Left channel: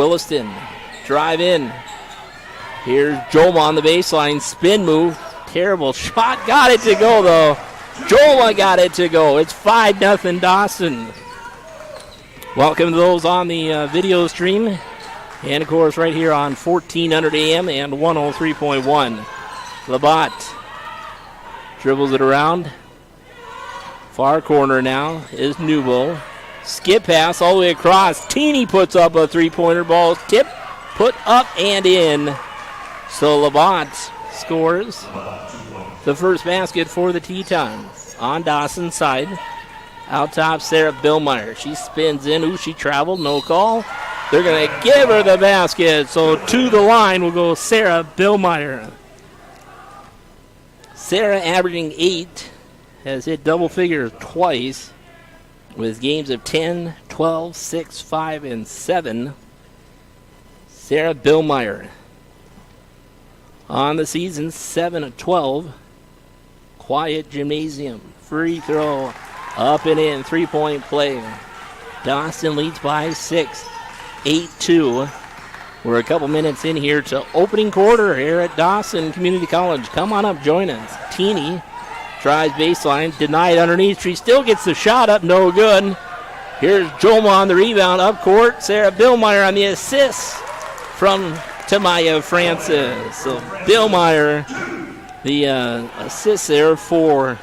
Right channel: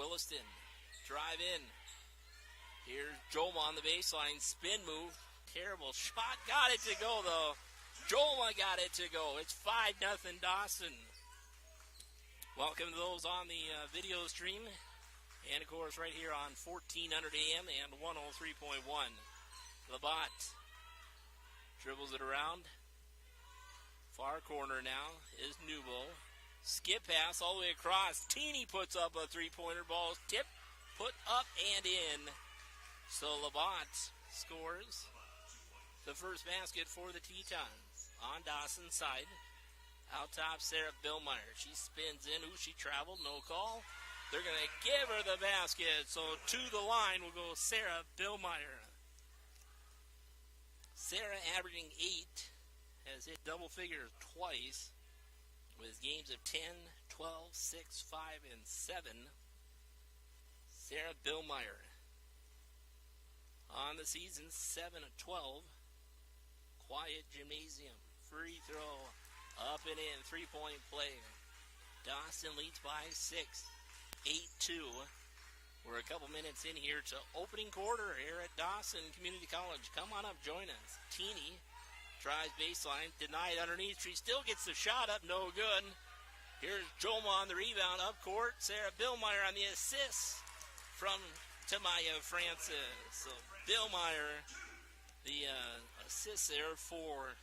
Williston, drive in. Here's Joma on the baseline, spin move. Terrible shot, got it to go though. Joma got it to go. It's 5-0 Dawson. Welcome to those on the video stream. And of course right here on 1400 AM and 103.1. Labatt dribbles it around. Far corner now is Newbo. Skip pass all the way across. Teeny puts up a three-pointer. Ball tip, put up and in. So Labatt scores the first basket for the Tetons. On Dawson's side. Out top, Sarah Billmeyer. She spins in. Ooh, she traveled. No call. They're going to give her the basket. So to the line will go Sarah Billmeyer. Sarah averaging 8. Has hit double figures twice with games of 10, 12, 6, 5, and 7. Sarah Billmeyer on the season, 7 of 12. Quiet Gymnasium. Free throw up and in. 3-point play. Dawson leads by 6, 8-2. We're a couple minutes in here to opening quarter here at Dawson Community College. Come on up, join us. Teeny tries baseline, denied underneath. She still gets the shot up, no good. Here's Joma on the rebound, up court. Sarah Billmeyer on the assist from Tamaya Francis. So Billmeyer, the assist there for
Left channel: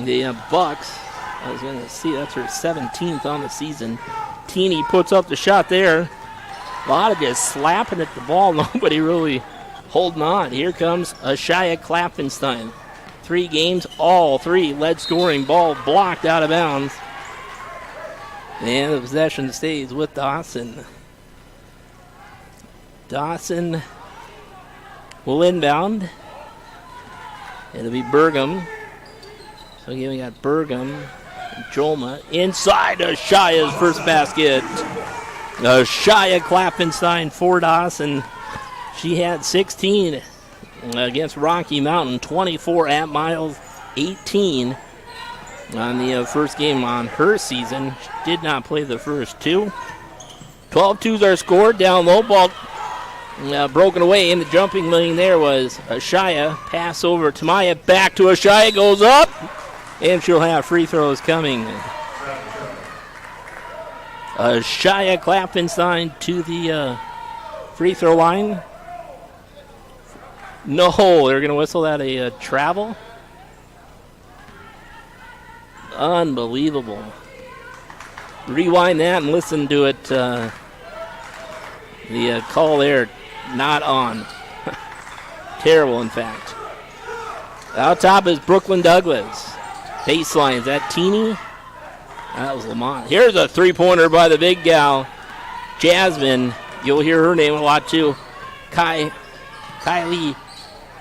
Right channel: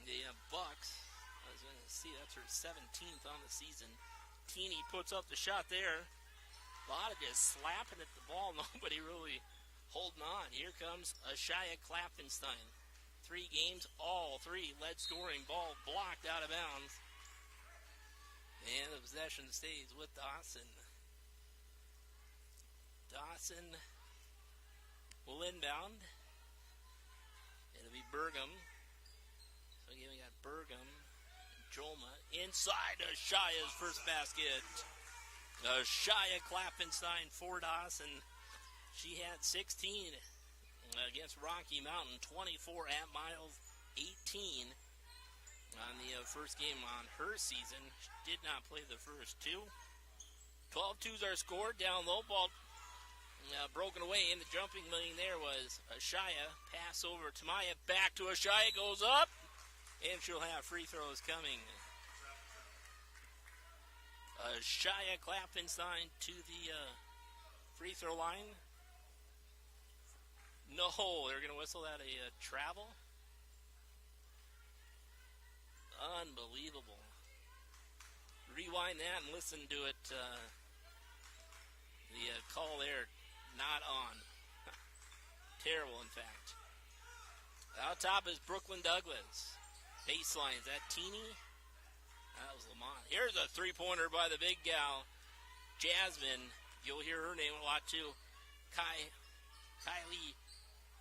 the Bucks. I was going to see that's her 17th on the season. Teeny puts up the shot there. A lot of just slapping at the ball. Nobody really holding on. Here comes Ashaya Klappenstein. 3 games, all 3 led scoring. Ball blocked out of bounds. And the possession stays with Dawson. Dawson will inbound. It'll be Burgum. So again, we got Burgum and Joma inside Ashaya's first basket. Ashaya Klappenstein for Dawson. She had 16 against Rocky Mountain, 24 at Miles, 18 on the first game on her season. She did not play the first 2. 12 twos are scored. Down low, ball broken away. In the jumping lane there was Ashaya. Pass over to Maya. Back to Ashaya. Goes up. And she'll have free throws coming. Ashaya Klappenstein to the free throw line. No, they're going to whistle that a travel. Unbelievable. Rewind that and listen to it. The call there, not on. Terrible, in fact. Out top is Brooklyn Douglas. Baseline, is that Teeny? That was Lamont. Here's a three-pointer by the big gal, Jasmine. You'll hear her name a lot, too. Kylie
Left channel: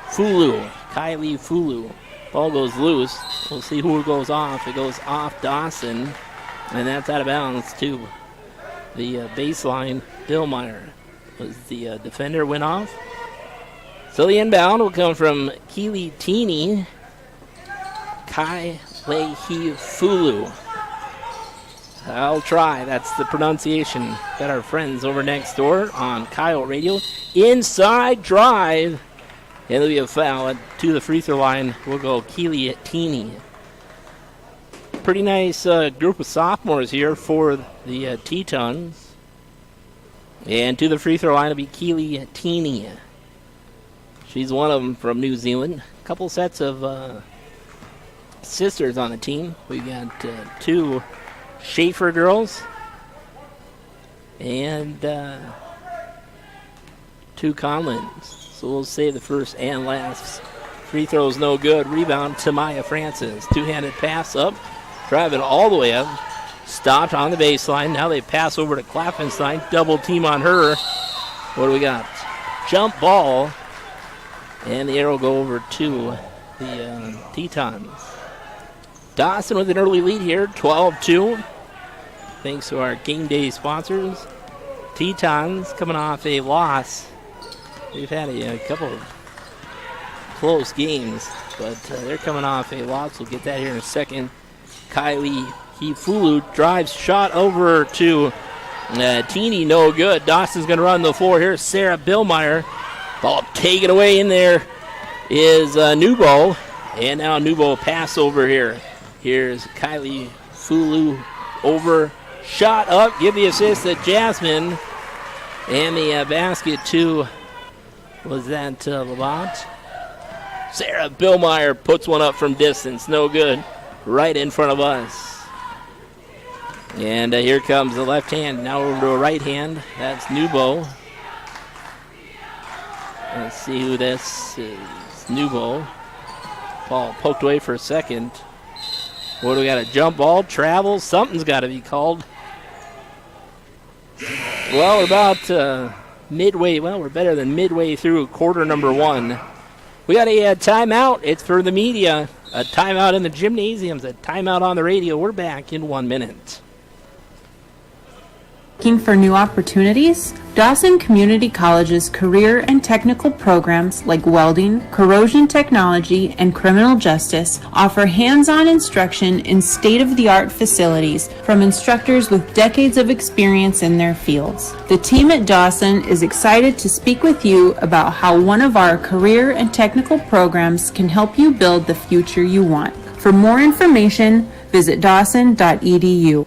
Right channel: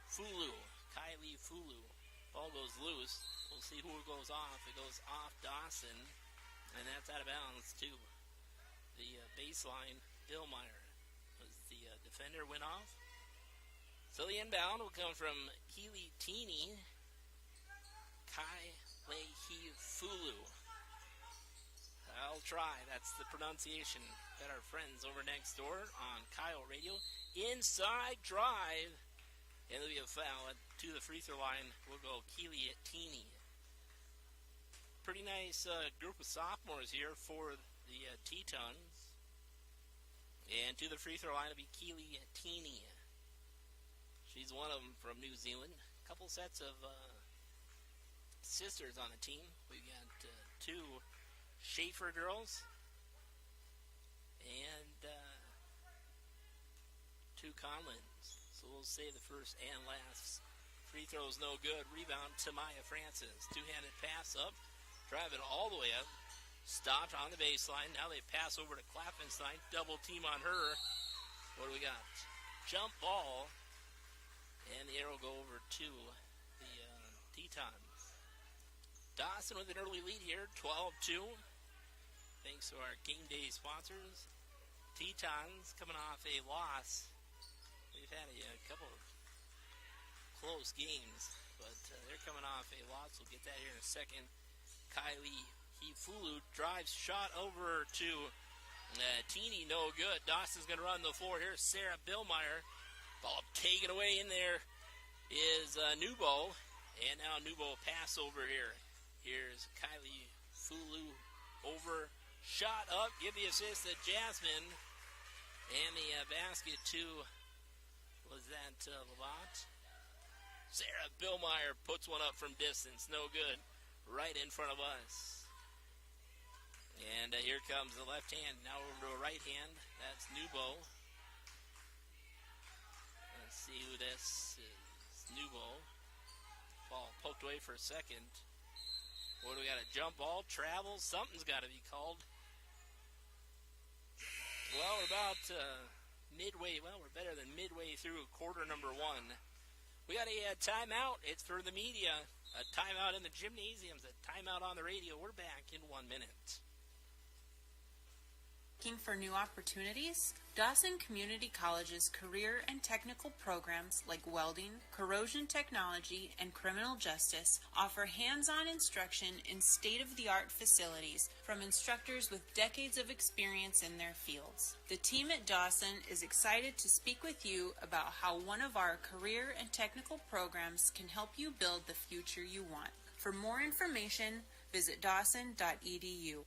Fulu. Ball goes loose. We'll see who goes off. It goes off Dawson, and that's out of bounds, too. The baseline, Billmeyer was the defender, went off. So the inbound will come from Keely Teeny. Kylie Fulu. I'll try. That's the pronunciation. Got our friends over next door on Kyle Radio. Inside drive. And there'll be a foul to the free throw line. We'll go Keely Teeny. Pretty nice group of sophomores here for the Tetons. And to the free throw line will be Keely Teeny. She's one of them from New Zealand. A couple sets of sisters on the team. We got 2 Schaefer girls and 2 Conlins. So we'll say the first and last. Free throw's no good. Rebound to Maya Francis. 2-handed pass up. Driving all the way up. Stopped on the baseline. Now they pass over to Klappenstein. Double team on her. What do we got? Jump ball. And the arrow go over to the Tetons. Dawson with an early lead here, 12-2. Thanks to our game day sponsors. Tetons coming off a loss. We've had a couple of close games, but they're coming off a loss. We'll get that here in a second. Kylie Fulu drives, shot over to Teeny, no good. Dawson's going to run the floor. Here's Sarah Billmeyer. Ball taken away in there is Nubo. And now Nubo pass over here. Here's Kylie Fulu over. Shot up. Give the assist to Jasmine. And the basket to, was that Lavant? Sarah Billmeyer puts one up from distance. No good. Right in front of us. And here comes the left hand. Now over to a right hand. That's Nubo. Let's see who this is. Nubo. Ball poked away for a second. What do we got? A jump ball? Travel? Something's got to be called. Well, we're about midway. Well, we're better than midway through quarter number 1. We got a timeout. It's for the media. A timeout in the gymnasiums. A timeout on the radio. We're back in 1 minute. Looking for new opportunities? Dawson Community College's career and technical programs like welding, corrosion technology, and criminal justice offer hands-on instruction in state-of-the-art facilities from instructors with decades of experience in their fields. The team at Dawson is excited to speak with you about how one of our career and technical programs can help you build the future you want. For more information, visit dawson.edu.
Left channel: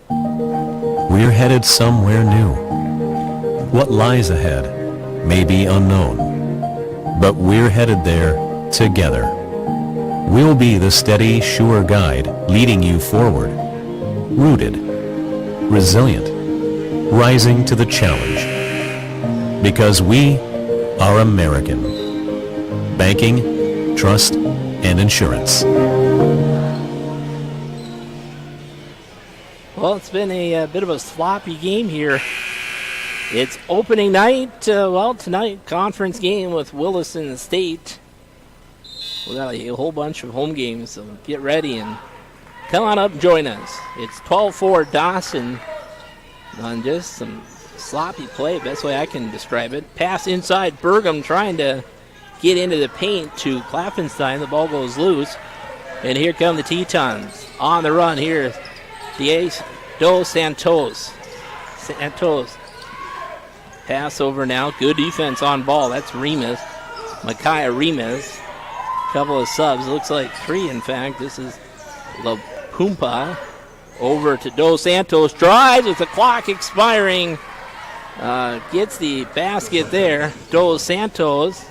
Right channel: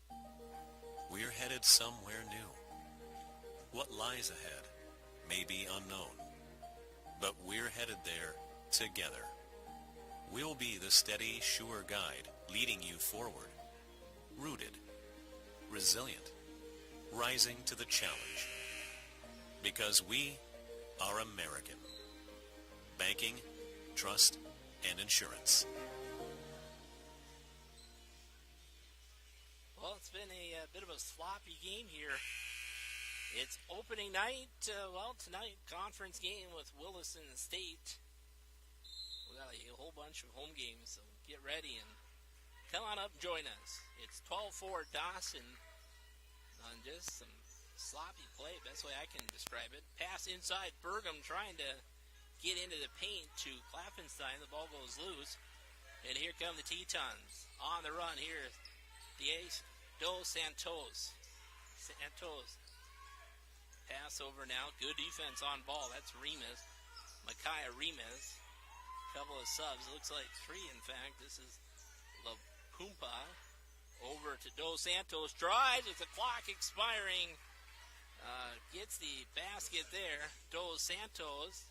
We're headed somewhere new. What lies ahead may be unknown, but we're headed there together. We'll be the steady, sure guide leading you forward, rooted, resilient, rising to the challenge. Because we are American. Banking, trust, and insurance. Well, it's been a bit of a sloppy game here. It's opening night. Tonight, conference game with Williston State. We got a whole bunch of home games, so get ready and come on up and join us. It's 12-4 Dawson on just some sloppy play, best way I can describe it. Pass inside, Burgum trying to get into the paint to Klappenstein. The ball goes loose, and here come the Tetons. On the run here. Dos Santos. Pass over now. Good defense on ball. That's Remus. Micaiah Remus. Couple of subs. Looks like 3, in fact. This is La Pumpa. Over to Dos Santos. Drives with the clock expiring. Gets the basket there. Dos Santos.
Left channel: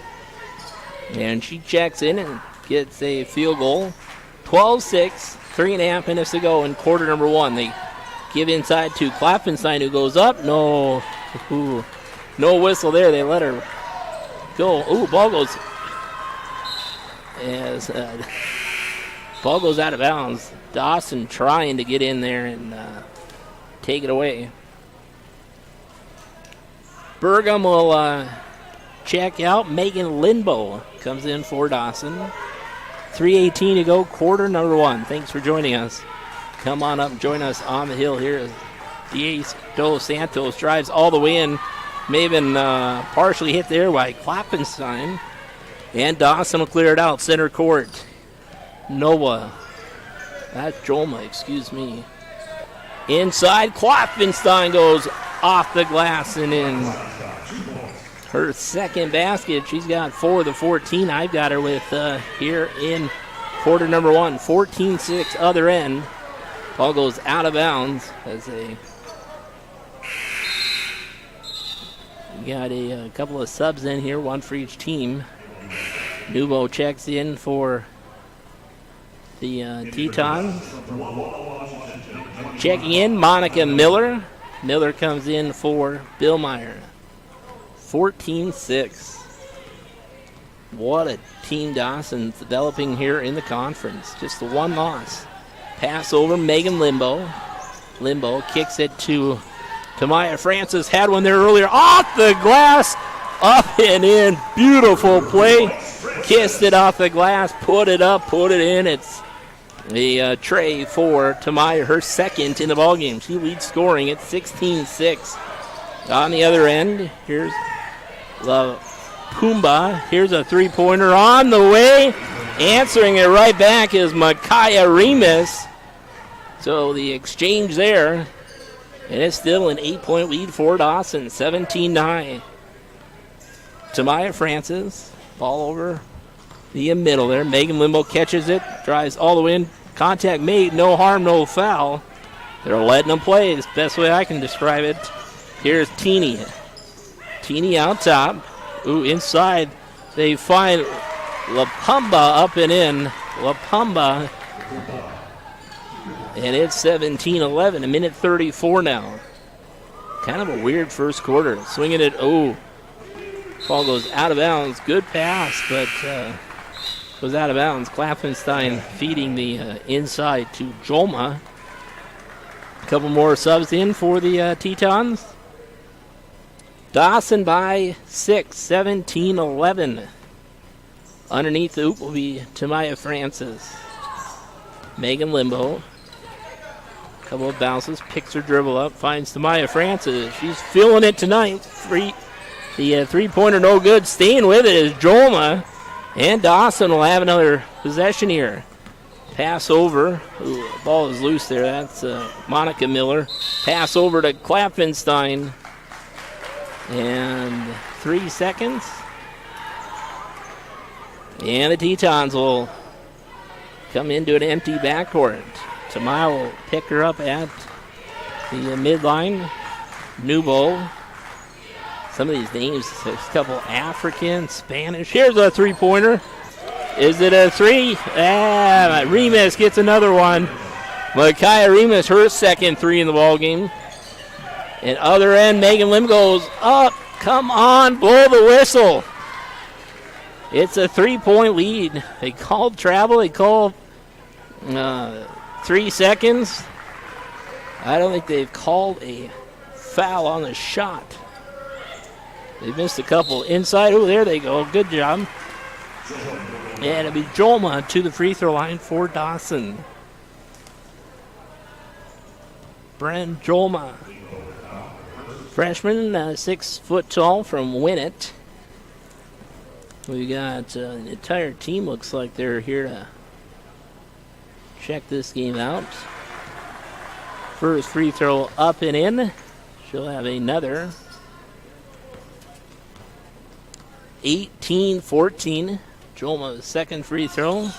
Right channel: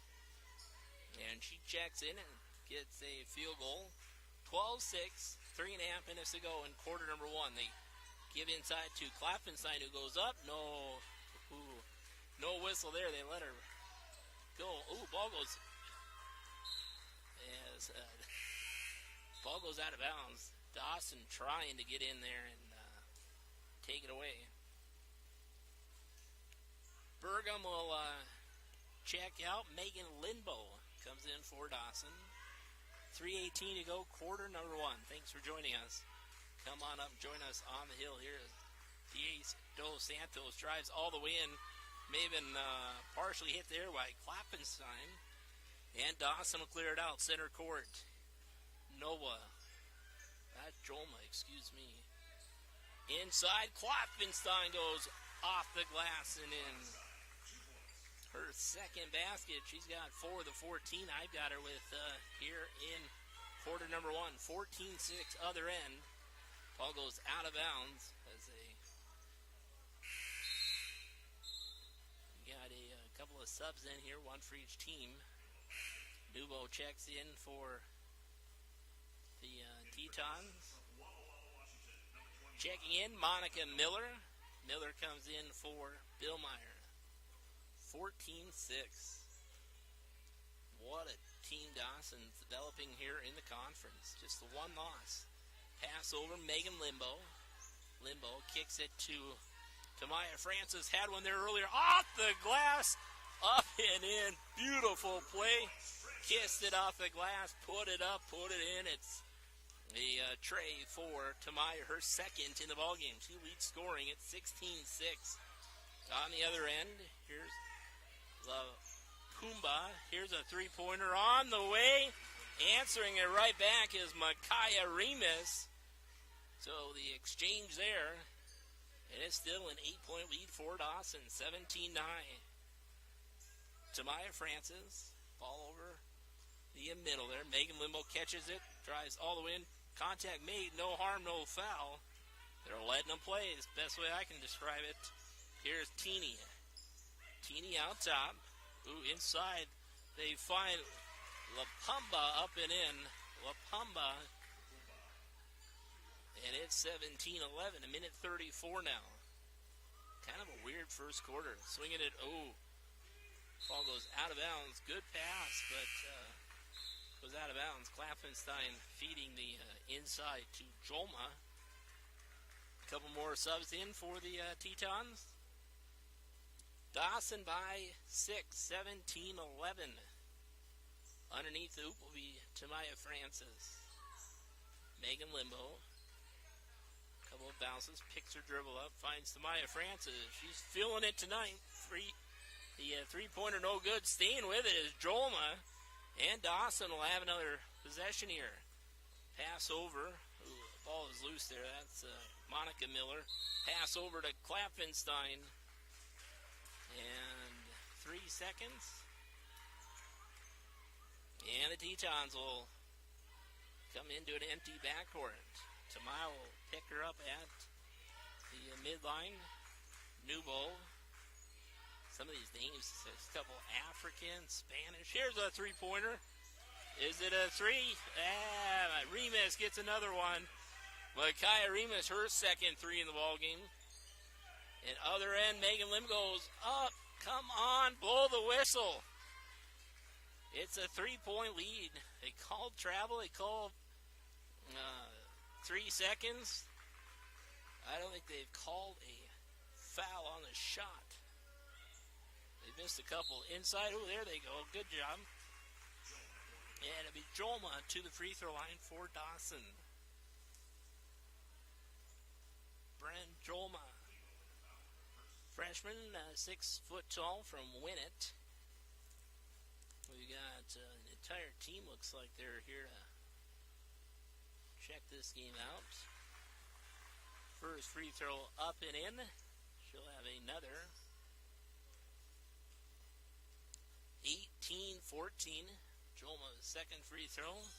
And she checks in and gets a field goal. 12-6. 3.5 minutes to go in quarter number 1. They give inside to Klappenstein, who goes up. No whistle there. They let her go. Ball goes ball goes out of bounds. Dawson trying to get in there and take it away. Burgum will check out. Megan Lindbo comes in for Dawson. 3:18 to go, quarter number 1. Thanks for joining us. Come on up and join us on the hill here. Dos Santos drives all the way in. May have been partially hit there by Klappenstein. And Dawson will clear it out. Center court. Noah. That's Joma, excuse me. Inside, Klappenstein goes off the glass and in. Her second basket. She's got 4 of the 14 I've got her with here in quarter number 1. 14-6 other end. Ball goes out of bounds as got a couple of subs in here, 1 for each team. Nubo checks in for the Tetons. Checking in, Monica Miller. Miller comes in for Billmeyer. 14-6. What a team Dawson's developing here in the conference. Just the 1 loss. Pass over, Megan Limbo. Limbo kicks it to Tamaya Francis. Had one there earlier. Off the glass. Up and in. Beautiful play. Kissed it off the glass. Put it up. Put it in. It's a tray for Tamaya. Her second in the ballgame. She leads scoring at 16-6. On the other end, here's La Pumba. Here's a 3-pointer on the way. Answering it right back is Micaiah Remus. So the exchange there. And it's still an 8-point lead for Dawson, 17-9. Tamaya Francis, ball over the middle there. Megan Limbo catches it, drives all the way in. Contact made, no harm, no foul. They're letting them play. It's the best way I can describe it. Here's Teeny. Teeny out top. Ooh, inside they find LaPumba up and in. LaPumba. And it's 17-11, a minute 34 now. Kind of a weird first quarter. Swinging it, ball goes out of bounds. Good pass, but goes out of bounds. Klappenstein feeding the inside to Jolma. A couple more subs in for the Tetons. Dawson by 6, 17-11. Underneath the hoop will be Tamaya Francis. Megan Limbo. Couple of bounces, picks her dribble up, finds Tamaya Francis. She's feeling it tonight. The three-pointer no good. Staying with it is Jolma. And Dawson will have another possession here. Pass over. Ooh, the ball is loose there. That's Monica Miller. Pass over to Klappenstein. And 3 seconds. And the Tetons will come into an empty backcourt. Tamaya will pick her up at the midline. Nubo. Some of these names, a couple African, Spanish. Here's a three-pointer. Is it a three? Remus gets another one. Micaiah Remus, her second three in the ball game. And other end, Megan Lim goes up. Come on, blow the whistle. It's a 3-point lead. They called travel. They called 3 seconds. I don't think they've called a foul on the shot. They missed a couple inside. Oh, there they go. Good job. And it'll be Jolma to the free throw line for Dawson. Bren Jolma. Freshman, 6 foot tall from Winnett. We got the entire team looks like they're here to check this game out. First free throw up and in. She'll have another. 18-14. Jolma's second free throw.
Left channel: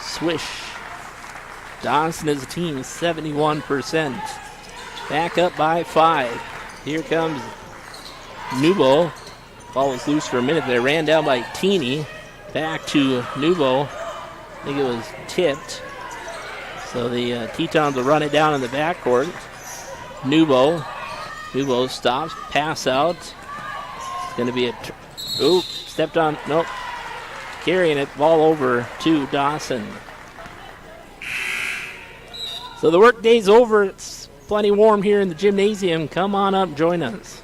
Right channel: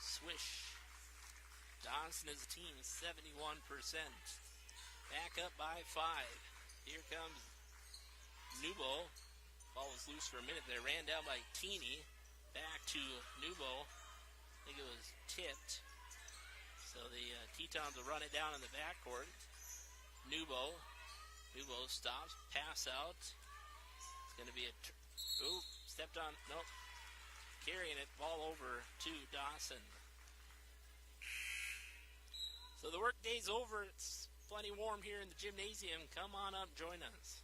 Swish. Dawson as a team, 71%. Back up by 5. Here comes Nubo. Ball was loose for a minute. They ran down by Teeny. Back to Nubo. I think it was tipped. So the Tetons will run it down in the backcourt. Nubo. Nubo stops. Pass out. It's going to be a... stepped on. Nope. Carrying it. Ball over to Dawson. So the work day's over. It's plenty warm here in the gymnasium. Come on up. Join us.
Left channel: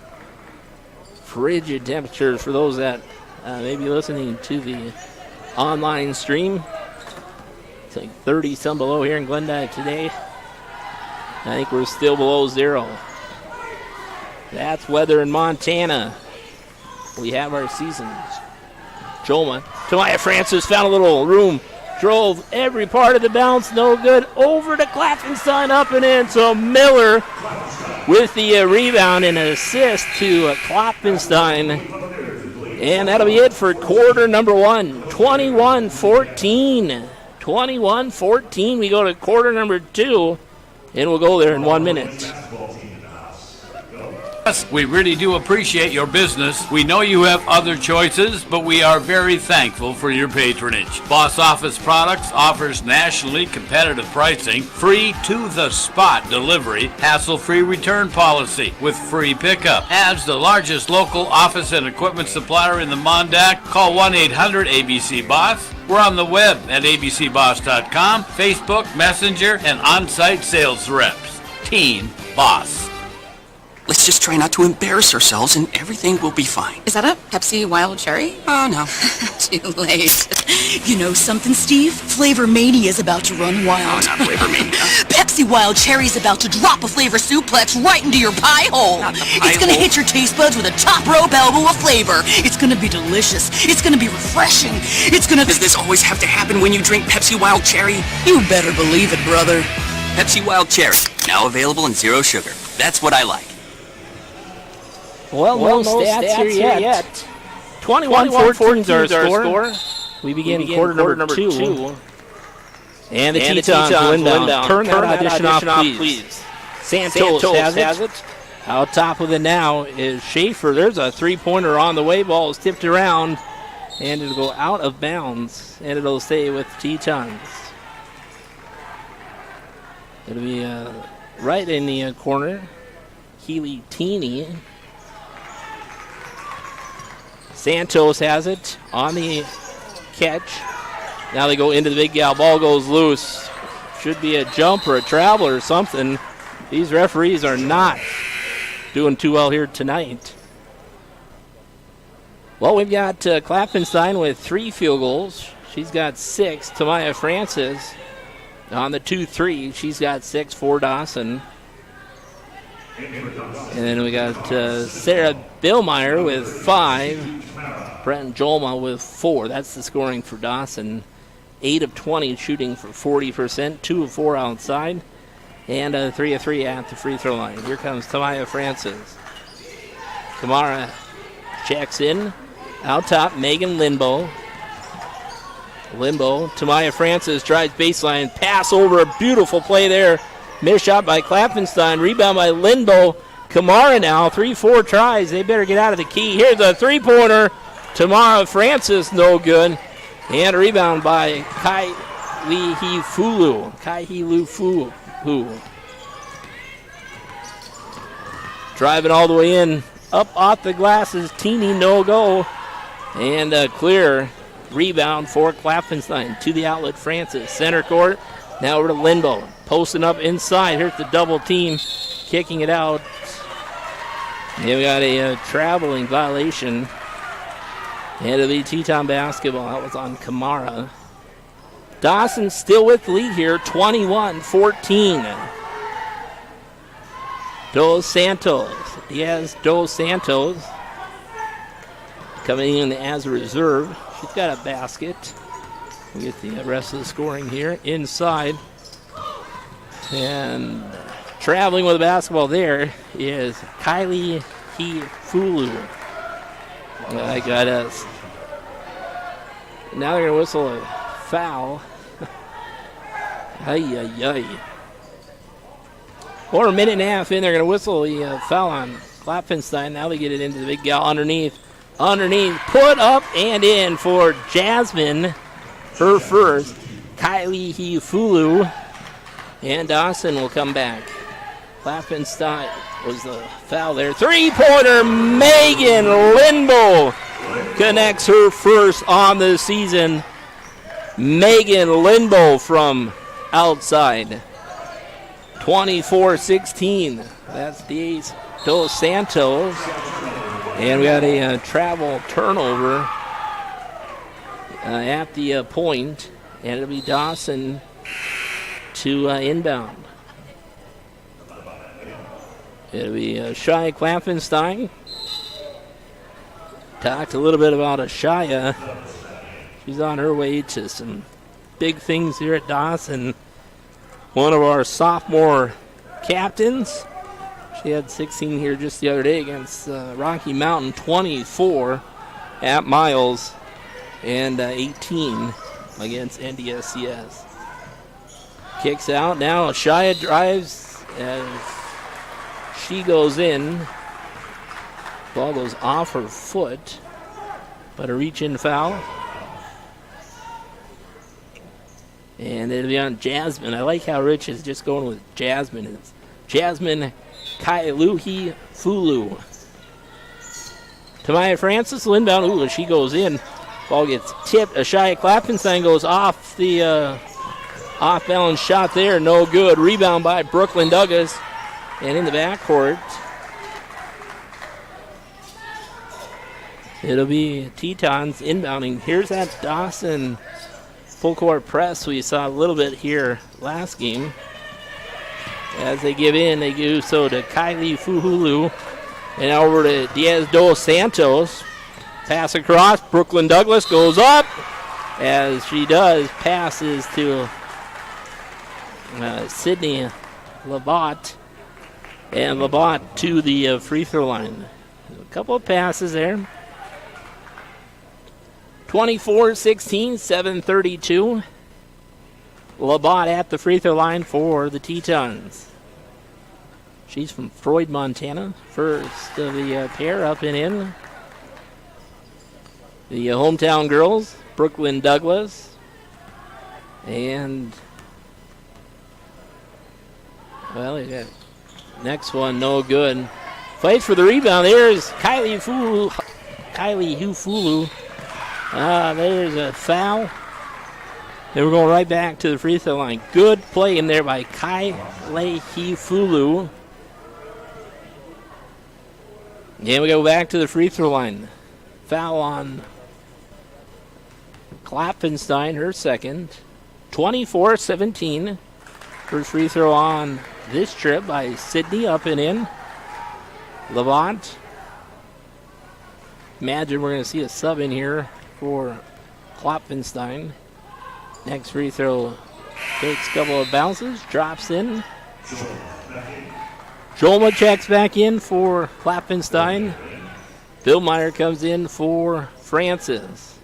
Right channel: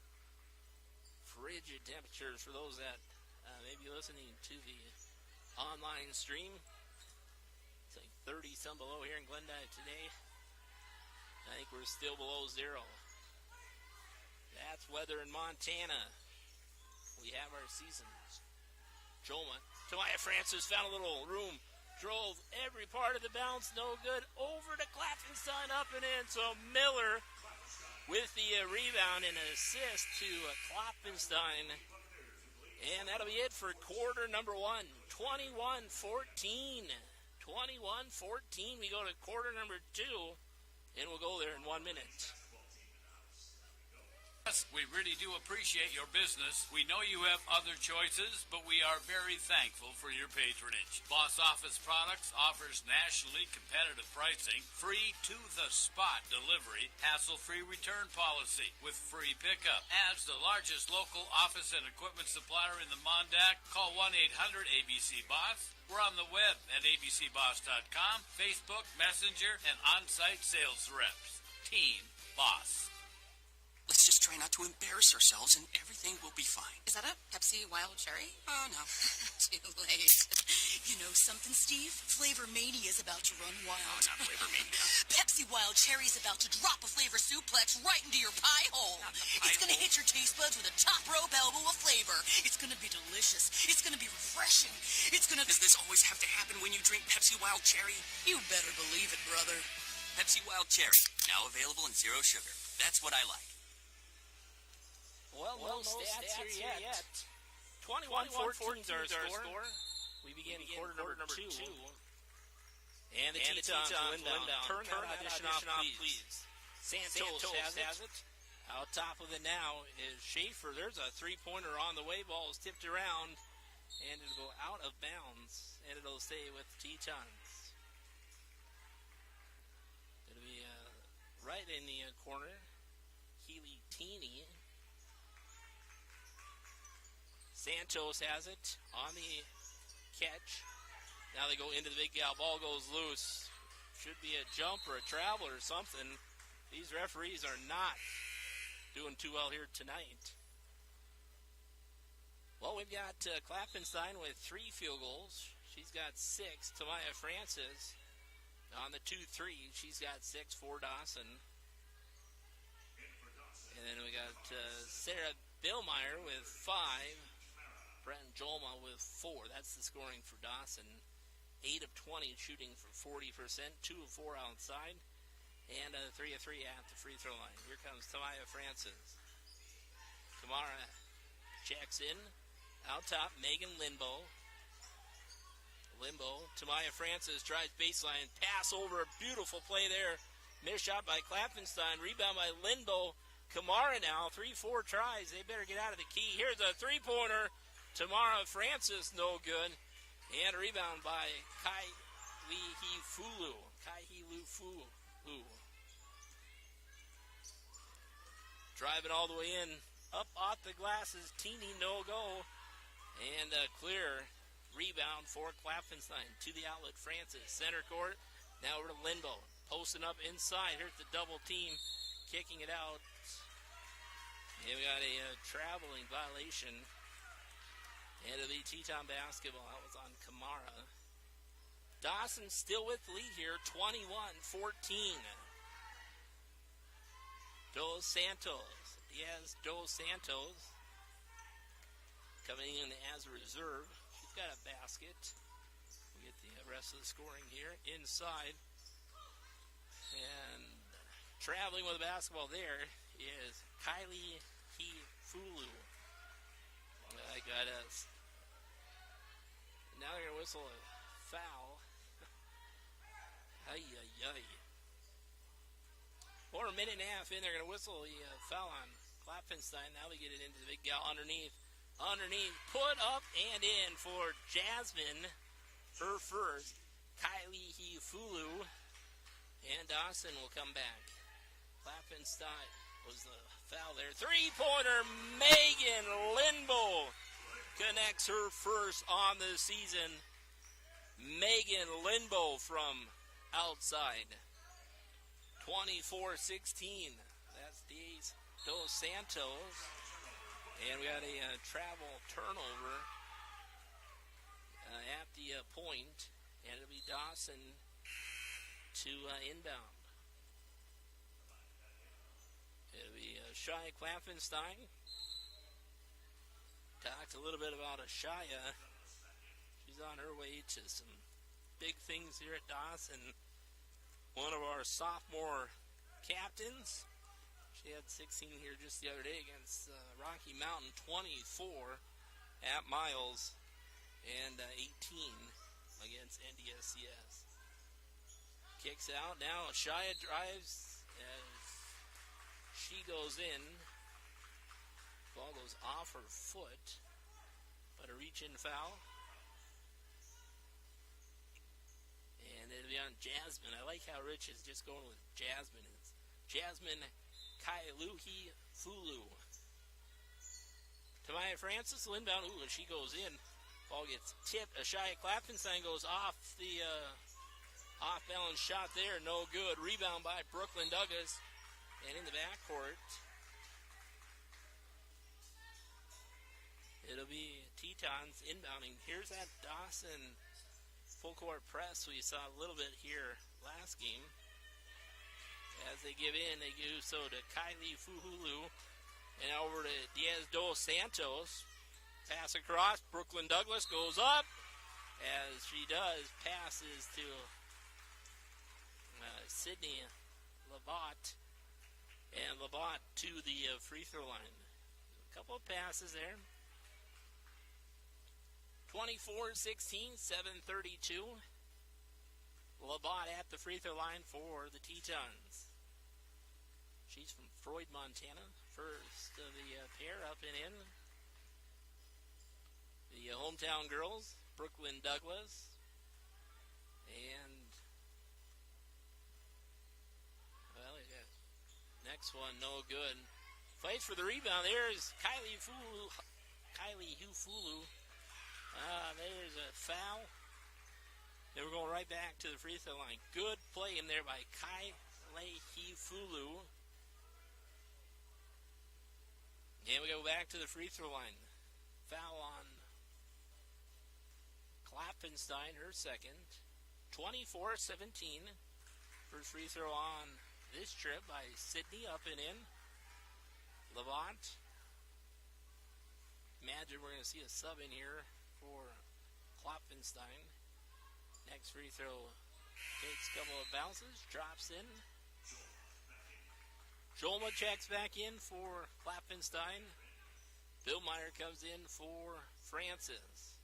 Frigid temperatures for those that may be listening to the online stream. It's like 30 some below here in Glendive today. I think we're still below 0. That's weather in Montana. We have our seasons. Jolma. Tamaya Francis found a little room. Drove every part of the bounce. No good. Over to Klappenstein. Up and in. So Miller with the rebound and an assist to Klappenstein. And that'll be it for quarter number 1. 21-14. 21-14. We go to quarter number 2. And we'll go there in 1 minute. We really do appreciate your business. We know you have other choices, but we are very thankful for your patronage. Boss Office Products offers nationally competitive pricing, free to-the-spot delivery, hassle-free return policy with free pickup. As the largest local office and equipment supplier in the Mondac, call 1-800-ABC-BOSS. We're on the web at abcboss.com, Facebook, Messenger, and on-site sales reps. Team Boss. Let's just try not to embarrass ourselves and everything will be fine. Is that a Pepsi Wild Cherry? Oh, no. Too late. You know something, Steve? Flavor Mania is about to run wild. Oh, not Flavor Mania. Pepsi Wild Cherry is about to drop a flavor suplex right into your pie hole. Not the pie It's going to hole. hit your taste buds with a top rope elbow of flavor. It's going to be delicious. It's going to be refreshing. It's going to... Does this always have to happen when you drink Pepsi Wild Cherry? You better believe it, brother. Pepsi Wild Cherry, now available in 0 sugar. That's what I like. Well, no stats here yet. 21-14 is our score. We begin quarter number 2. And the Tetons win down. Turn that audition off, please. Santos has it. Out top with it now is Schaefer. There's a three-pointer on the way. Ball is tipped around, and it'll go out of bounds, and it'll stay with Tetons. It'll be right in the corner. Keely Teeny. Santos has it on the catch. Now they go into the big gal. Ball goes loose. Should be a jump or a travel or something. These referees are not doing too well here tonight. Well, we've got Klappenstein with 3 field goals. She's got 6. Tamaya Francis on the 2-3. She's got 6 for Dawson. And then we got Sarah Billmeyer with 5. Brent Jolma with 4. That's the scoring for Dawson. 8 of 20 shooting for 40%. 2 of 4 outside. And 3 of 3 at the free throw line. Here comes Tamaya Francis. Kamara checks in. Out top, Megan Limbo. Tamaya Francis drives baseline. Pass over. A beautiful play there. Missed shot by Klappenstein. Rebound by Limbo. Kamara now. 3-4 tries. They better get out of the key. Here's a three-pointer. Tamara Francis, no good. And a rebound by Kai-Lee Fulu. Driving all the way in. Up off the glasses. Teeny, no go. And a clear rebound for Klappenstein. To the outlet, Francis. Center court. Now over to Limbo. Posting up inside. Here's the double team. Kicking it out. And we got a traveling violation. And it'll be Teton basketball. That was on Kamara. Dawson still with the lead here, 21-14. Dos Santos. Dos Santos coming in as a reserve. She's got a basket. We get the rest of the scoring here inside. And traveling with the basketball there is Kylie Fulu. I got us. Now they're going to whistle a foul. Or a minute and a half in, they're going to whistle the foul on Klappenstein. Now they get it into the big gal underneath. Put up and in for Jasmine. Her first. Kylie Fulu. And Dawson will come back. Klappenstein was the foul there. Three-pointer, Megan Limbo connects her first on the season. Megan Limbo from outside. 24-16. That's Dos Santos. And we got a travel turnover at the point. And it'll be Dawson to inbound. It'll be Shia Klappenstein. Talked a little bit about Shia. She's on her way to some big things here at Dawson. One of our sophomore captains. She had 16 here just the other day against Rocky Mountain. 24 at Miles. And 18 against NDSCS. Kicks out. Now Shia drives as she goes in. Ball goes off her foot. But a reach-in foul. And it'll be on Jasmine. I like how Rich is just going with Jasmine. It's Jasmine Kailuhi Fulu. Tamaya Francis will inbound. Ooh, she goes in. Ball gets tipped. Shia Klappenstein goes off the off-balance shot there. No good. Rebound by Brooklyn Douglas. And in the backcourt, it'll be Tetons inbounding. Here's that Dawson full court press we saw a little bit here last game. As they give in, they do so to Kylie Fuhulu. And over to Dos Santos. Pass across. Brooklyn Douglas goes up. As she does, passes to Sydney Labat. And Labatt to the free throw line. A couple of passes there. 24-16, 7:32. Labatt at the free throw line for the Tetons. She's from Freud, Montana. First of the pair up and in. The hometown girls, Brooklyn Douglas. And, well, you got next one, no good. Fights for the rebound. There's Kylie Hufulu. There's a foul. Then we're going right back to the free throw line. Good play in there by Kylie Hufulu. And we go back to the free throw line. Foul on Klappenstein, her second. 24-17. First free throw on this trip by Sydney, up and in. Levant. Imagine we're going to see a sub in here for Klopfenstein. Next free throw takes a couple of bounces, drops in. Jolma checks back in for Klopfenstein. Billmeyer comes in for Francis.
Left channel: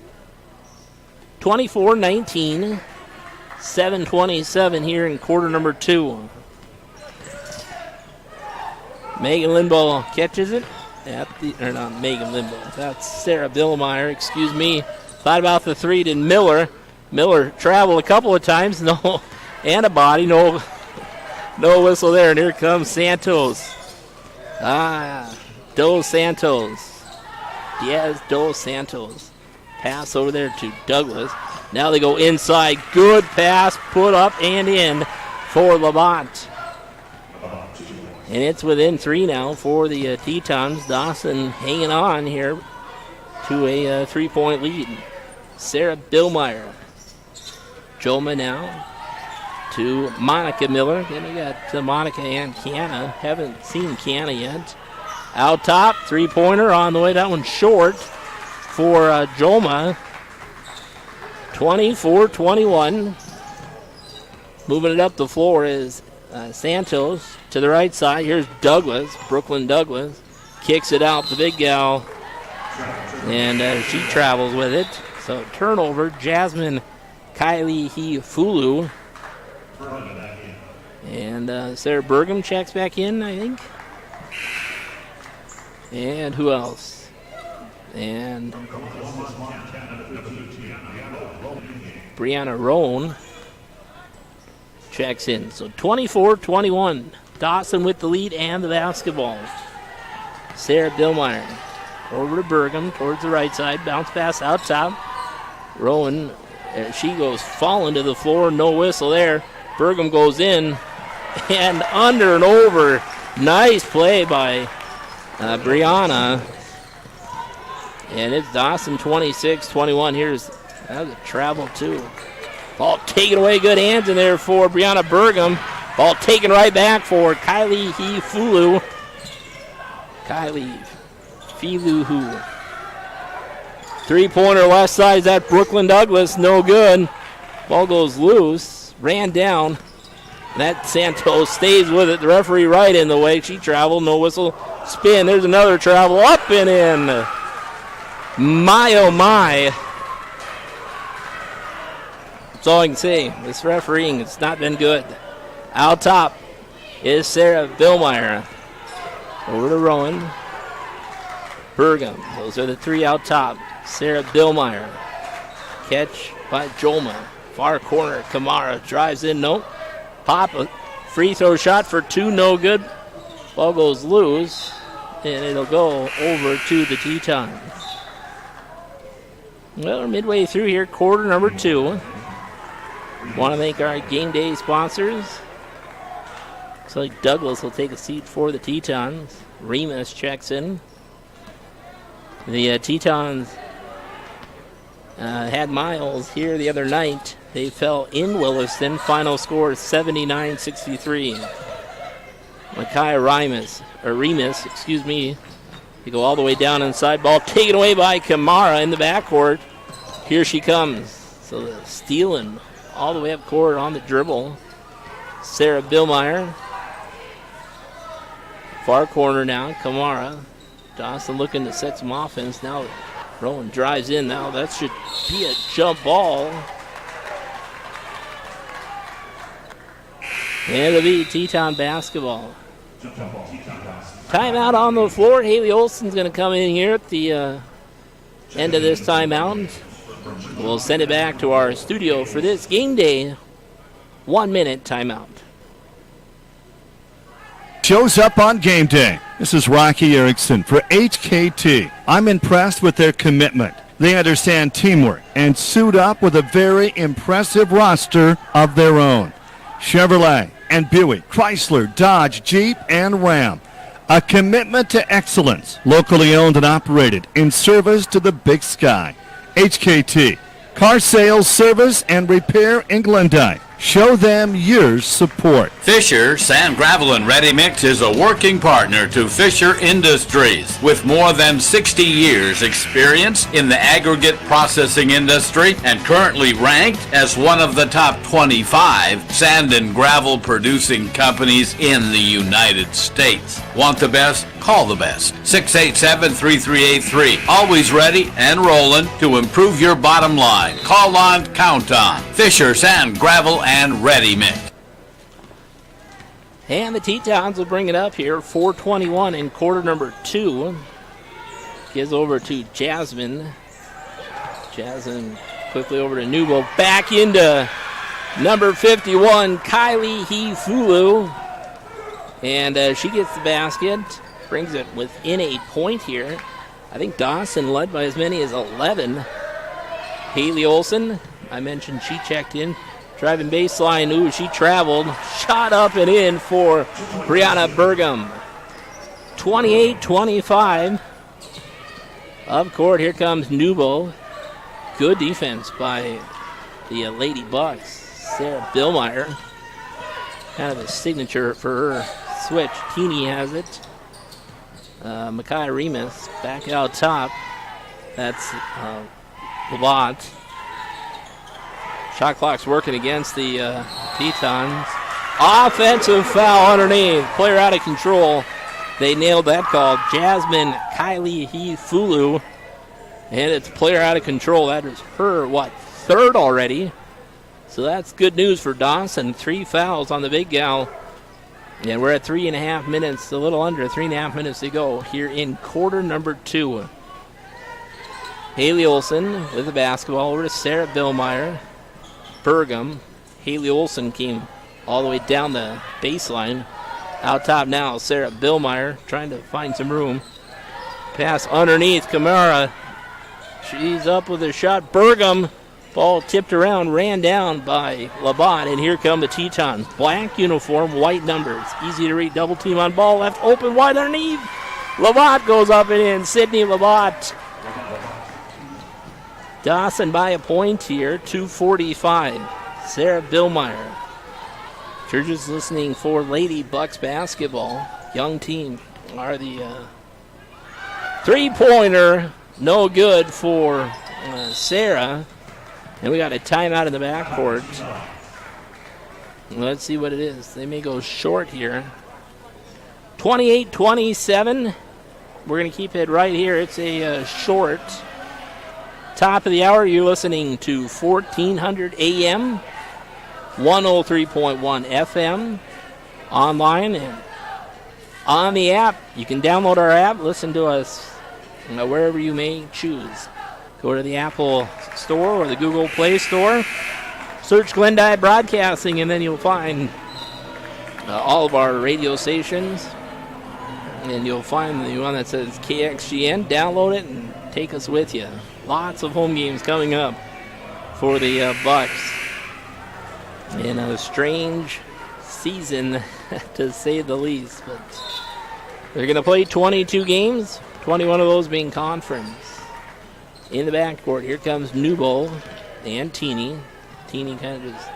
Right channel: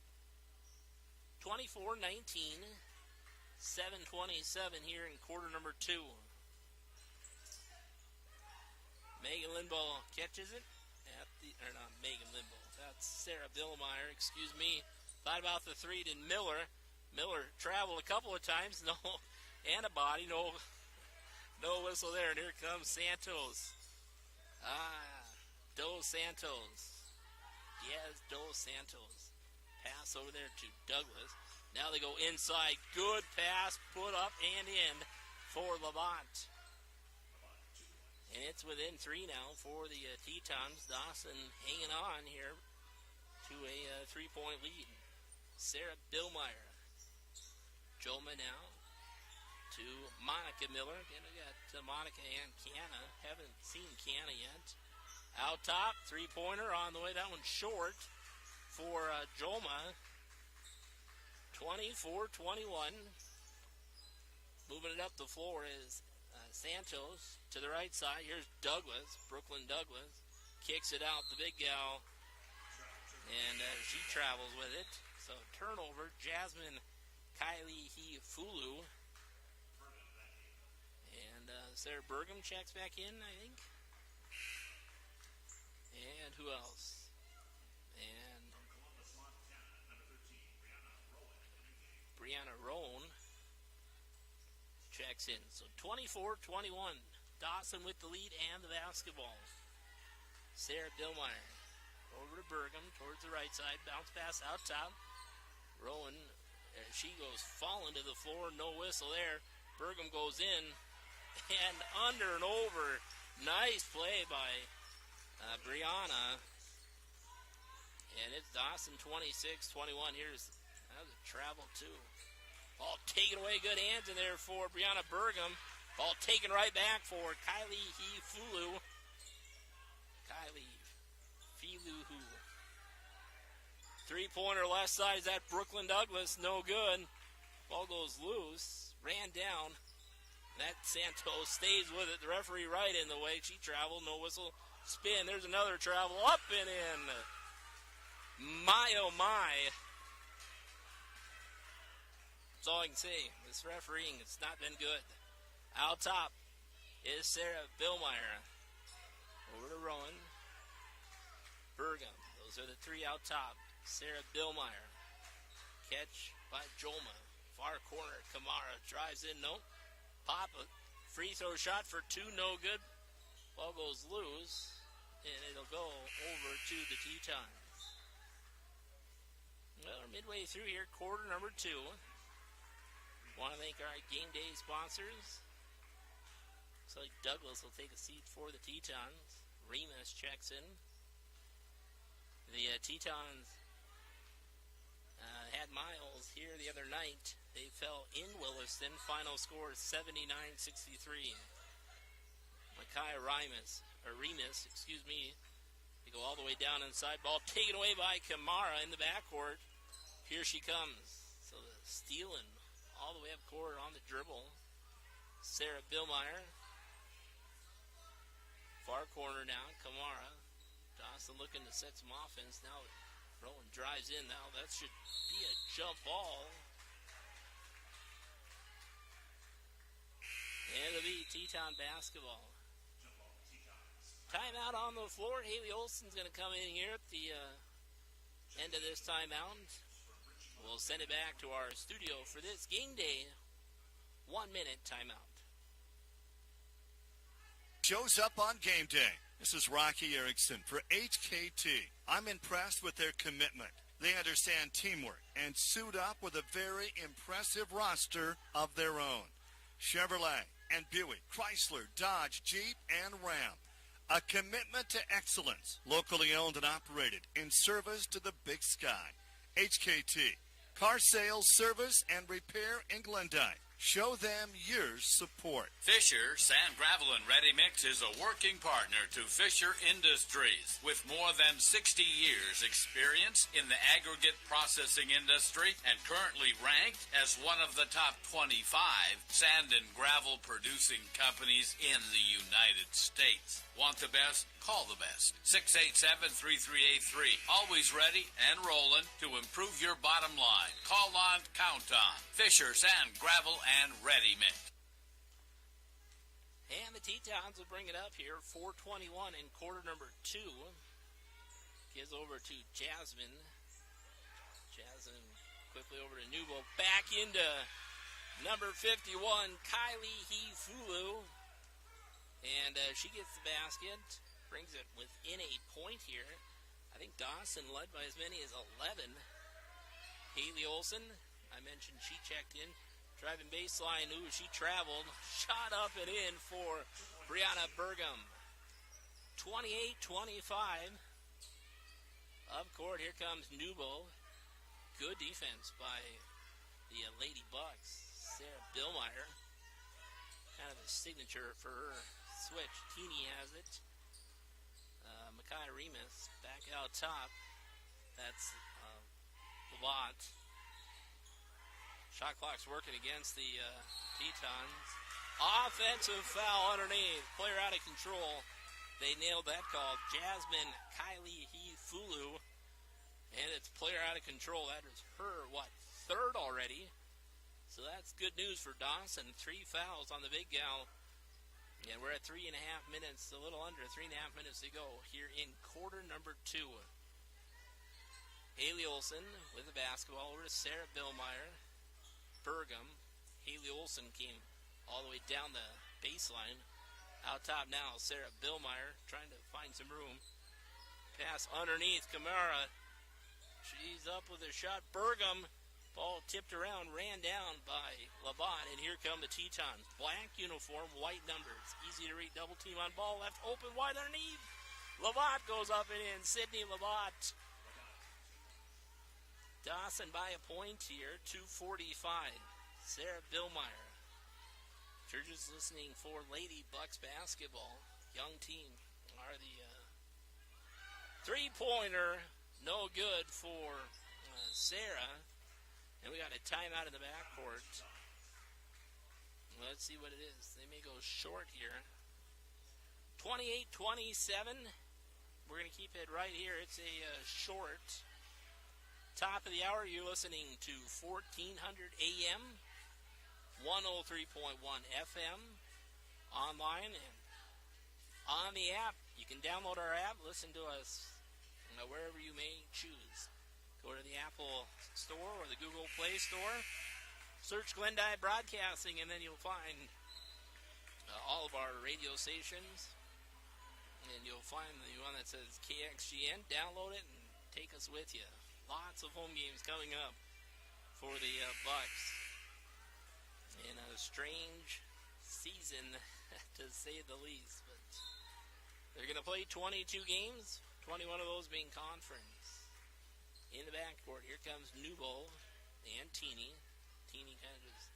24-19. 7:27 here in quarter number 2. Megan Limbaugh catches it. Not Megan Limbaugh. That's Sarah Billmeyer, excuse me. Thought about the three to Miller. Miller traveled a couple of times. No antibody, no whistle there. And here comes Santos. Dos Santos. Diaz Dos Santos. Pass over there to Douglas. Now they go inside. Good pass, put up and in for Lamont. And it's within 3 now for the Tetons. Dawson hanging on here to a 3-point lead. Sarah Billmeyer. Joma now to Monica Miller. Then we got Monica and Kiana. Haven't seen Kiana yet. Out top, 3-pointer on the way. That one short for Joma. 24-21. Moving it up the floor is Santos to the right side. Here's Douglas, Brooklyn Douglas. Kicks it out, the big gal. And she travels with it. So turnover, Jasmine Kylie Hifulu. And Sarah Burgum checks back in, I think. And who else? And Brianna Roan checks in. So 24-21. Dawson with the lead and the basketball. Sarah Billmeyer over to Burgum towards the right side. Bounce pass out top. Rowan, she goes falling to the floor. No whistle there. Burgum goes in and under and over. Nice play by Brianna. And it's Dawson 26-21. That was a travel too. Ball taken away. Good hands in there for Brianna Burgum. Ball taken right back for Kylie Hifulu. Kylie Filuhu. 3-pointer left side. Is that Brooklyn Douglas? No good. Ball goes loose. Ran down. That Santos stays with it. The referee right in the way. She traveled. No whistle. Spin. There's another travel. Up and in. My, oh my. That's all I can say. This refereeing has not been good. Out top is Sarah Billmeyer. Over to Rowan. Burgum. Those are the 3 out top. Sarah Billmeyer. Catch by Jolma. Far corner. Kamara drives in. Nope. Pop. A free throw shot for 2. No good. Ball goes loose. And it'll go over to the Tetons. Well, we're midway through here. Quarter number 2. Want to thank our game day sponsors. Looks like Douglas will take a seat for the Tetons. Remus checks in. The Tetons had Miles here the other night. They fell in Williston. Final score is 79-63. Micaiah Remus, excuse me. They go all the way down inside. Ball taken away by Kamara in the backcourt. Here she comes. So stealing all the way up court on the dribble. Sarah Billmeyer. Far corner now, Kamara. Dawson looking to set some offense. Now Rowan drives in. Now that should be a jump ball. And it'll be Teton basketball. Timeout on the floor. Haley Olson's going to come in here at the end of this timeout. We'll send it back to our studio for this game day 1-minute timeout. Shows up on game day. This is Rocky Erickson for HKT. I'm impressed with their commitment. They understand teamwork and suit up with a very impressive roster of their own. Chevrolet and Buick, Chrysler, Dodge, Jeep, and Ram. A commitment to excellence, locally owned and operated, in service to the Big Sky. HKT, car sales, service, and repair in Glendyke. Show them your support. Fisher Sand, Gravel, and Ready Mix is a working partner to Fisher Industries with more than 60 years experience in the aggregate processing industry and currently ranked as one of the top 25 sand and gravel producing companies in the United States. Want the best? Call the best. 687-3383. Always ready and rolling to improve your bottom line. Call on, count on. Fisher Sand, Gravel, and Ready Mix. And the Tetons will bring it up here. 4:21 in quarter number 2. Gives over to Jasmine. Jasmine quickly over to Nubo. Back into number 51, Kylie Hefulu. And she gets the basket. Brings it within a point here. I think Dawson led by as many as 11. Haley Olson, I mentioned she checked in. Driving baseline, ooh, she traveled. Shot up and in for Brianna Burgum. 28-25. Up court, here comes Nubo. Good defense by the Lady Bucks. Sarah Billmeyer. Kind of a signature for her switch. Teeny has it. Makai Remus back out top. That's Lavant. Shot clock's working against the Tetons. Offensive foul underneath. Player out of control. They nailed that call. Jasmine Kylie Hefulu. And it's player out of control. That is her, third already. So that's good news for Dawson. 3 fouls on the big gal. And we're at 3.5 minutes, a little under 3.5 minutes to go here in quarter number 2. Haley Olson with the basketball over to Sarah Billmeyer. Burgum. Haley Olson came all the way down the baseline. Out top now, Sarah Billmeyer trying to find some room. Pass underneath, Kamara. She's up with a shot. Burgum. Ball tipped around, ran down by Labat, and here come the Tetons. Black uniform, white numbers. Easy to read, double team on ball, left open, wide underneath. Labat goes up and in, Sydney Labat. Dawson by a point here, 2:45. Sarah Billmeyer. If you're just listening for Lady Bucks basketball, young team are the three-pointer, no good for Sarah. And we got a timeout in the backcourt. Let's see what it is. They may go short here. 28-27. We're going to keep it right here. It's a short. Top of the hour, you're listening to 1400 AM, 103.1 FM, online and on the app. You can download our app, listen to us wherever you may choose. Go to the Apple Store or the Google Play Store. Search Glendyke Broadcasting, and then you'll find all of our radio stations. And you'll find the one that says KXGN. Download it and take us with you. Lots of home games coming up for the Bucks. In a strange season, to say the least. But they're going to play 22 games, 21 of those being conference. In the backcourt, here comes Newbold and Teeny. Teeny kind of just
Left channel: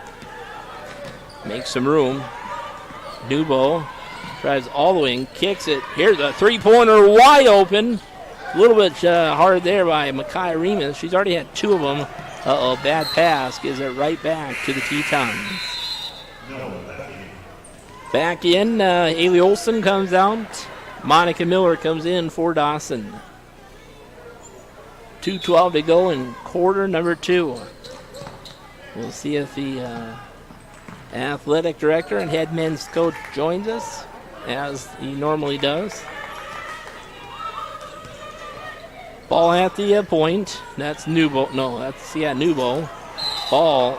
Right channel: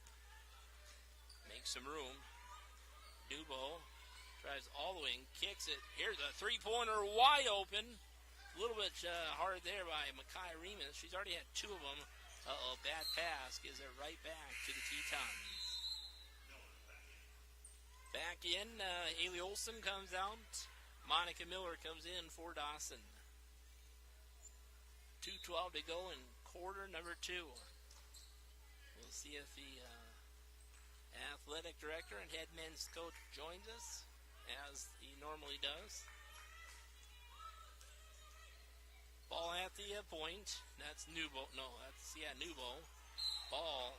makes some room. Newbold drives all the way and kicks it. Here's a three-pointer wide open. A little bit hard there by Makai Remus. She's already had 2 of them. Bad pass. Gives it right back to the Tetons. Back in, Haley Olson comes out. Monica Miller comes in for Dawson. 2:12 to go in quarter number 2. We'll see if the athletic director and head men's coach joins us, as he normally does. Ball at the point. That's Newbo. No, that's, Newbo. Ball.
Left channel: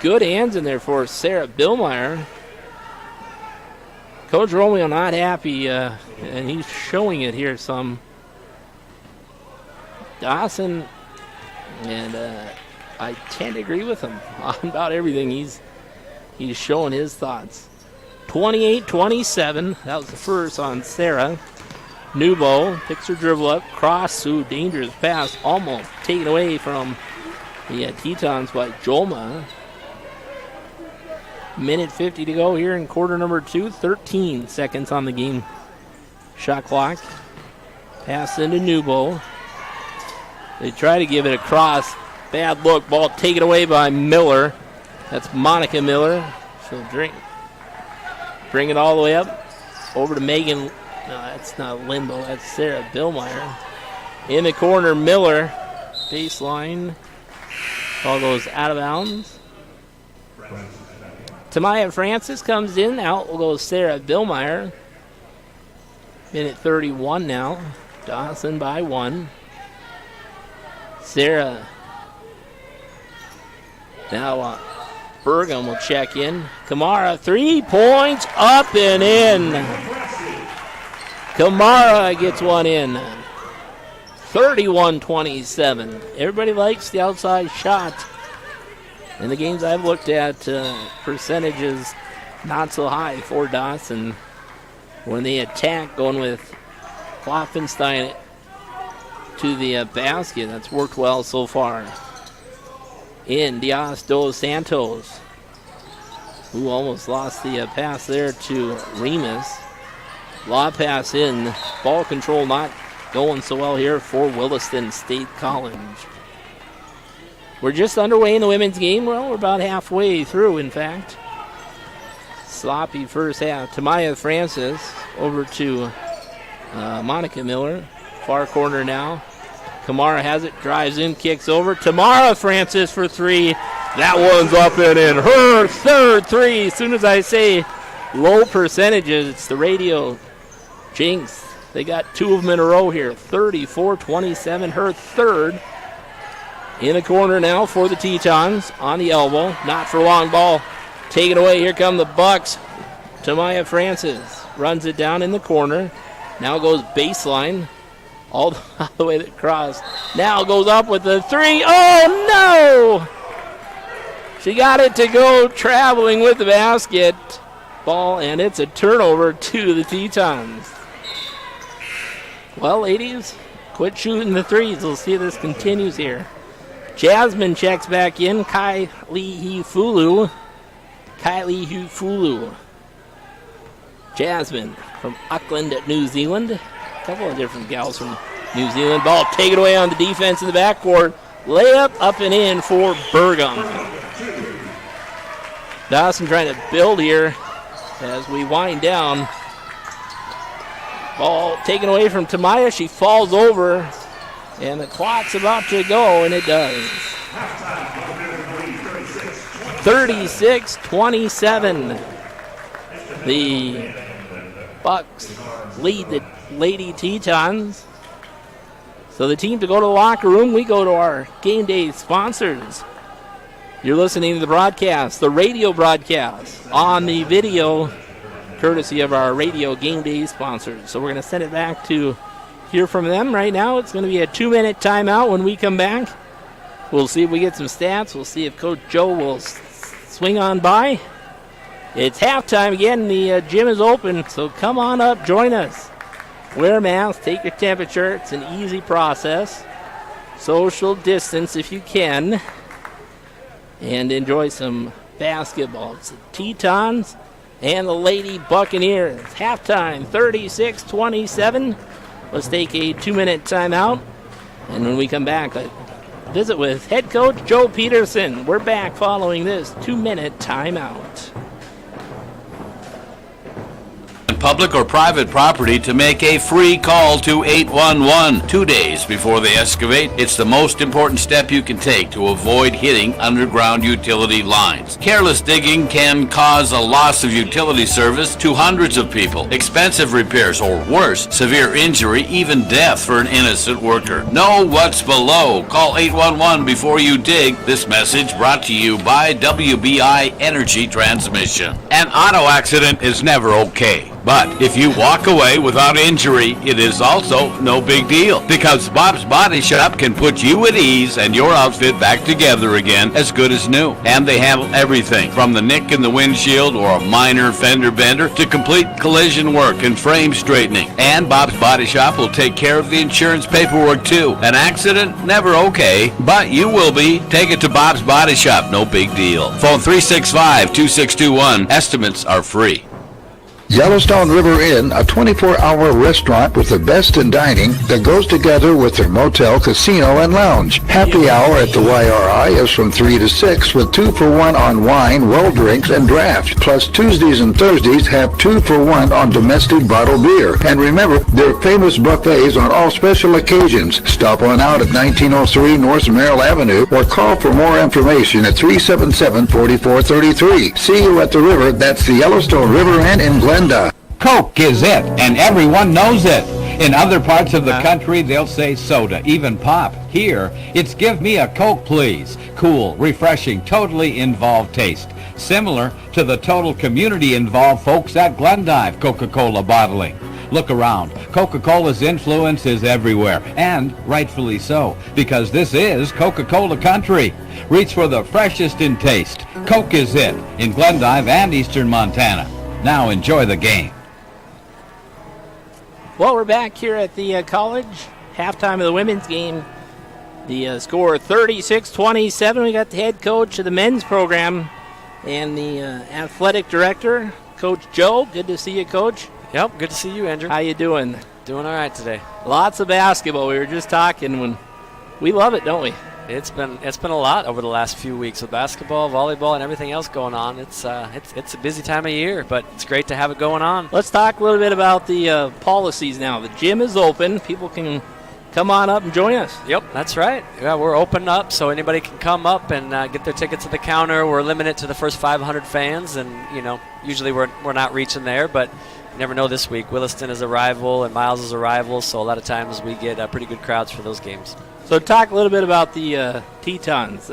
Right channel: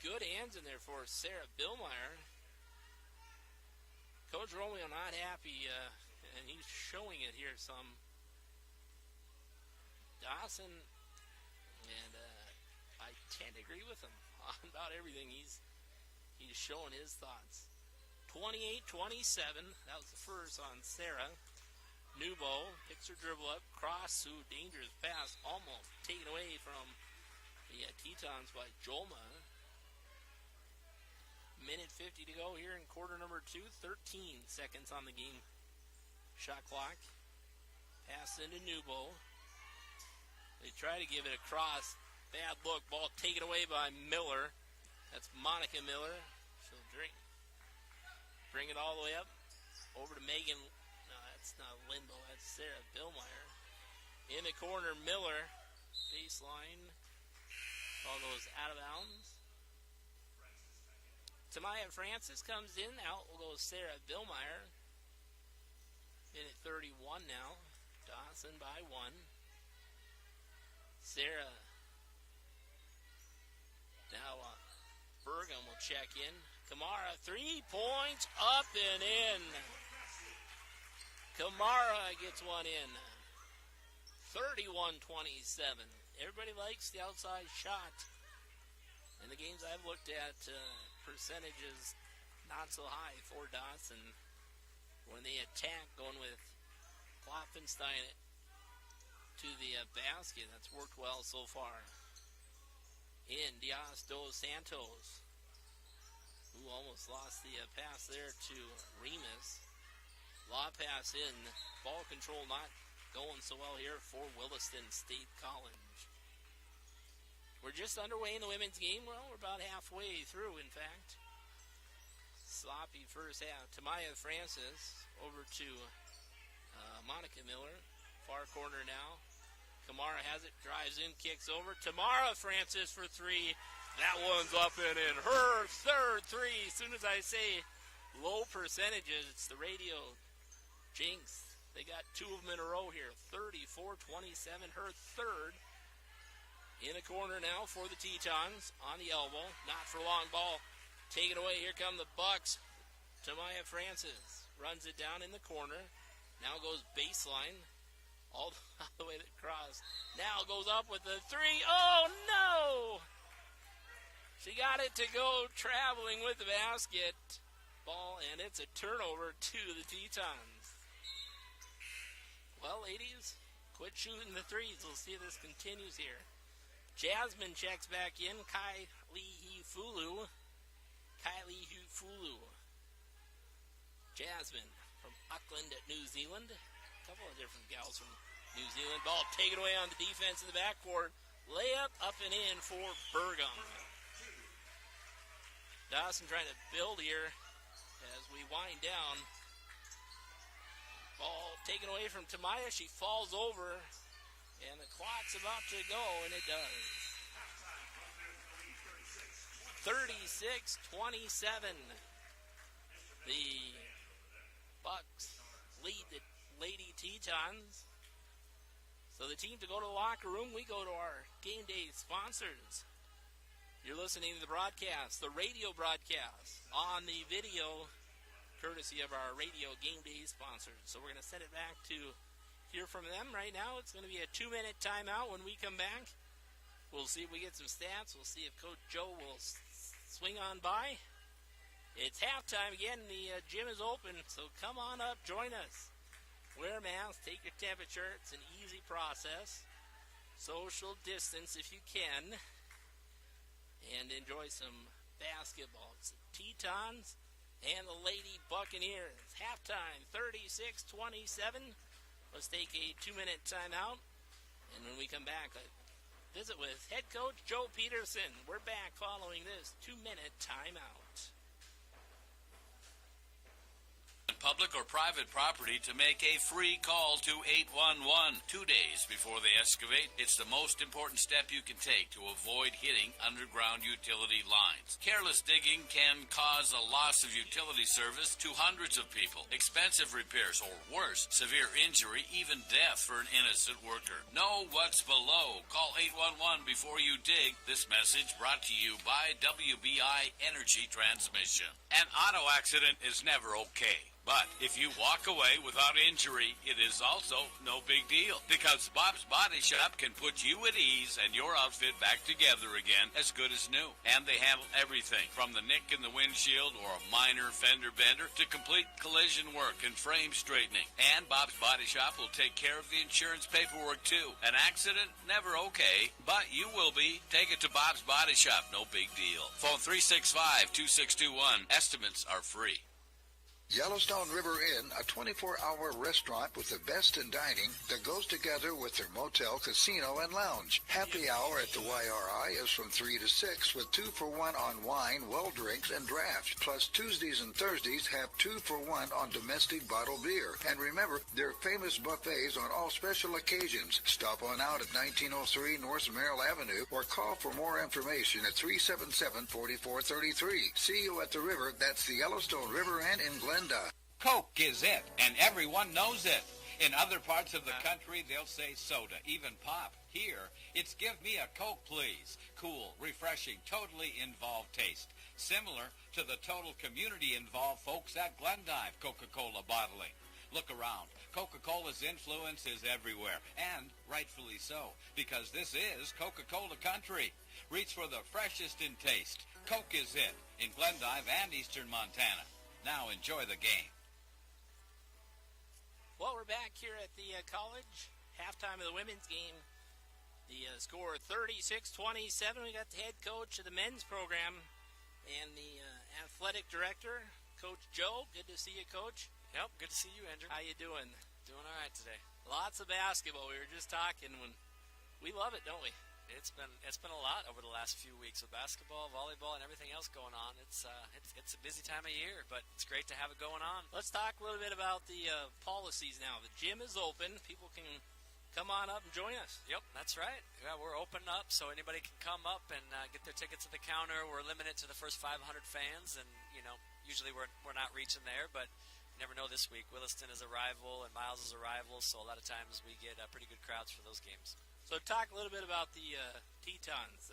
Good hands in there for Sarah Billmeyer. Coach Romeo not happy, and he's showing it here some. Dawson, and I tend to agree with him on about everything. He's showing his thoughts. 28-27. That was the first on Sarah. Newbo picks her dribble up. Cross. Ooh, dangerous pass. Almost taken away from the Tetons by Jolma. Minute 50 to go here in quarter number 2. 13 seconds on the game shot clock. Pass into Newbo. They try to give it across. Bad look. Ball taken away by Miller. That's Monica Miller. She'll bring it all the way up. Over to Megan. No, that's not Limbo. That's Sarah Billmeyer. In the corner, Miller. Baseline. Ball goes out of bounds. Tamaya Francis comes in. Out will go Sarah Billmeyer. Minute 31 now. Dawson by 1. Sarah. Now Burgum will check in. Kamara, 3 points, up and in. Kamara gets one in. 31-27. Everybody likes the outside shot. In the games I've looked at, percentages not so high for Dawson. When they attack, going with Klopfenstein to the basket. That's worked well so far. In Diaz dos Santos, who almost lost the pass there to Remus. Law pass in. Ball control not going so well here for Williston State College. We're just underway in the women's game. Well, we're about halfway through, in fact. Sloppy first half. Tamaya Francis over to Monica Miller. Far corner now. Kamara has it, drives in, kicks over. Tamara Francis for 3. That one's up and in. Her third 3. As soon as I say low percentages, it's the radio jinx. They got 2 of them in a row here. 34-27, her third. In the corner now for the Tetons. On the elbow, not for long. Ball taken away. Here come the Bucks. Tamaya Francis runs it down in the corner. Now goes baseline. All the way across. Now goes up with the 3. Oh, no! She got it to go traveling with the basket. Ball, and it's a turnover to the Tetons. Well, ladies, quit shooting the 3s. We'll see if this continues here. Jasmine checks back in. Kylie Hufulu. Jasmine from Auckland, New Zealand. A couple of different gals from New Zealand. Ball taken away on the defense in the backcourt. Layup up and in for Burgum. Dawson trying to build here as we wind down. Ball taken away from Tamaya. She falls over, and the clock's about to go, and it does. 36-27. The Bucks lead the Lady Tetons. So the team to go to the locker room. We go to our game day sponsors. You're listening to the broadcast, the radio broadcast, on the video, courtesy of our radio game day sponsors. So we're going to send it back to hear from them right now. It's going to be a 2-minute timeout. When we come back, we'll see if we get some stats. We'll see if Coach Joe will swing on by. It's halftime again. The gym is open, so come on up, join us. Wear a mask, take your temperature. It's an easy process. Social distance if you can. And enjoy some basketball. It's the Tetons and the Lady Buccaneers. Halftime, 36-27. Let's take a 2-minute timeout. And when we come back, I visit with head coach Joe Peterson. We're back following this 2-minute timeout. public or private property to make a free call to 811 2 days before they excavate. It's the most important step you can take to avoid hitting underground utility lines. Careless digging can cause a loss of utility service to hundreds of people, expensive repairs, or worse, severe injury, even death for an innocent worker. Know what's below. Call 811 before you dig. This message brought to you by WBI Energy Transmission. An auto accident is never okay. But if you walk away without injury, it is also no big deal, because Bob's Body Shop can put you at ease and your outfit back together again as good as new. And they handle everything from the nick in the windshield or a minor fender bender to complete collision work and frame straightening. And Bob's Body Shop will take care of the insurance paperwork too. An accident, never okay, but you will be. Take it to Bob's Body Shop, no big deal. Phone 365-2621. Estimates are free. Yellowstone River Inn, a 24-hour restaurant with the best in dining that goes together with their motel, casino, and lounge. Happy hour at the YRI is from 3 to 6 with 2 for 1 on wine, well drinks, and draft. Plus Tuesdays and Thursdays have 2 for 1 on domestic bottled beer. And remember, their famous buffets on all special occasions. Stop on out at 1903 North Merrill Avenue or call for more information at 377-4433. See you at the river. That's the Yellowstone River Inn in Glendale. Coke is it, and everyone knows it. In other parts of the country, they'll say soda, even pop. Here, it's give me a Coke, please. Cool, refreshing, totally involved taste. Similar to the total community-involved folks at Glendive Coca-Cola Bottling. Look around. Coca-Cola's influence is everywhere, and rightfully so, because this is Coca-Cola country. Reach for the freshest in taste. Coke is it, in Glendive and eastern Montana. Now enjoy the game. Well, we're back here at the college. Halftime of the women's game. The score 36-27. We got the head coach of the men's program and the athletic director, Coach Joe. Good to see you, Coach. Yep, good to see you, Andrew. How you doing? Doing all right today. Lots of basketball. We were just talking when we love it, don't we? It's been a lot over the last few weeks with basketball, volleyball, and everything else going on. It's a busy time of year, but it's great to have it going on. Let's talk a little bit about the policies now. The gym is open. People can come on up and join us. Yep, that's right. Yeah, we're open up, so anybody can come up and get their tickets at the counter. We're limited to the first 500 fans, and usually we're not reaching there, but you never know this week. Williston is a rival and Miles is a rival, so a lot of times we get pretty good crowds for those games. So talk a little bit about the Tetons.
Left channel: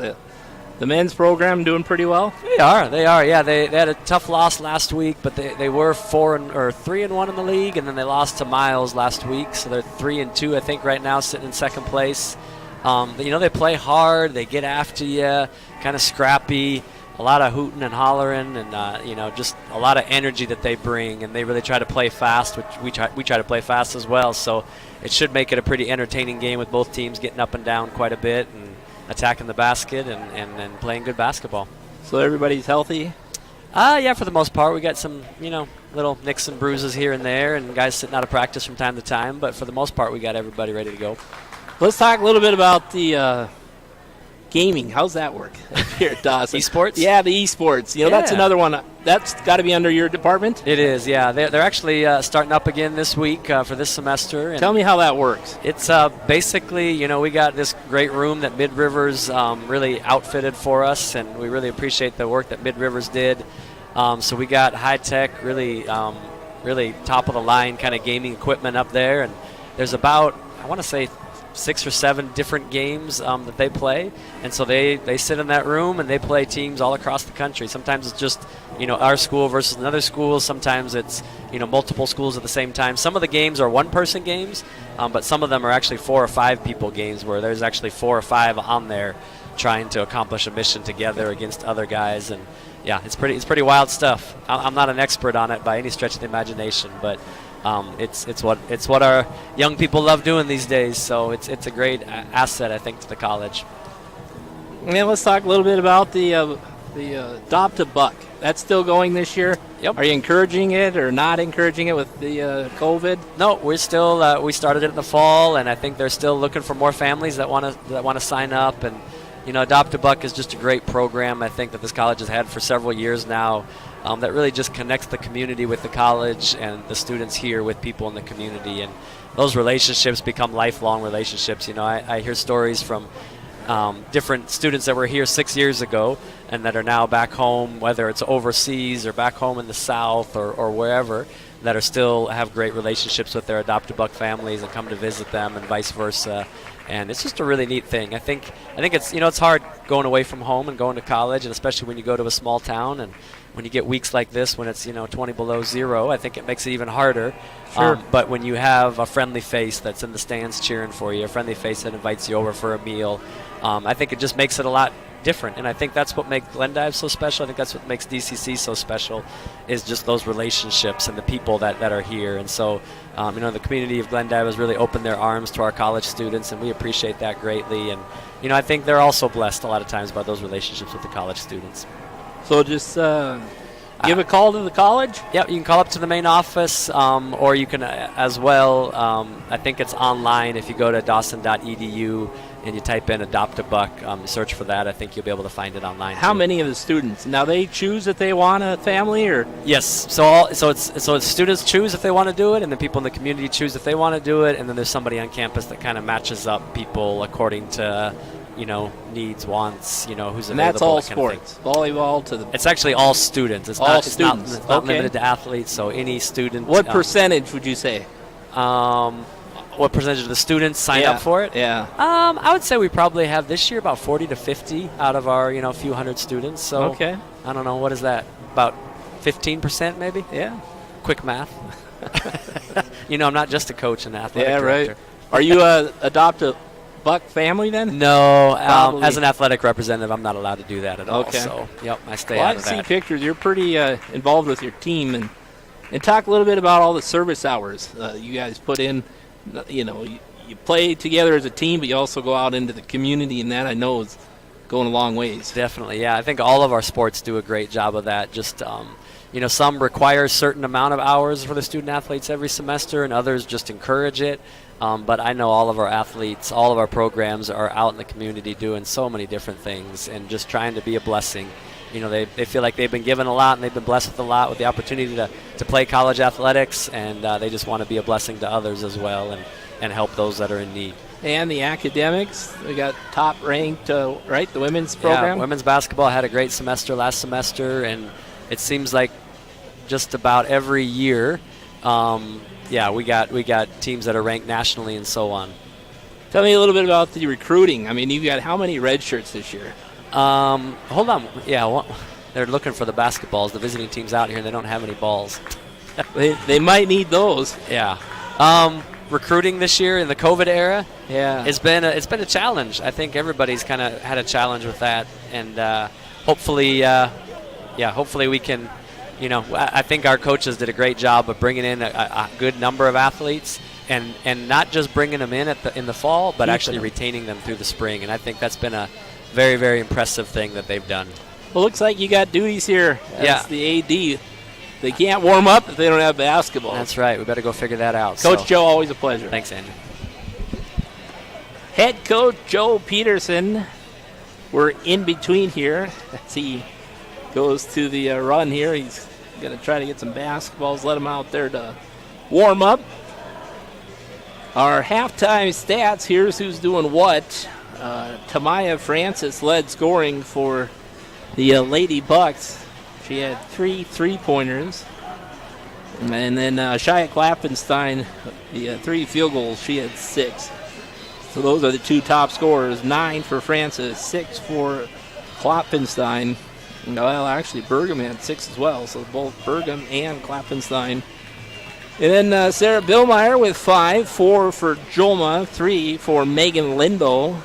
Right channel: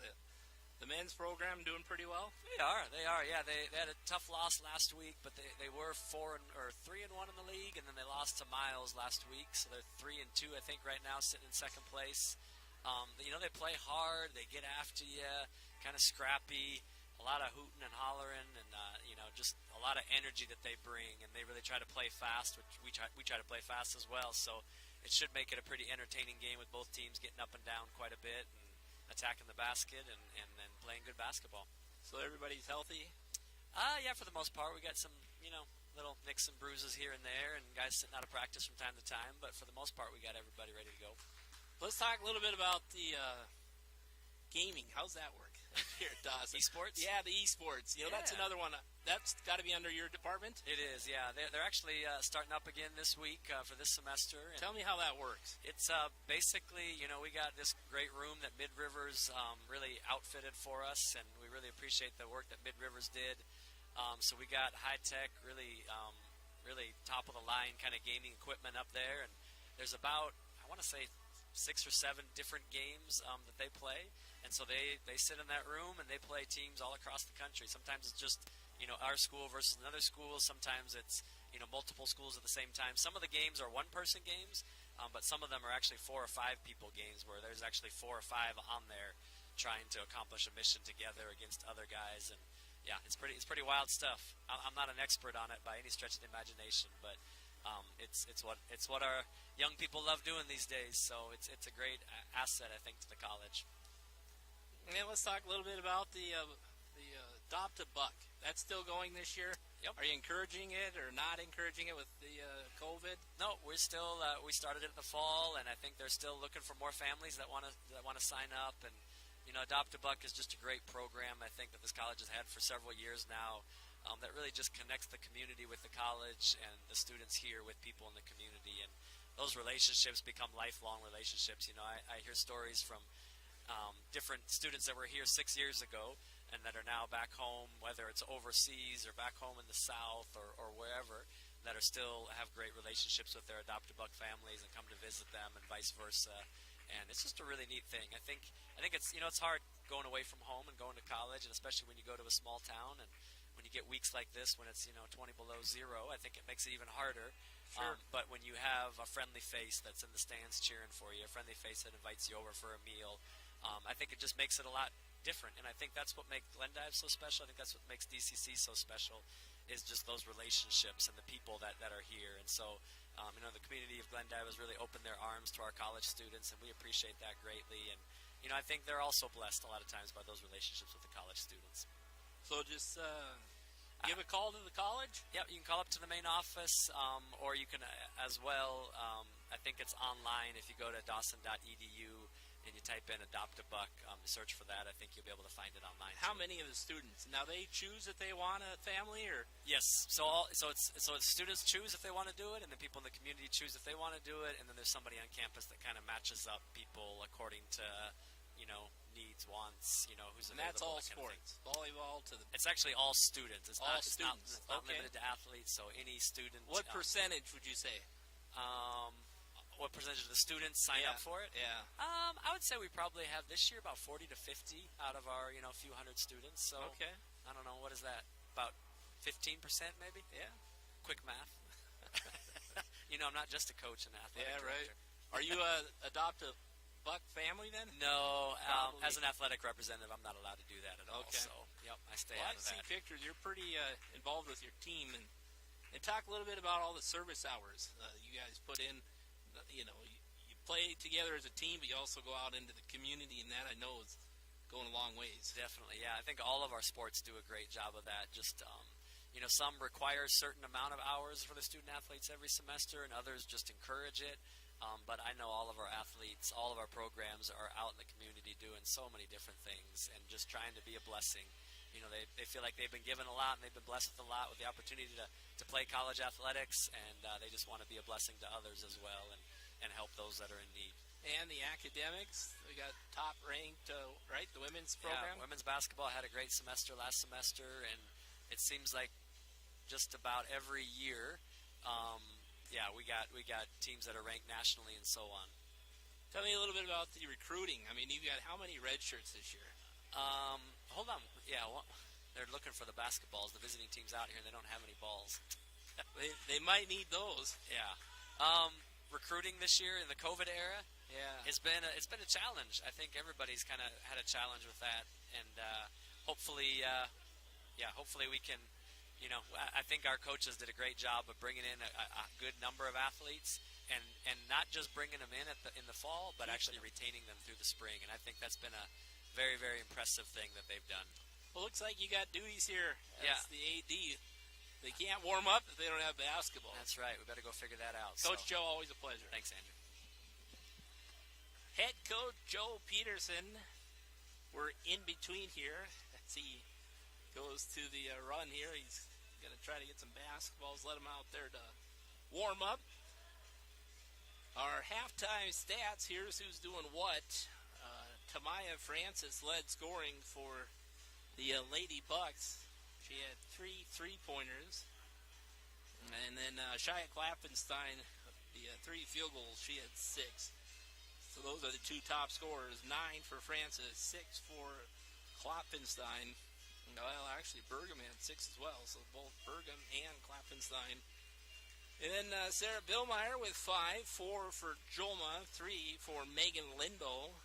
The men's program doing pretty well? They are. Yeah, they had a tough loss last week, but they were 3-1 in the league, and then they lost to Miles last week, so they're 3-2, I think, right now, sitting in second place. But, they play hard. They get after you, kind of scrappy. A lot of hooting and hollering, and just a lot of energy that they bring, and they really try to play fast, which we try to play fast as well. So it should make it a pretty entertaining game with both teams getting up and down quite a bit and attacking the basket and playing good basketball. So everybody's healthy? Yeah, for the most part. We got some little nicks and bruises here and there, and guys sitting out of practice from time to time. But for the most part, we got everybody ready to go. Let's talk a little bit about the gaming. How's that work here at Dawson? Esports? Yeah, the esports. That's another one. That's got to be under your department? It is, yeah. They're actually starting up again this week for this semester. And tell me how that works. It's basically, we got this great room that Mid Rivers really outfitted for us, and we really appreciate the work that Mid Rivers did. So we got high-tech, really top-of-the-line kind of gaming equipment up there, and there's about, I want to say, 6 or 7 different games that they play, and so they sit in that room and they play teams all across the country. Sometimes it's just our school versus another school. Sometimes it's multiple schools at the same time. Some of the games are one-person games, but some of them are actually 4 or 5 people games where there's actually 4 or 5 on there trying to accomplish a mission together against other guys. And yeah, it's pretty wild stuff. I'm not an expert on it by any stretch of the imagination, but it's what our young people love doing these days. So it's a great asset, I think, to the college. And let's talk a little bit about the Adopt a Buck. That's still going this year. Yep. Are you encouraging it or not encouraging it with the COVID? No, we're still we started it in the fall, and I think they're still looking for more families that want to sign up. And Adopt a Buck is just a great program, I think, that this college has had for several years now. that really just connects the community with the college and the students here with people in the community. And those relationships become lifelong relationships. You know, I hear stories from different students that were here 6 years ago and that are now back home, whether it's overseas or back home in the South or wherever, that are still have great relationships with their adopted Buck families and come to visit them and vice versa. And it's just a really neat thing. I think it's, you know, it's hard going away from home and going to college, and especially when you go to a small town and when you get weeks like this when it's, you know, 20 below zero, I think it makes it even harder. Sure. But when you have a friendly face that's in the stands cheering for you, a friendly face that invites you over for a meal, I think it just makes it a lot different. And I think that's what makes Glendive so special. I think that's what makes DCC so special, is just those relationships and the people that are here. And so, you know, the community of Glendive has really opened their arms to our college students, and we appreciate that greatly. And, you know, I think they're also blessed a lot of times by those relationships with the college students. So just give a call to the college? Yep, you can call up to the main office, or you can as well, I think it's online. If you go to dawson.edu and you type in Adopt a Buck, search for that, I think you'll be able to find it online. How too. many of the students? Now they choose if they want a family, or? Yes, so it's students choose if they want to do it, and then people in the community choose if they want to do it, and then there's somebody on campus that kind of matches up people according to, you know, needs, wants, you know, who's and available. that's all that kind of sports, volleyball to the. It's actually all students. It's all not students. It's not Okay. limited to athletes. So any student. What percentage would you say? What percentage of the students sign up for it? Yeah. I would say we probably have this year about 40 to 50 out of our, you know, few hundred students. So Okay. I don't know, what is that? About 15% maybe? Yeah. Quick math. You know, I'm not just a coach and athletic Yeah, director. right. Are you a adopt a Buck family then? No, Probably. as an athletic representative, I'm not allowed to do that at all. Okay. So, yep, I stay Well, out I of see that. pictures. You're pretty involved with your team, and talk a little bit about all the service hours you guys put in. You know, you play together as a team, but you also go out into the community, and that I know is going a long ways. Definitely, yeah. I think all of our sports do a great job of that. Just, you know, some require a certain amount of hours for the student athletes every semester, and others just encourage it. But I know all of our athletes, all of our programs are out in the community doing so many different things and just trying to be a blessing. You know, they feel like they've been given a lot and they've been blessed with a lot with the opportunity to play college athletics, and they just want to be a blessing to others as well and help those that are in need. And the academics, we got top ranked, right, the women's program? Yeah, women's basketball had a great semester last semester, and it seems like just about every year, we got teams that are ranked nationally and so on. Tell me a little bit about the recruiting. I mean, you've got how many red shirts this year? Hold on. Yeah, they're looking for the basketballs. The visiting team's out here, and they don't have any balls. they might need those. Yeah. Recruiting this year in the COVID era, yeah, it's been a challenge. I think everybody's kind of had a challenge with that, and hopefully we can. You know, I think our coaches did a great job of bringing in a good number of athletes, and not just bringing them in the fall, but actually retaining them through the spring. And I think that's been a very, very impressive thing that they've done. Well, looks like you got duties here as the AD. They can't warm up if they don't have basketball. That's right. We better go figure that out. Coach Joe, always a pleasure. Thanks, Andrew. Head coach Joe Peterson. We're in between here as he goes to the run here. He's going to try to get some basketballs, let them out there to warm up. Our halftime stats, here's who's doing what. Tamaya Francis led scoring for the Lady Bucks. She had 3 3-pointers. And then Shia Klappenstein, the 3 field goals, she had 6. So those are the 2 top scorers. 9 for Francis, 6 for Klappenstein. Well, actually, Burgum had 6 as well. So both Burgum and Klappenstein. And then Sarah Billmeyer with 5, 4 for Jolma, 3 for Megan Linbo.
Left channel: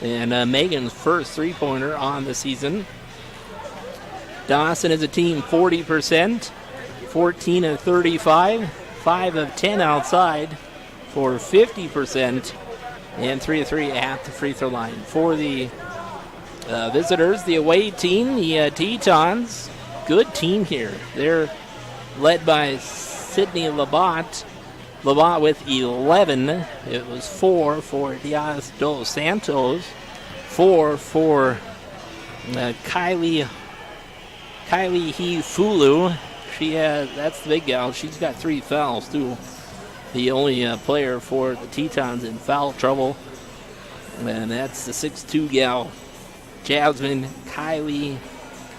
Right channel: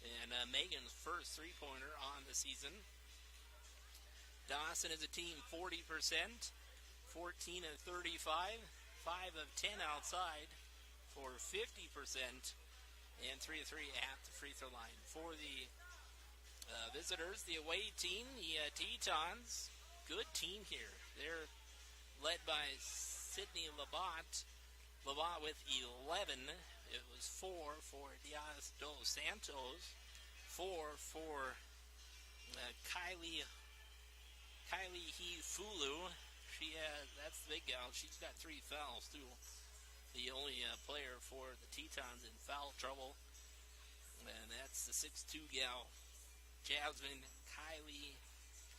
And Megan's first 3-pointer on the season. Dawson as a team, 40%, 14 of 35, 5 of 10 outside for 50%, and 3 of 3 at the free throw line. For the visitors, the away team, the Tetons, good team here. They're led by Sydney Labat. Labat with 11. It was 4 for Diaz dos Santos, 4 for Kylie Kylie Hefulu. That's the big gal. She's got 3 fouls, too. The only player for the Tetons in foul trouble. And that's the 6'2 gal, Jasmine Kylie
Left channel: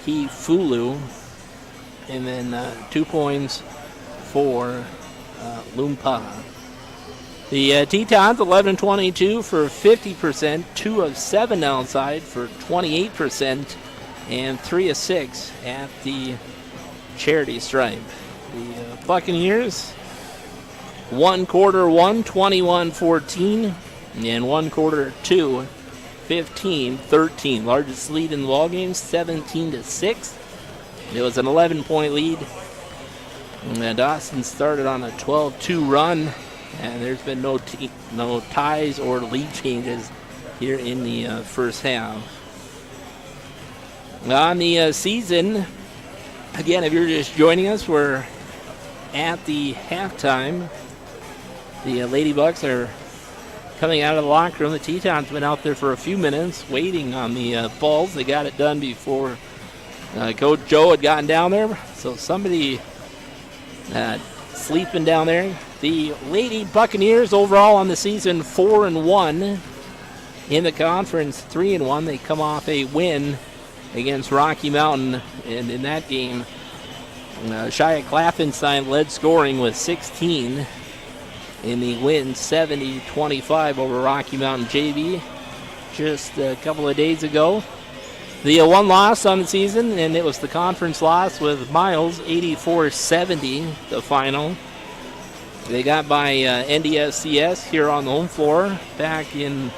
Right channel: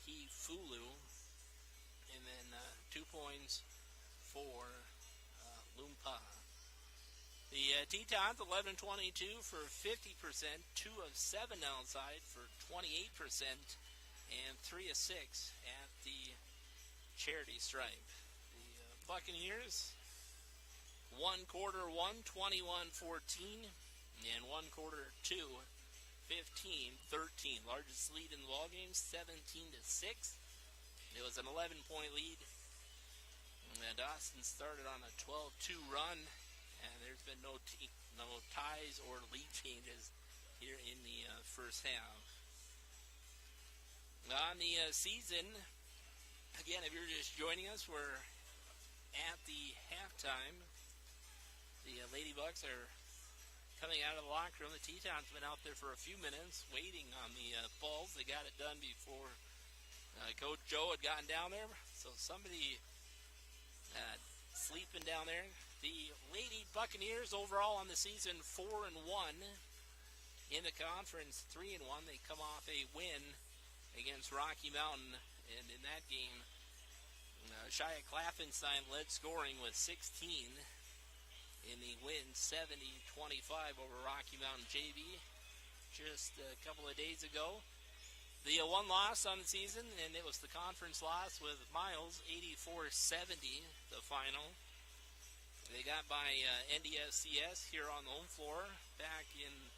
Hefulu. And then 2 points for Lumpa. The Tetons 11-22 for 50%, 2 of 7 outside for 28%, and 3 of 6 at the charity stripe. The Buccaneers, 1 quarter 1, 21-14, and 1 quarter 2, 15-13. Largest lead in the ballgame, 17-6. It was an 11-point lead. And Dawson started on a 12-2 run, and there's been no ties or lead changes here in the first half. On the season, again, if you're just joining us, we're at the halftime. The Lady Bucks are coming out of the locker room. The Tetons been out there for a few minutes waiting on the balls. They got it done before Coach Joe had gotten down there. So somebody sleeping down there. The Lady Buccaneers overall on the season 4-1 in the conference, 3-1. They come off a win against Rocky Mountain, and in that game, Shia Clafenstein led scoring with 16 in the win, 70-25 over Rocky Mountain JV just a couple of days ago. The one loss on the season, and it was the conference loss with Miles, 84-70, the final. They got by NDSCS here on the home floor back in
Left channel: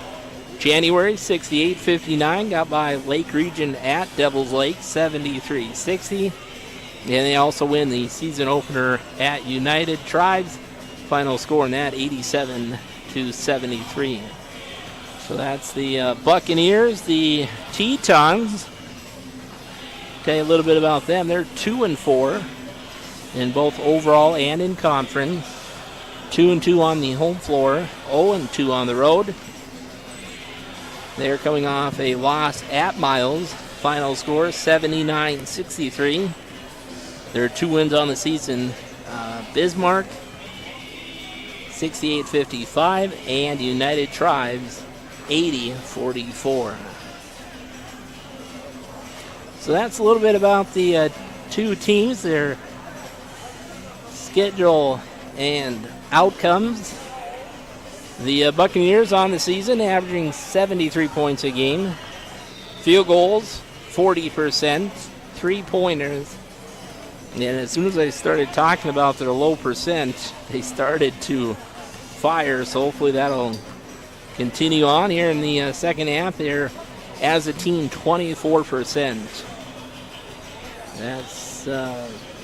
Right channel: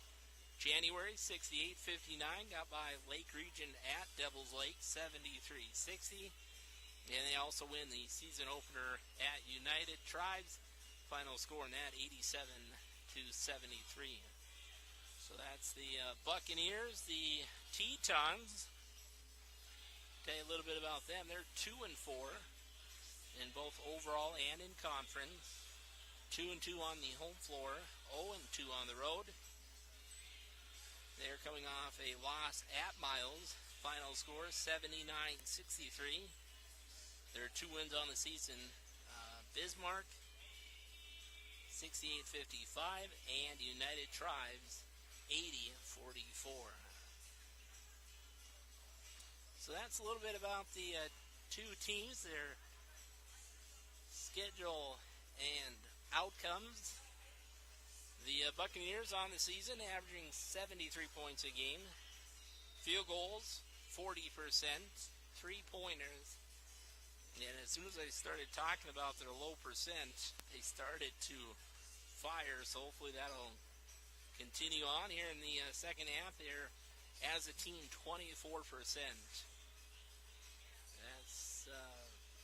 January, 68-59. Got by Lake Region at Devils Lake, 73-60. And they also win the season opener at United Tribes. Final score in that, 87-73. So that's the Buccaneers. The Tetons, tell you a little bit about them. They're 2-4 in both overall and in conference. 2-2 on the home floor, 0-2 on the road. They're coming off a loss at Miles. Final score 79-63. There are 2 wins on the season. Bismarck 68-55 and United Tribes 80-44. So that's a little bit about the 2 teams, their schedule and outcomes. The Buccaneers on the season averaging 73 points a game. Field goals, 40%. 3-pointers. And as soon as I started talking about their low percent, they started to fire. So hopefully that'll continue on here in the second half. They're, as a team, 24%. That's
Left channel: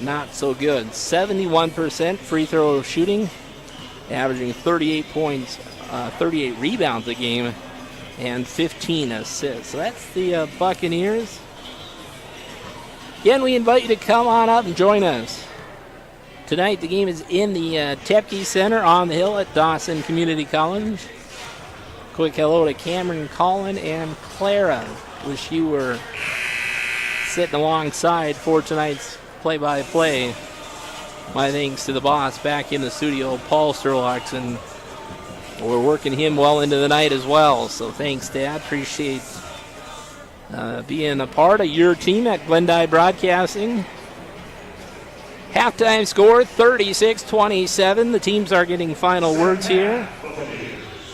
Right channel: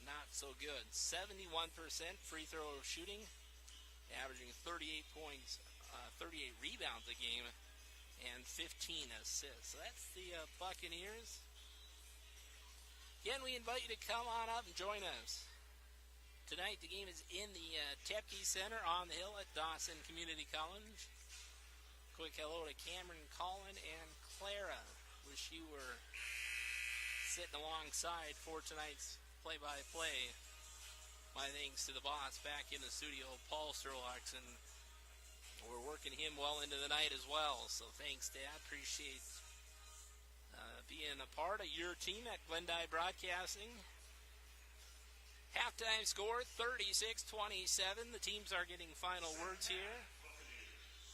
not so good. 71% free throw shooting, averaging 38 points, 38 rebounds a game, and 15 assists. So that's the Buccaneers. Again, we invite you to come on up and join us. Tonight, the game is in the Tepke Center on the hill at Dawson Community College. Quick hello to Cameron, Colin, and Clara. Wish you were sitting alongside for tonight's play-by-play. My thanks to the boss back in the studio, Paul Sturlocks, and we're working him well into the night as well. So thanks, Dad. Appreciate being a part of your team at Glendive Broadcasting. Halftime score 36-27. The teams are getting final words here.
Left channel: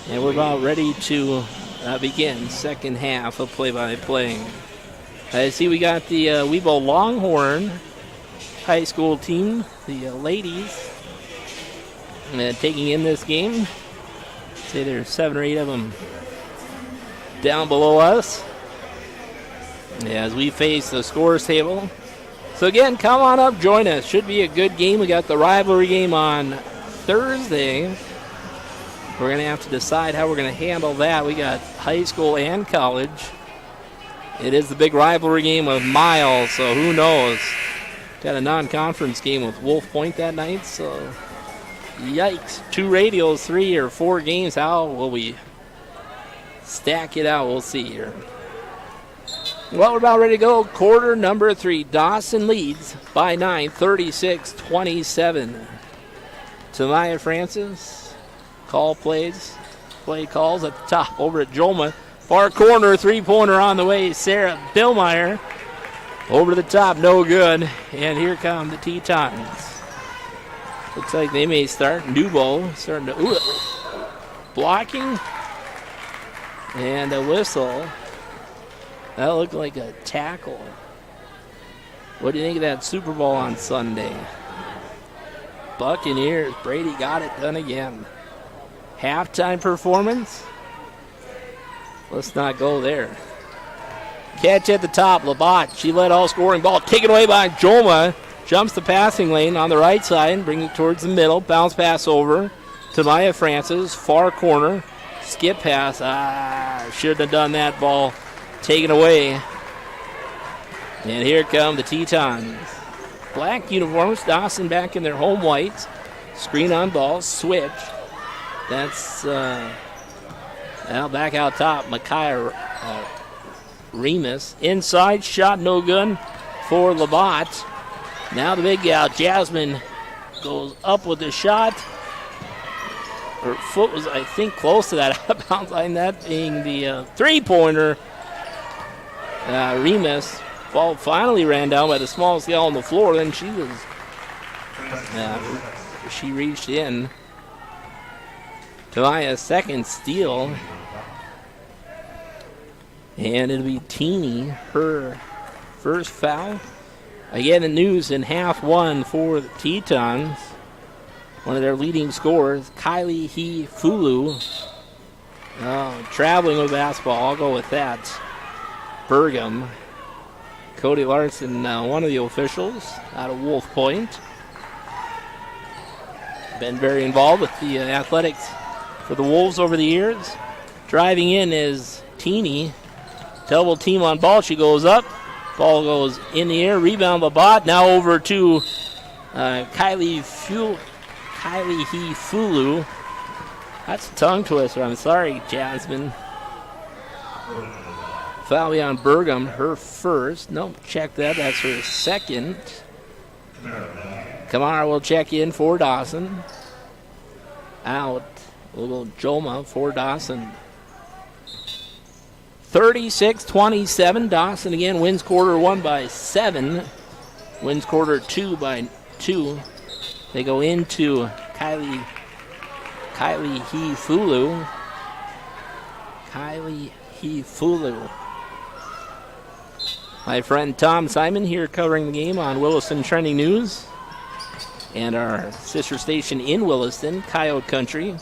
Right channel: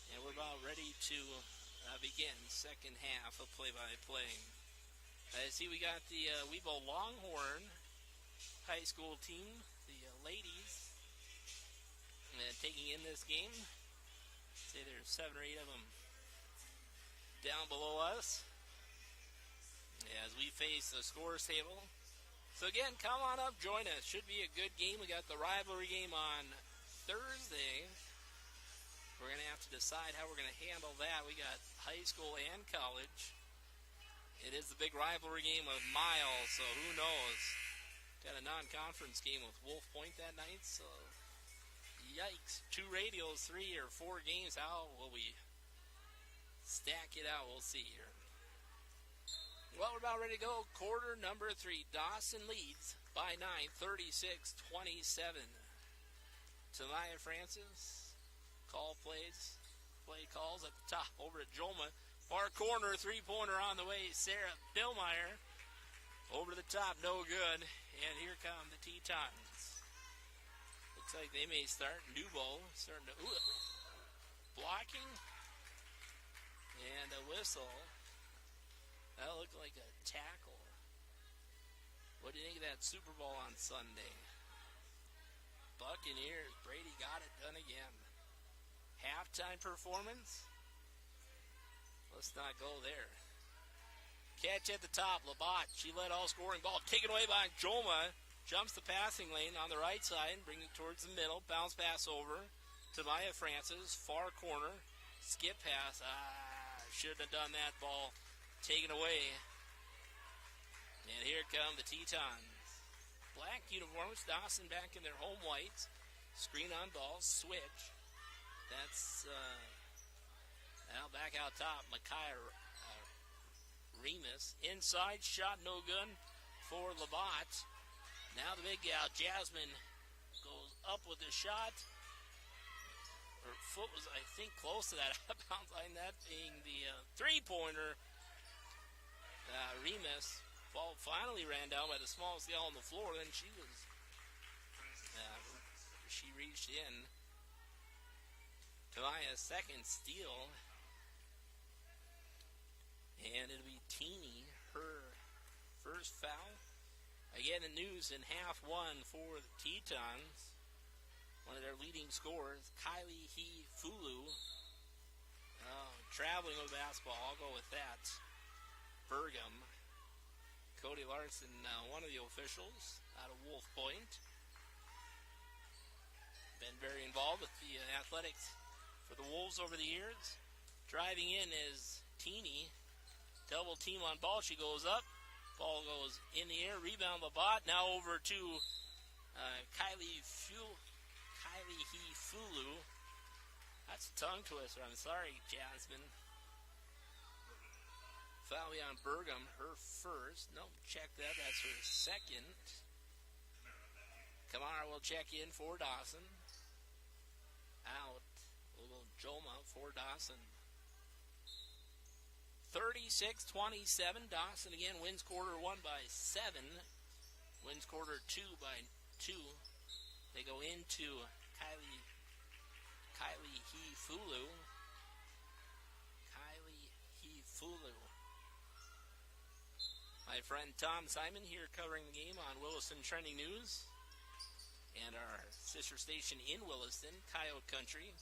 And we're about ready to begin second half of play-by-play. I see we got the Webo Longhorn high school team, the ladies, taking in this game. Say there's 7 or 8 of them down below us as we face the scores table. So again, come on up, join us. Should be a good game. We got the rivalry game on Thursday. We're going to have to decide how we're going to handle that. We got high school and college. It is the big rivalry game with Miles, so who knows? Got a non-conference game with Wolf Point that night, so yikes. 2 radios, 3 or 4 games. How will we stack it out? We'll see here. Well, we're about ready to go. Quarter number 3. Dawson leads by 9, 36-27. Tamaya Francis, play calls at the top over at Joma. Far corner, three-pointer on the way. Sarah Billmeyer over to the top, no good. And here come the Tetons. Looks like they may start. Newbo starting to, blocking. And a whistle. That looked like a tackle. What do you think of that Super Bowl on Sunday? Buccaneers, Brady got it done again. Halftime performance? Let's not go there. Catch at the top, Labatt. She led all scoring ball. Taken away by Joma. Jumps the passing lane on the right side. Brings it towards the middle. Bounce pass over to Maya Francis. Far corner. Skip pass. Shouldn't have done that. Ball taken away. And here come the Tetons. Black uniforms. Dawson back in their home whites. Screen on ball. Switch. That's now back out top. Micaiah Remus. Inside shot, no good for Labatt. Now the big gal, Jasmine, goes up with the shot. Her foot was, I think, close to that out-of-bounds line, that being the three-pointer. Remus, ball finally ran down by the smallest gal on the floor. Then she reached in. Tamaya's second steal. And it'll be Teeny, her first foul. Again, the news in half one for the Tetons. One of their leading scorers, Kylie He-Fulu. Traveling with basketball, I'll go with that. Bergam. Cody Larson, one of the officials out of Wolf Point. Been very involved with the athletics for the Wolves over the years. Driving in is Teeny. Double team on ball. She goes up. Ball goes in the air. Rebound Labatt. Now over to Kylie He-Fulu. That's a tongue twister. I'm sorry, Jasmine. Foul on Bergam. Her first. Nope, check that. That's her second. Kamara will check in for Dawson. Out. We'll go Joma for Dawson. 36-27. Dawson again wins quarter one by 7. Wins quarter two by 2. They go into Kylie He-Fulu. Kylie He-Fulu. My friend Tom Simon here covering the game on Williston Trending News. And our sister station in Williston, Coyote Country.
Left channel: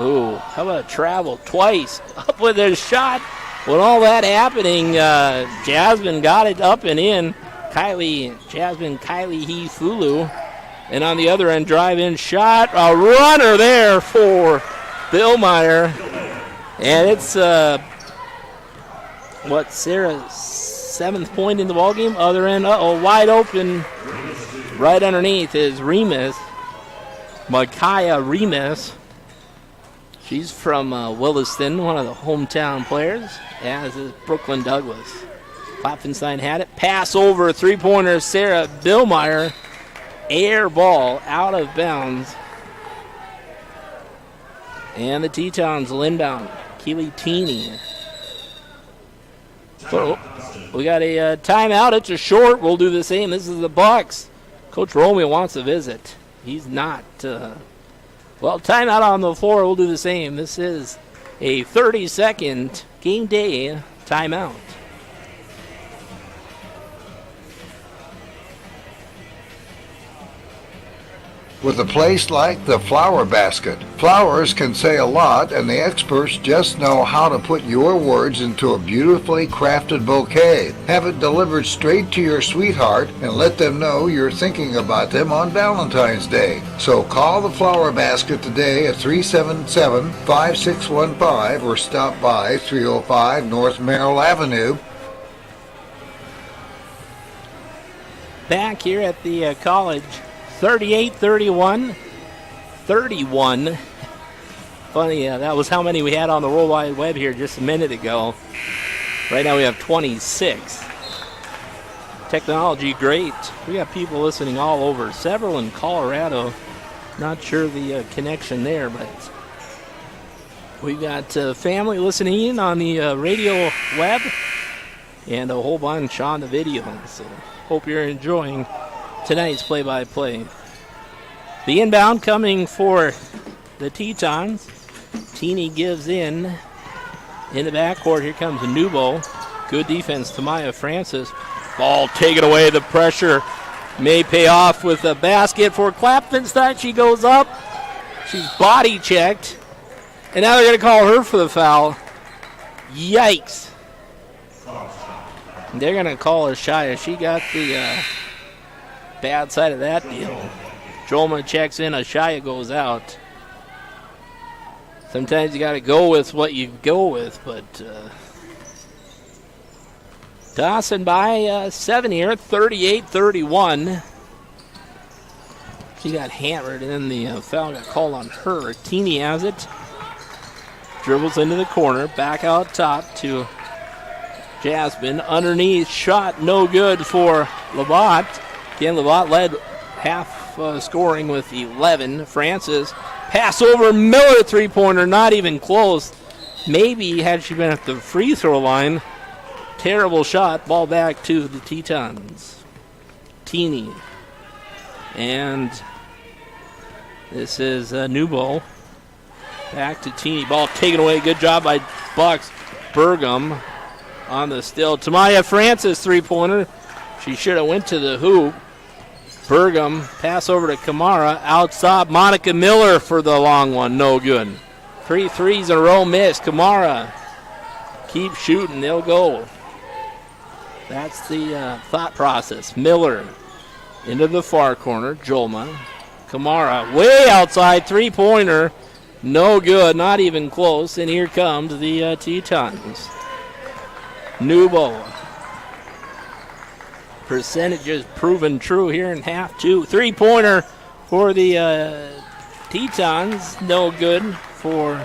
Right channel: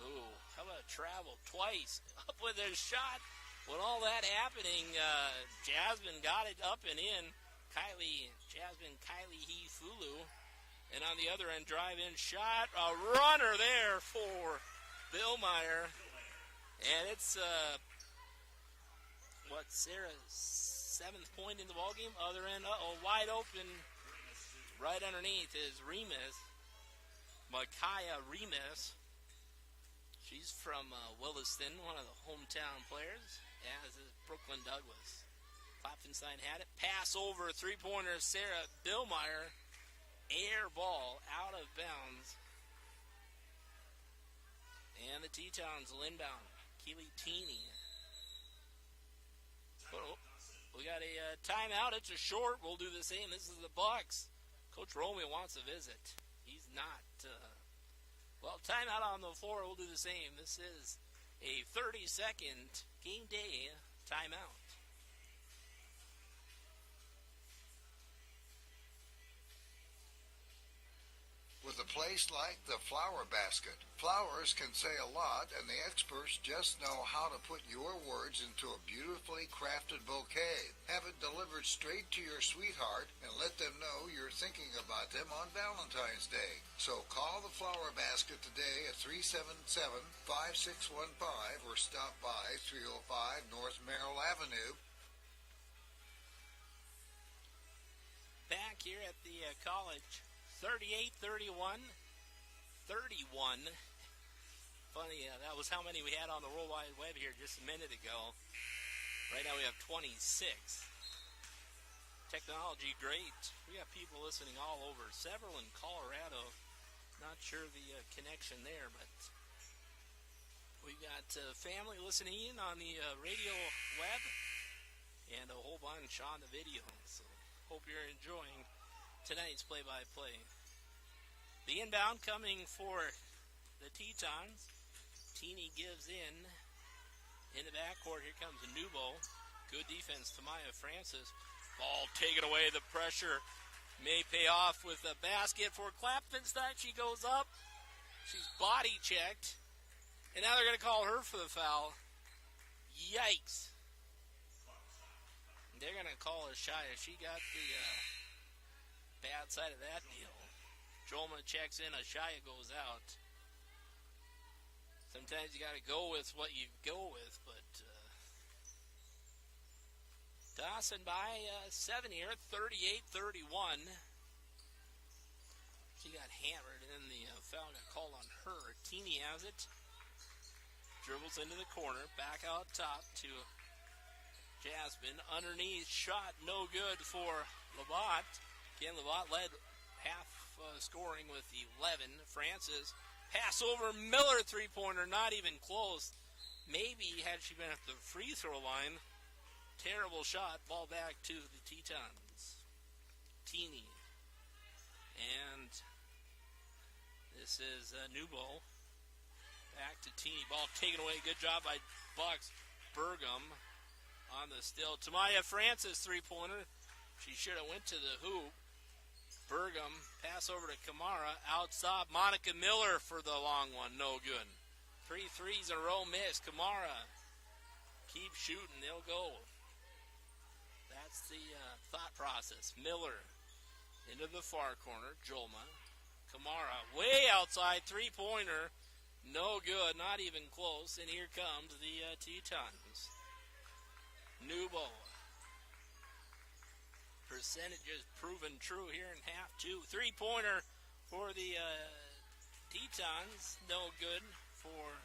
Ooh, how about travel twice? Up with a shot. With all that happening, Jasmine got it up and in. Kylie He-Fulu. And on the other end, drive-in shot. A runner there for Billmeyer. And it's, Sarah's 7th point in the ballgame. Other end, wide open. Right underneath is Remus. Micaiah Remus. She's from Williston, one of the hometown players, as is Brooklyn Douglas. Klopfenstein had it. Pass over, three-pointer, Sarah Billmeyer. Air ball out of bounds. And the Tetons will inbound. Keely Teeny. Oh, we got a timeout. It's a short. We'll do the same. This is the Bucks. Coach Romeo wants a visit. He's not... timeout on the floor. We'll do the same. This is a 30-second game day timeout. With a place like the Flower Basket, flowers can say a lot, and the experts just know how to put your words into a beautifully crafted bouquet. Have it delivered straight to your sweetheart and let them know you're thinking about them on Valentine's Day. So call the Flower Basket today at 377-5615 or stop by 305 North Merrill Avenue. Back here at the college. 38-31. 31. Funny, that was how many we had on the World Wide Web here just a minute ago. Right now we have 26. Technology, great. We got people listening all over. Several in Colorado. Not sure the connection there, but we got family listening in on the radio web and a whole bunch on the video. So hope you're enjoying tonight's play-by-play. The inbound coming for the Tetons. Teeny gives in the backcourt. Here comes Nubo. Good defense to Maya Francis. Ball taken away. The pressure may pay off with a basket for Klappenstein. She goes up. She's body checked. And now they're going to call her for the foul. Yikes. They're going to call her Shia. She got the bad side of that deal. Jolma checks in. Shia goes out. Sometimes you got to go with what you go with, but Dawson by 7 here, 38-31. She got hammered, and then the foul got called on her. Teeny has it. Dribbles into the corner, back out top to Jasmine. Underneath, shot no good for Labatt. Again, Labatt led half scoring with 11. Francis, pass over Miller, three-pointer, not even close. Maybe had she been at the free throw line. Terrible shot, ball back to the Tetons. Teeny. And this is Nubo. Back to Teeny. Ball taken away. Good job by Bucks. Burgum on the still. Tamaya Francis, three-pointer. She should have went to the hoop. Burgum, pass over to Kamara. Outside, Monica Miller for the long one. No good. 3 threes in a row missed. Kamara, keep shooting. They'll go. That's the thought process. Miller into the far corner. Jolma. Kamara way outside. Three-pointer. No good. Not even close. And here comes the Tetons. Nubo. Percentages proven true here in half two. Three-pointer for the Tetons. No good for...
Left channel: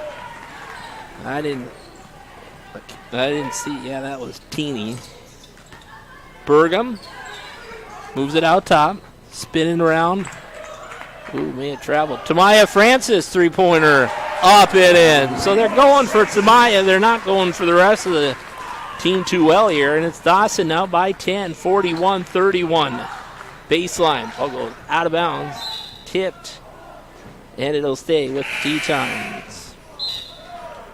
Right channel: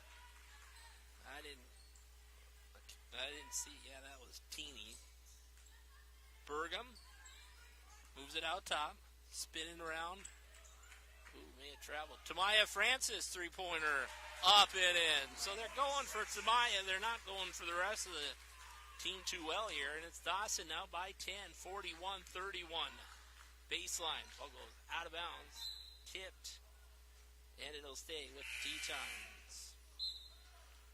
I didn't see. Yeah, that was Teeny. Burgum moves it out top. Spinning around. Ooh, may have traveled. Tamaya Francis, three-pointer, up and in. So they're going for Tamaya. They're not going for the rest of the team too well here. And it's Dawson now by 10, 41-31. Baseline. Ball goes out of bounds. Tipped. And it'll stay with the Tetons.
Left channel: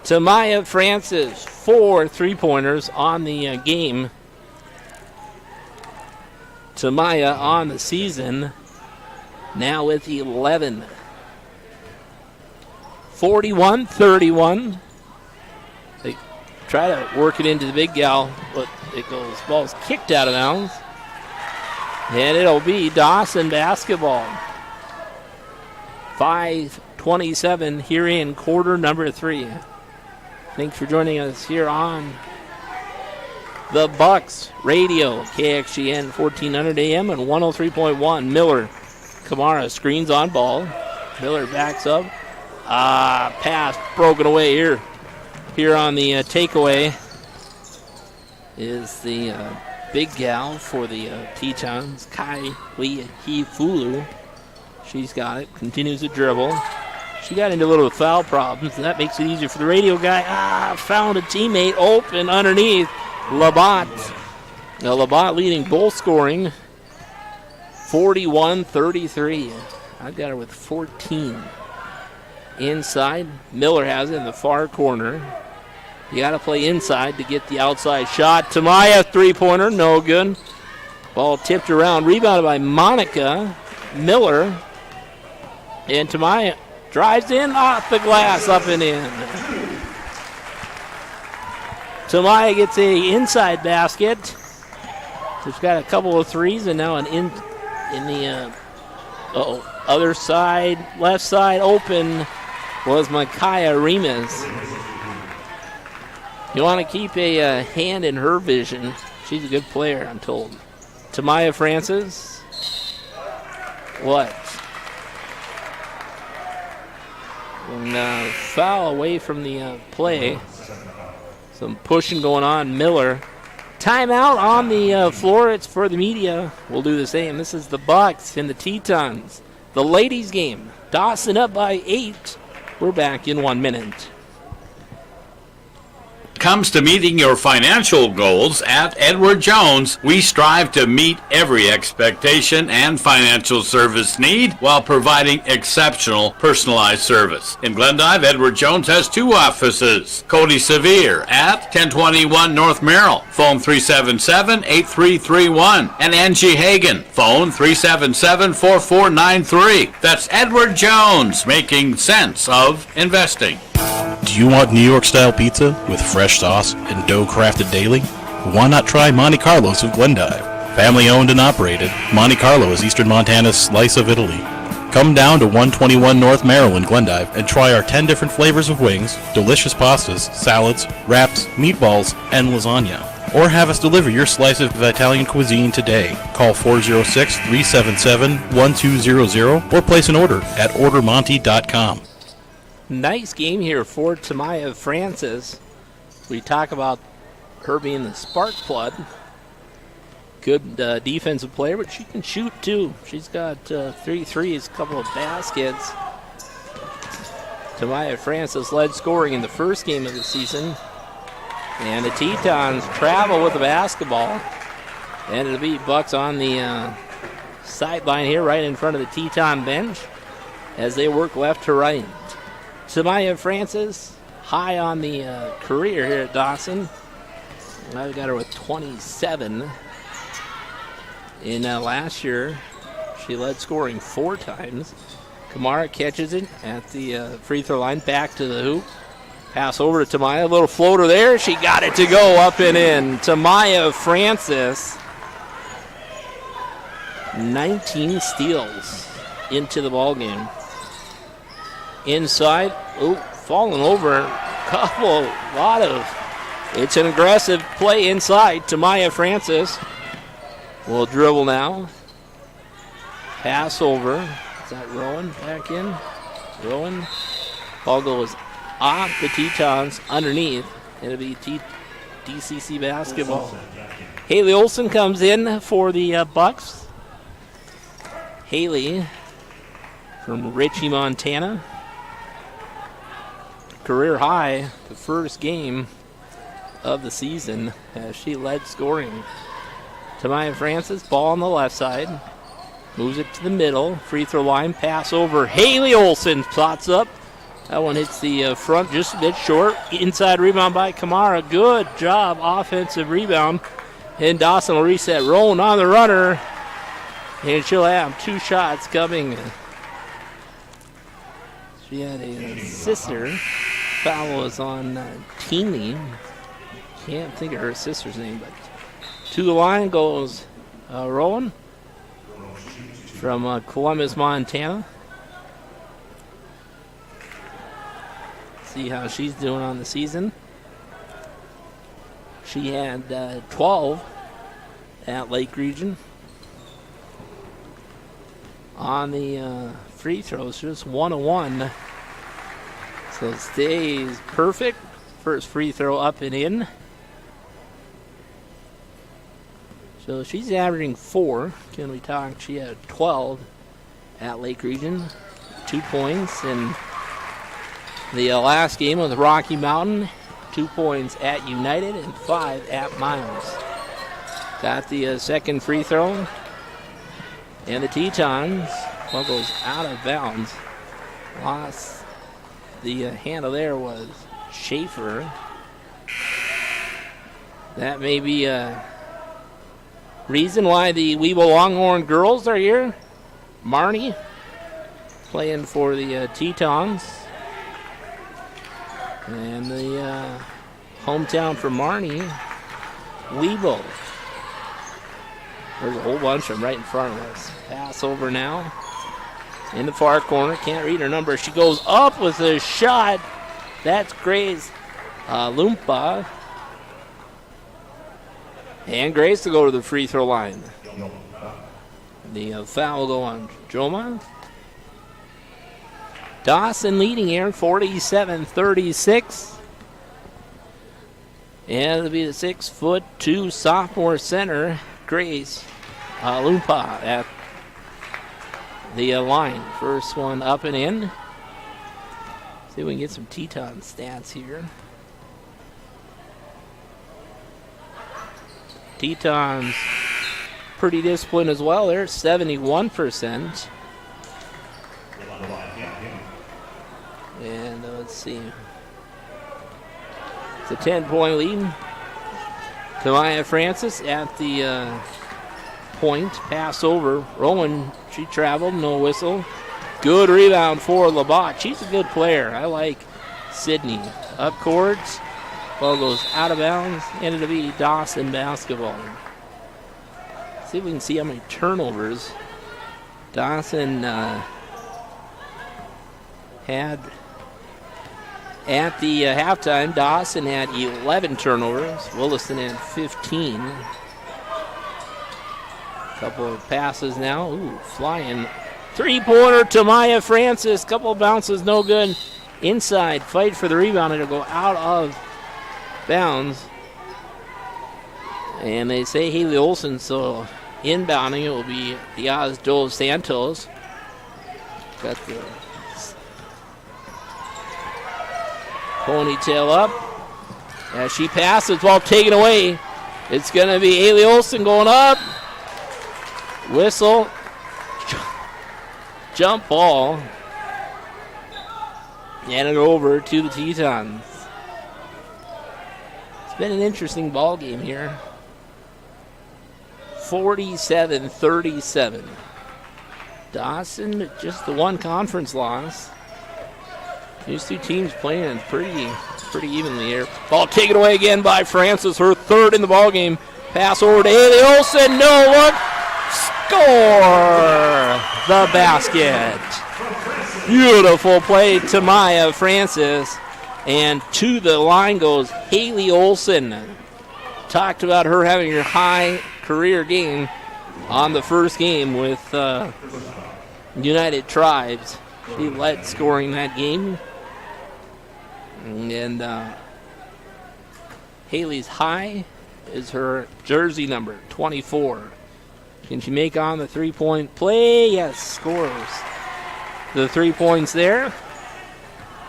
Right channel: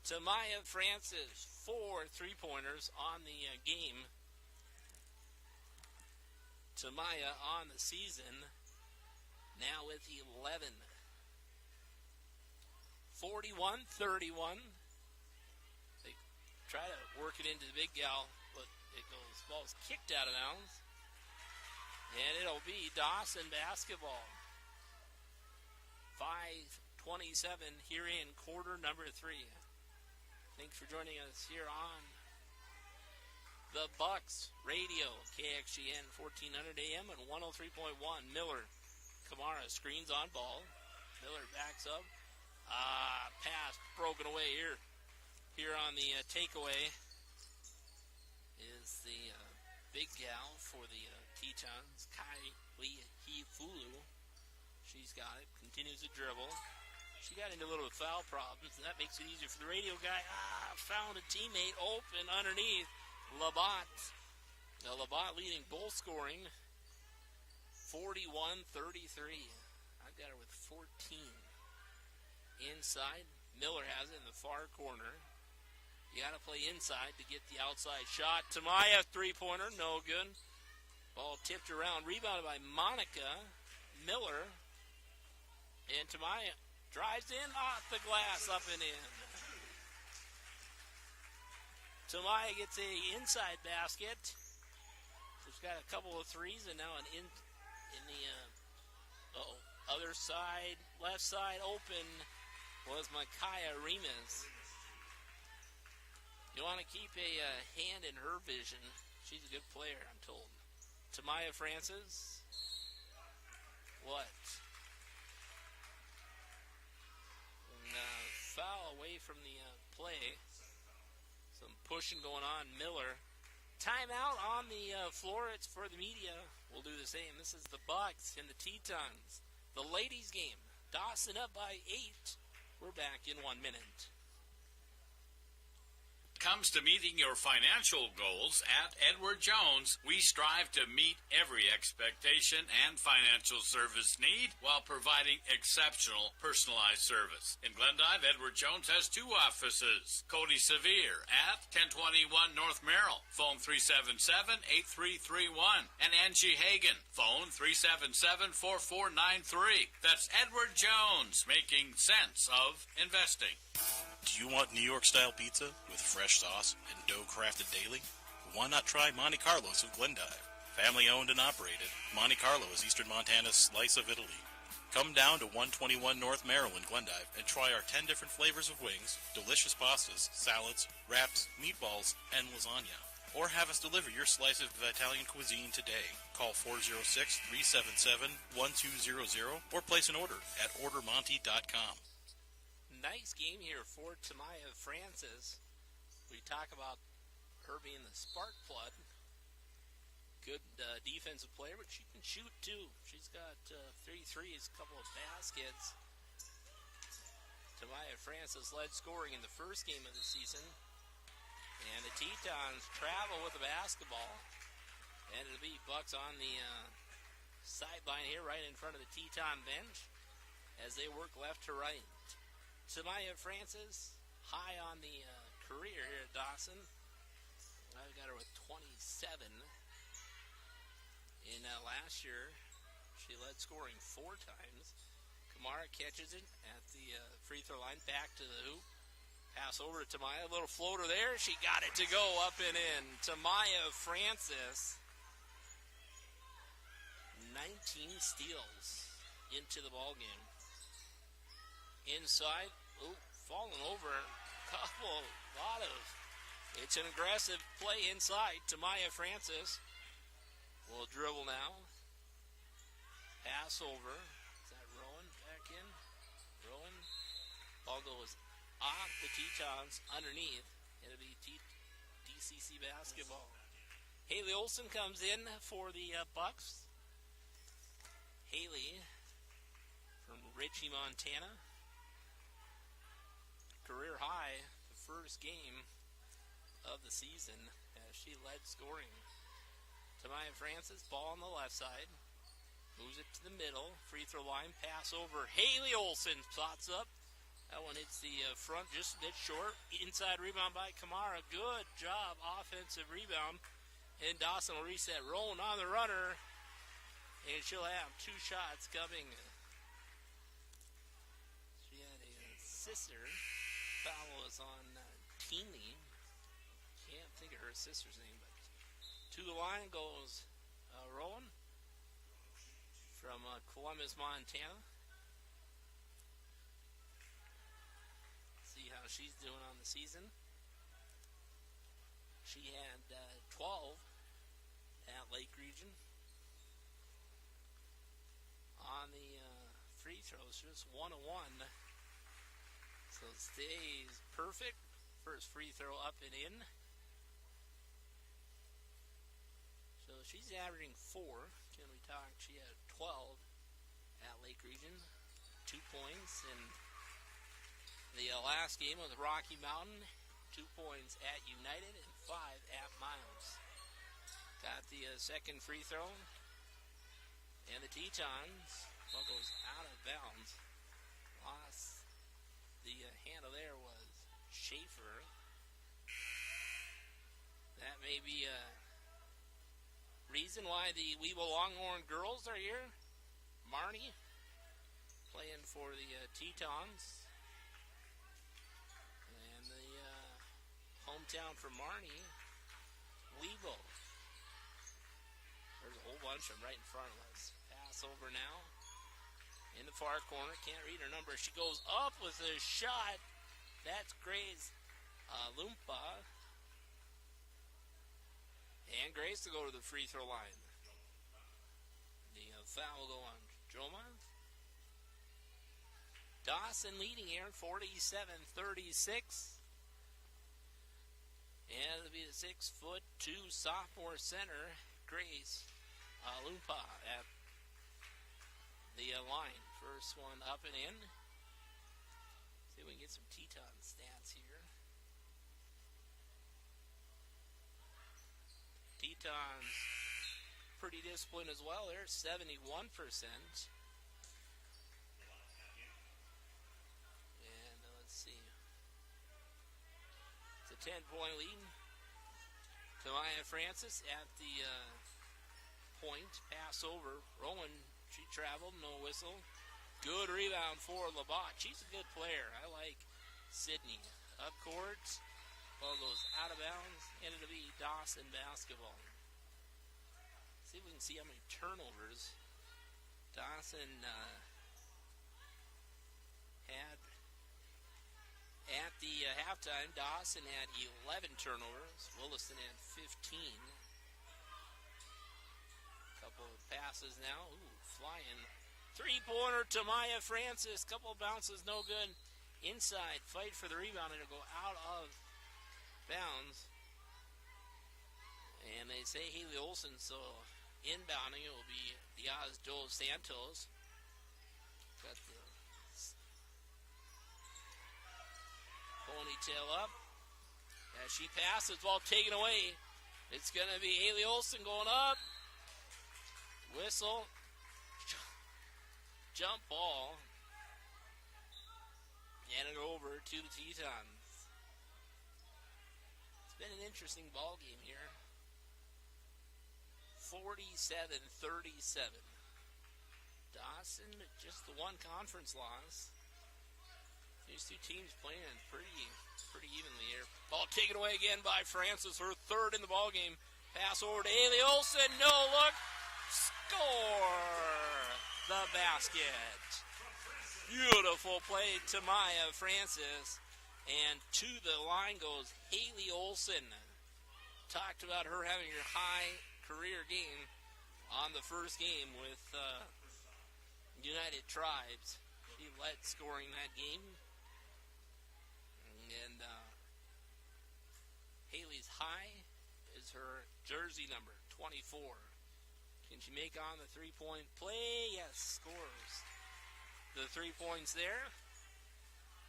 Tamaya Francis, 4 three-pointers on the game. Tamaya on the season. Now with 11. 41-31. They try to work it into the big gal, but it goes, ball's kicked out of bounds. And it'll be Dawson basketball. 5:27 here in quarter number 3. Thanks for joining us here on the Bucks Radio, KXGN 1400 AM and 103.1. Miller. Kamara screens on ball. Miller backs up. Pass broken away here. Here on the takeaway is the big gal for the Tetons, Kai Hifulu. She's got it. Continues to dribble. She got into a little foul problems, and that makes it easier for the radio guy. Found a teammate open underneath. Labatt. Now Labatt leading goal scoring. 41-33. I've got her with 14. Inside, Miller has it in the far corner. You got to play inside to get the outside shot. Tamaya, three-pointer, no good. Ball tipped around, rebounded by Monica Miller. And Tamaya drives in, off the glass, up and in. Tamaya gets a inside basket. She's got a couple of threes and now an in the other side, left side open was Micaiah Remus. You want to keep a hand in her vision. She's a good player, I'm told. Tamaya Francis. What? And foul away from the play. Some pushing going on. Miller. Timeout on the floor. It's for the media. We'll do the same. This is the Bucks and the Tetons. The ladies' game. Dawson up by 8. We're back in 1 minute. Comes to meeting your financial goals at Edward Jones, we strive to meet every expectation and financial service need while providing exceptional personalized service. In Glendive, Edward Jones has 2 offices. Cody Sevier at 1021 North Merrill, phone 377-8331, and Angie Hagan, phone 377-4493. That's Edward Jones, making sense of investing. Do you want New York-style pizza with fresh sauce and dough crafted daily? Why not try Monte Carlo's of Glendive? Family owned and operated, Monte Carlo is Eastern Montana's slice of Italy. Come down to 121 North Merrill in Glendive and try our 10 different flavors of wings, delicious pastas, salads, wraps, meatballs, and lasagna. Or have us deliver your slice of Italian cuisine today. Call 406-377-1200 or place an order at ordermonte.com. Nice game here for Tamaya Francis. We talk about her being the spark plug. Good defensive player, but she can shoot too. She's got 3 threes, a couple of baskets. Tamaya Francis led scoring in the first game of the season. And the Tetons travel with the basketball. And it'll be Bucks on the sideline here, right in front of the Teton bench, as they work left to right. Tamaya Francis, high on the career here at Dawson. I've got her with 27. In last year, she led scoring 4 times. Kamara catches it at the free throw line, back to the hoop. Pass over to Tamaya, a little floater there. She got it to go up and in. Tamaya Francis, 19 steals into the ball game. Inside, falling over, it's an aggressive play inside. Tamaya Francis will dribble now. Pass over. Is that Rowan back in? Rowan. Ball goes off the Tetons underneath. It'll be DCC basketball. Haley Olson comes in for the Bucks. Haley from Ritchie, Montana. Career high, the first game of the season as she led scoring. Tamaya Francis, ball on the left side. Moves it to the middle. Free throw line, pass over. Haley Olson spots up. That one hits the front just a bit short. Inside rebound by Kamara. Good job, offensive rebound. And Dawson will reset. Rowan on the runner. And she'll have 2 shots coming. She had a sister. Foul was on Teeny. Can't think of her sister's name, but to the line goes Rowan from Columbus, Montana. See how she's doing on the season. She had 12 at Lake Region. On the free throws, just 1-1. So stays perfect. First free throw up and in. So she's averaging 4. Can we talk? She had 12 at Lake Region. 2 points in the last game with Rocky Mountain. 2 points at United and 5 at Miles. Got the second free throw. And the Tetons, well, goes out of bounds. Lost. The handle there was Schaefer. That may be a reason why the Weeble Longhorn girls are here. Marnie playing for the Tetons. And the hometown for Marnie, Weeble. There's a whole bunch of them right in front of us. Pass over now. In the far corner, can't read her number. She goes up with a shot. That's Grace Lumpa. And Grace to go to the free throw line. The foul will go on Joma. Dawson leading here, 47-36. And it'll be the 6'2" sophomore center, Grace Lumpa at the line. First one up and in. See if we can get some Teton stats here. Teton's pretty disciplined as well. They're 71%. And let's see. It's a 10-point lead. Tamaya Francis at the point. Pass over. Rowan, she traveled. No whistle. Good rebound for Labatt. She's a good player. I like Sydney. Up courts. Ball goes out of bounds. And it'll be Dawson basketball. See if we can see how many turnovers Dawson had. At the halftime, Dawson had 11 turnovers. Williston had 15. Couple of passes now. Ooh, flying. Three-pointer to Maya Francis. Couple of bounces, no good. Inside, fight for the rebound. It'll go out of bounds. And they say Haley Olsen, so inbounding it will be Diaz Dos Santos. Got the ponytail up. As she passes, ball taken away. It's going to be Haley Olsen going up. Whistle. Jump ball. And it over to the Tetons. It's been an interesting ball game here. 47-37. Dawson, just the one conference loss. These two teams playing pretty evenly here. Ball taken away again by Francis, her third in the ball game. Pass over to Haley Olsen, no look. Score the basket. Beautiful play to Maya Francis. And to the line goes Haley Olsen. Talked about her having her high career game on the first game with United Tribes. She led scoring that game. And Haley's high is her jersey number, 24. Can she make on the three-point play? Yes, scores the 3 points there.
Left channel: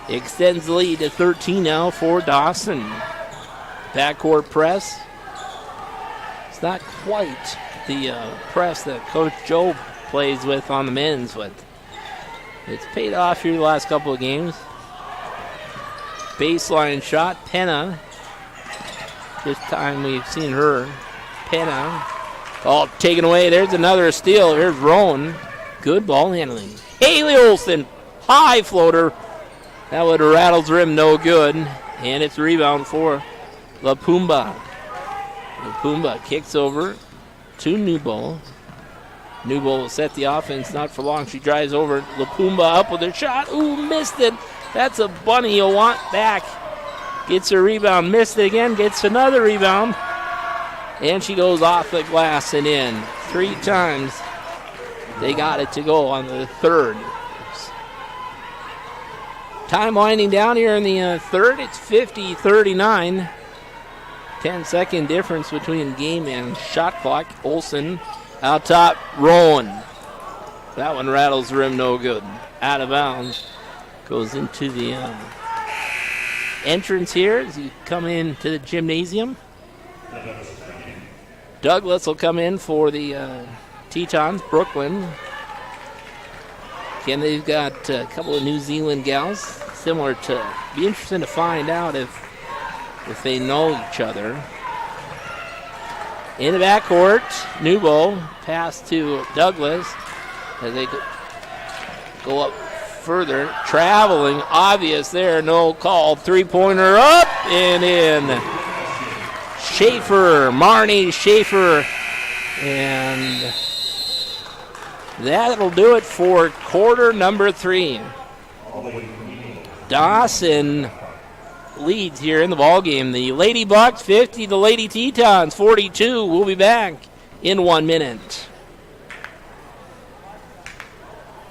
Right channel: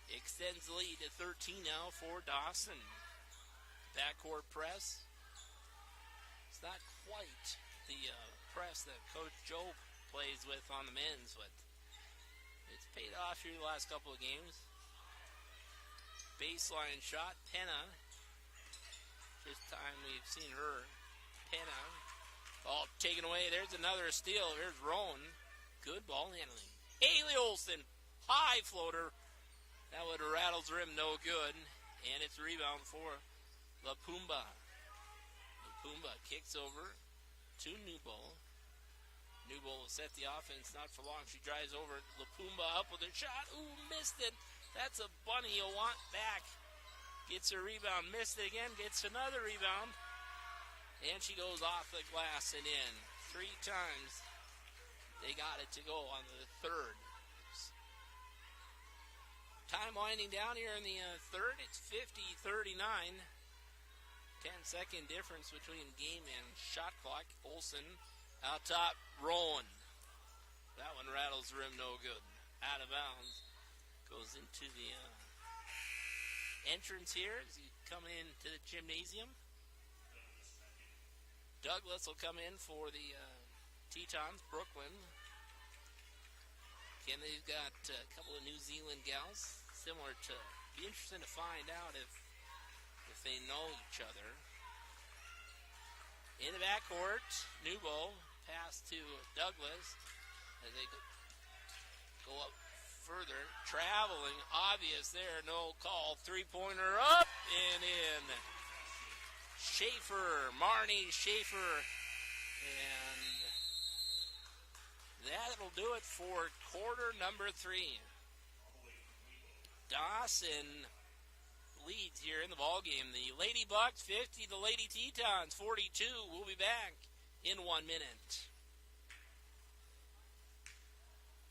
Extends the lead to 13 now for Dawson. Backcourt press. It's not quite the press that Coach Joe plays with on the men's, but it's paid off here the last couple of games. Baseline shot, Penna. This time we've seen her. Penna. All taken away. There's another steal. Here's Rowan. Good ball handling. Haley Olsen, high floater. That would have rattled the rim, no good. And it's a rebound for LaPumba. LaPumba kicks over to Newbold. Newbold will set the offense, not for long. She drives over. LaPumba up with her shot. Ooh, missed it. That's a bunny you'll want back. Gets a rebound, missed it again, gets another rebound. And she goes off the glass and in. 3 times they got it to go on the third. Time winding down here in the third. It's 50-39. 10-second difference between game and shot clock. Olsen out top, Rowan. That one rattles the rim, no good. Out of bounds. Goes into the entrance here as you come into the gymnasium. Douglas will come in for the Tetons, Brooklyn. Again, they've got a couple of New Zealand gals, similar to, be interesting to find out if they know each other. In the backcourt, Newbold, pass to Douglas as they go up further. Traveling, obvious there, no call. Three-pointer up and in. Schaefer, Marnie Schaefer, and that'll do it for quarter number 3. Dawson leads here in the ballgame. The Lady Bucks 50, the Lady Tetons 42. We'll be back in 1 minute.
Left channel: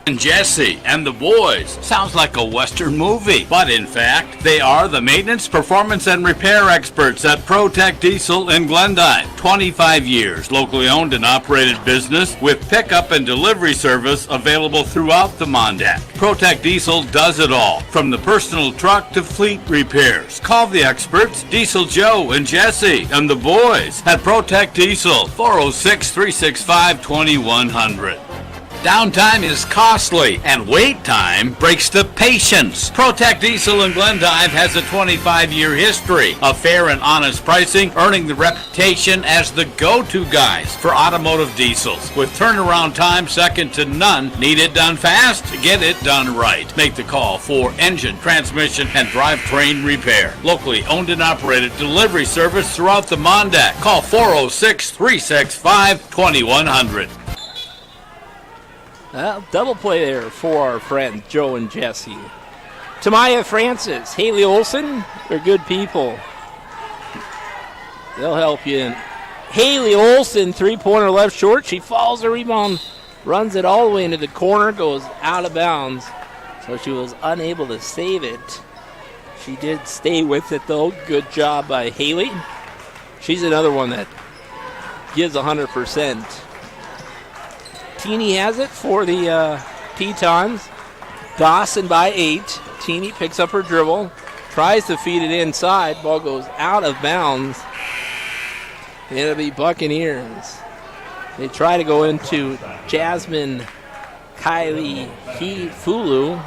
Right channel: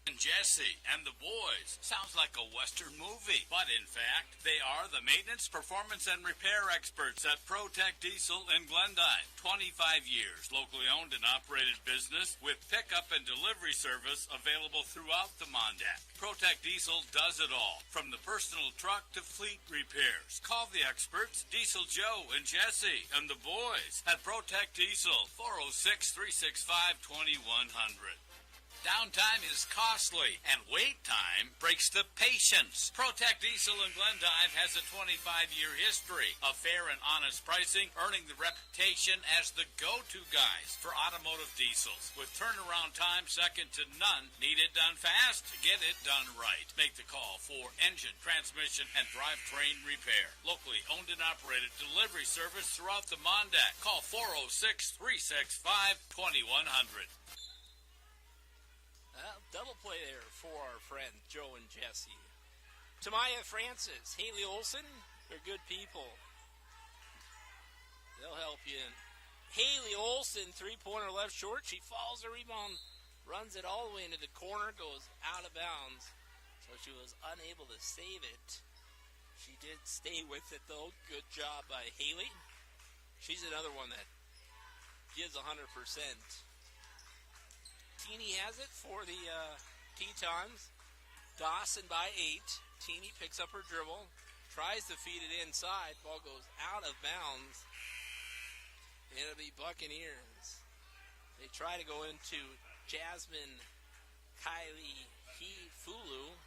And Jesse and the boys. Sounds like a Western movie, but in fact, they are the maintenance, performance, and repair experts at ProTech Diesel in Glendive. 25 years, locally owned and operated business with pickup and delivery service available throughout the Mondac. ProTech Diesel does it all, from the personal truck to fleet repairs. Call the experts, Diesel Joe and Jesse and the boys at ProTech Diesel, 406-365-2100. Downtime is costly, and wait time breaks the patience. ProTech Diesel in Glendive has a 25-year history of fair and honest pricing, earning the reputation as the go-to guys for automotive diesels. With turnaround time second to none, need it done fast? Get it done right. Make the call for engine, transmission, and drivetrain repair. Locally owned and operated delivery service throughout the Mondac. Call 406-365-2100. Double play there for our friends Joe and Jesse. Tamaya Francis, Haley Olson, they're good people. They'll help you in. Haley Olson, three-pointer left short. She follows the rebound, runs it all the way into the corner, goes out of bounds. So she was unable to save it. She did stay with it, though. Good job by Haley. She's another one that gives 100%. Teeny has it for the Tetons. Dawson by 8. Teeny picks up her dribble, tries to feed it inside. Ball goes out of bounds. And it'll be Buccaneers. They try to go into Jasmine Kylie Hefulu.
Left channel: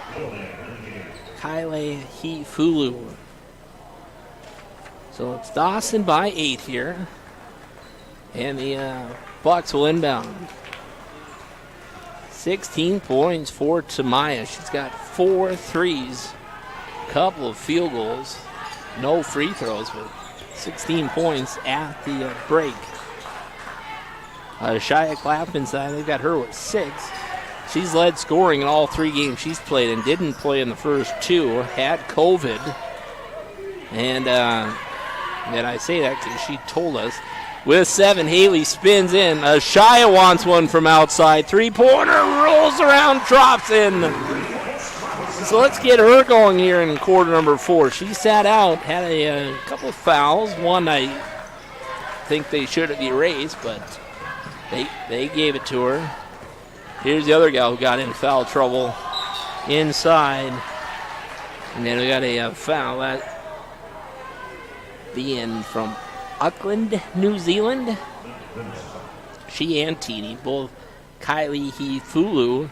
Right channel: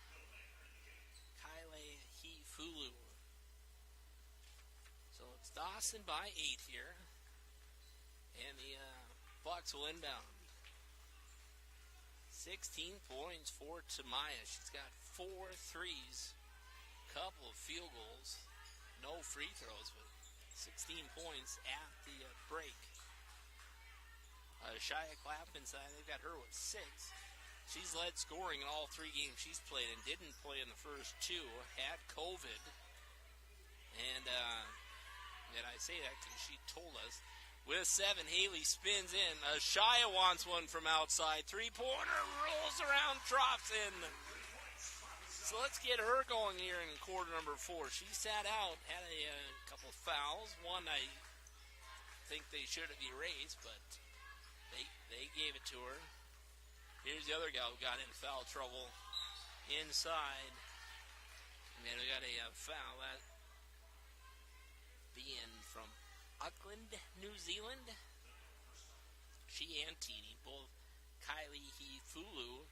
So it's Dawson by 8 here. And the Bucks will inbound. 16 points for Tamaya. She's got 4 threes, couple of field goals, no free throws, but 16 points at the break. Shia Clapton side, they've got her with 6. She's led scoring in all 3 games she's played and didn't play in the first 2, had COVID. And I say that because she told us. With 7, Haley spins in. Shia wants one from outside. Three-pointer, rolls around, drops in. So let's get her going here in quarter number 4. She sat out, had a couple of fouls. One I think they should have erased, but they gave it to her. Here's the other gal who got in foul trouble inside. And then we got a foul at the end from Auckland, New Zealand. She and Teeny, both Kylie Hefulu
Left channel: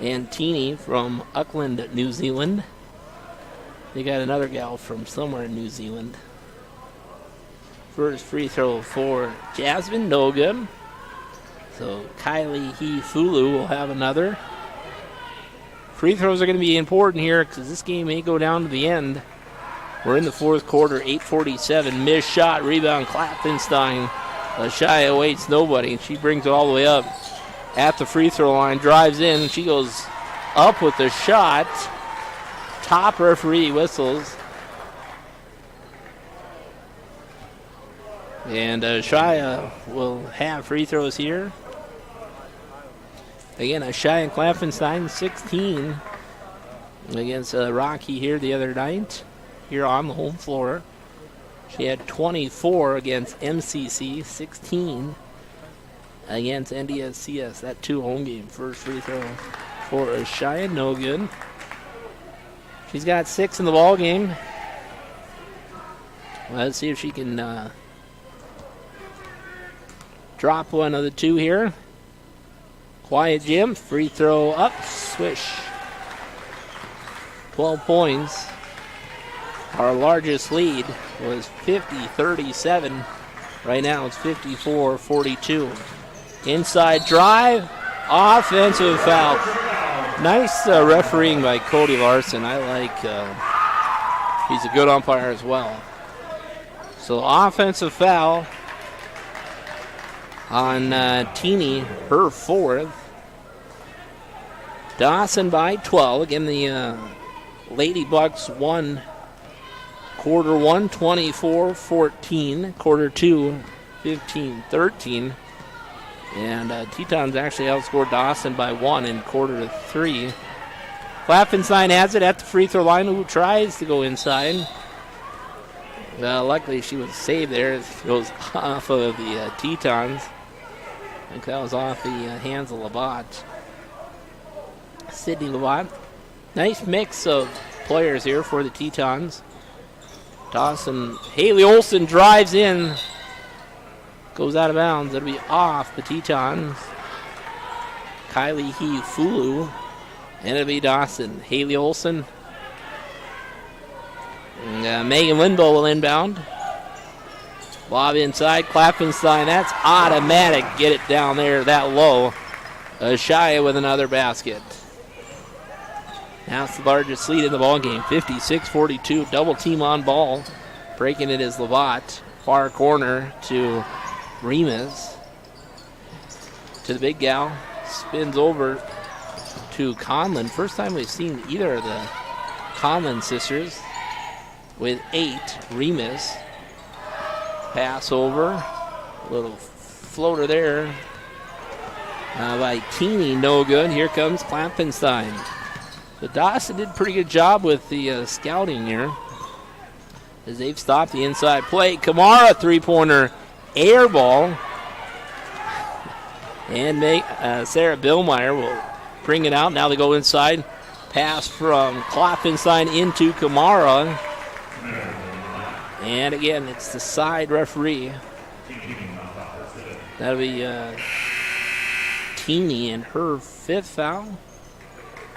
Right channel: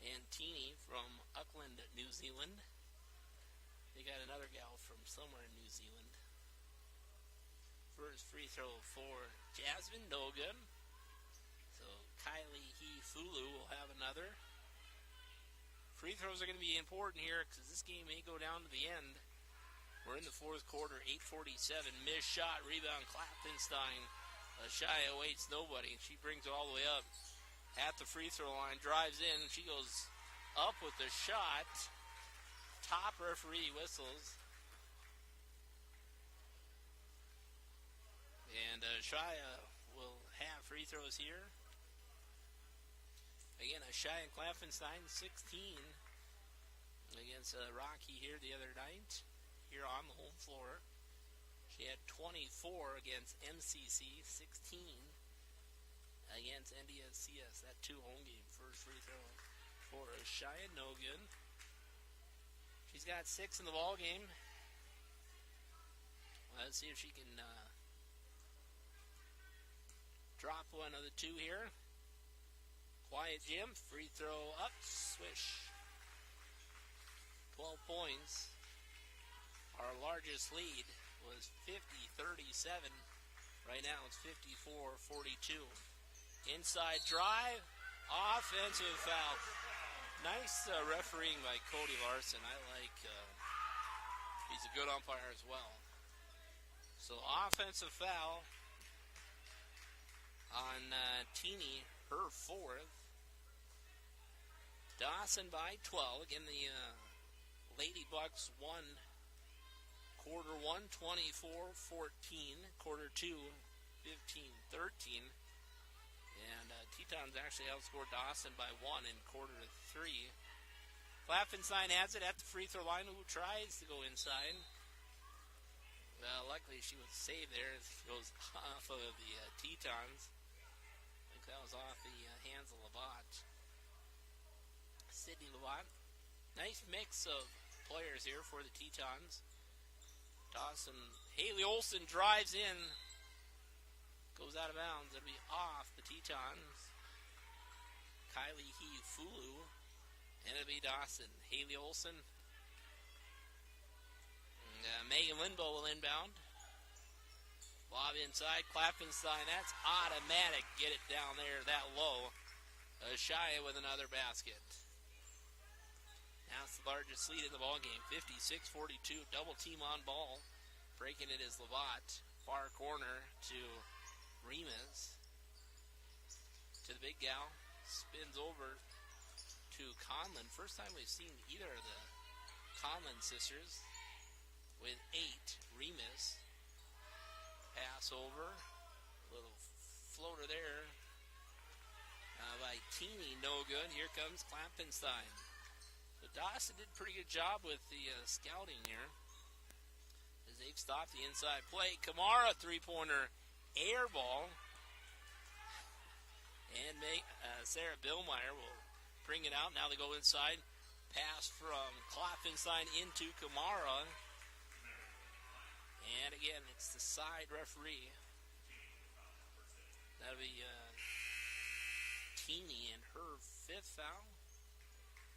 and Teeny from Auckland, New Zealand. They got another gal from somewhere in New Zealand. First free throw for Jasmine, no good. So Kylie Hefulu will have another. Free throws are going to be important here because this game may go down to the end. We're in the fourth quarter, 8:47. Missed shot, rebound, Klappenstein. Shia waits nobody. She brings it all the way up at the free throw line, drives in. She goes up with the shot. Top referee whistles. And Shia will have free throws here. Again, Shia and Klappenstein, 16 against Rocky here the other night. Here on the home floor. She had 24 against MCC, 16 against NDSCS. That 2 home game. First free throw for Shia, no good. She's got 6 in the ball game. Well, let's see if she can drop one of the 2 here. Quiet Jim, free throw up, swish. 12 points. Our largest lead was 50-37. Right now it's 54-42. Inside drive, offensive foul. Nice refereeing by Cody Larson. I like, he's a good umpire as well. So offensive foul on Teeny, her 4th. Dawson by 12. Again, the Lady Bucks won quarter 1, 24-14. Quarter 2, 15-13. And Tetons actually outscored Dawson by 1 in quarter 3. Klaffenstein has it at the free throw line, who tries to go inside. Luckily, she was saved there. It goes off of the Tetons. I think that was off the hands of Labatt. Sydney Labatt. Nice mix of players here for the Tetons. Dawson, Haley Olson drives in. Goes out of bounds. It'll be off the Tetons. Kylie Fulu. And it'll be Dawson. Haley Olson. And, Megan Lindbo will inbound. Lob inside. Klaffenstein. That's automatic. Get it down there that low. Shia with another basket. Now it's the largest lead in the ball game. 56-42. Double team on ball. Breaking it is Labatt. Far corner to Remus. To the big gal. Spins over to Conlon. First time we've seen either of the Conlon sisters. With 8, Remus. Pass over. A little floater there by Teeny. No good. Here comes Klaffenstein. So Dawson did a pretty good job with the scouting here. As they've stopped the inside play. Kamara, three-pointer air ball. And Sarah Billmeyer will bring it out. Now they go inside. Pass from Klaffenstein into Kamara. And again, it's the side referee. That'll be Teeny in her 5th foul.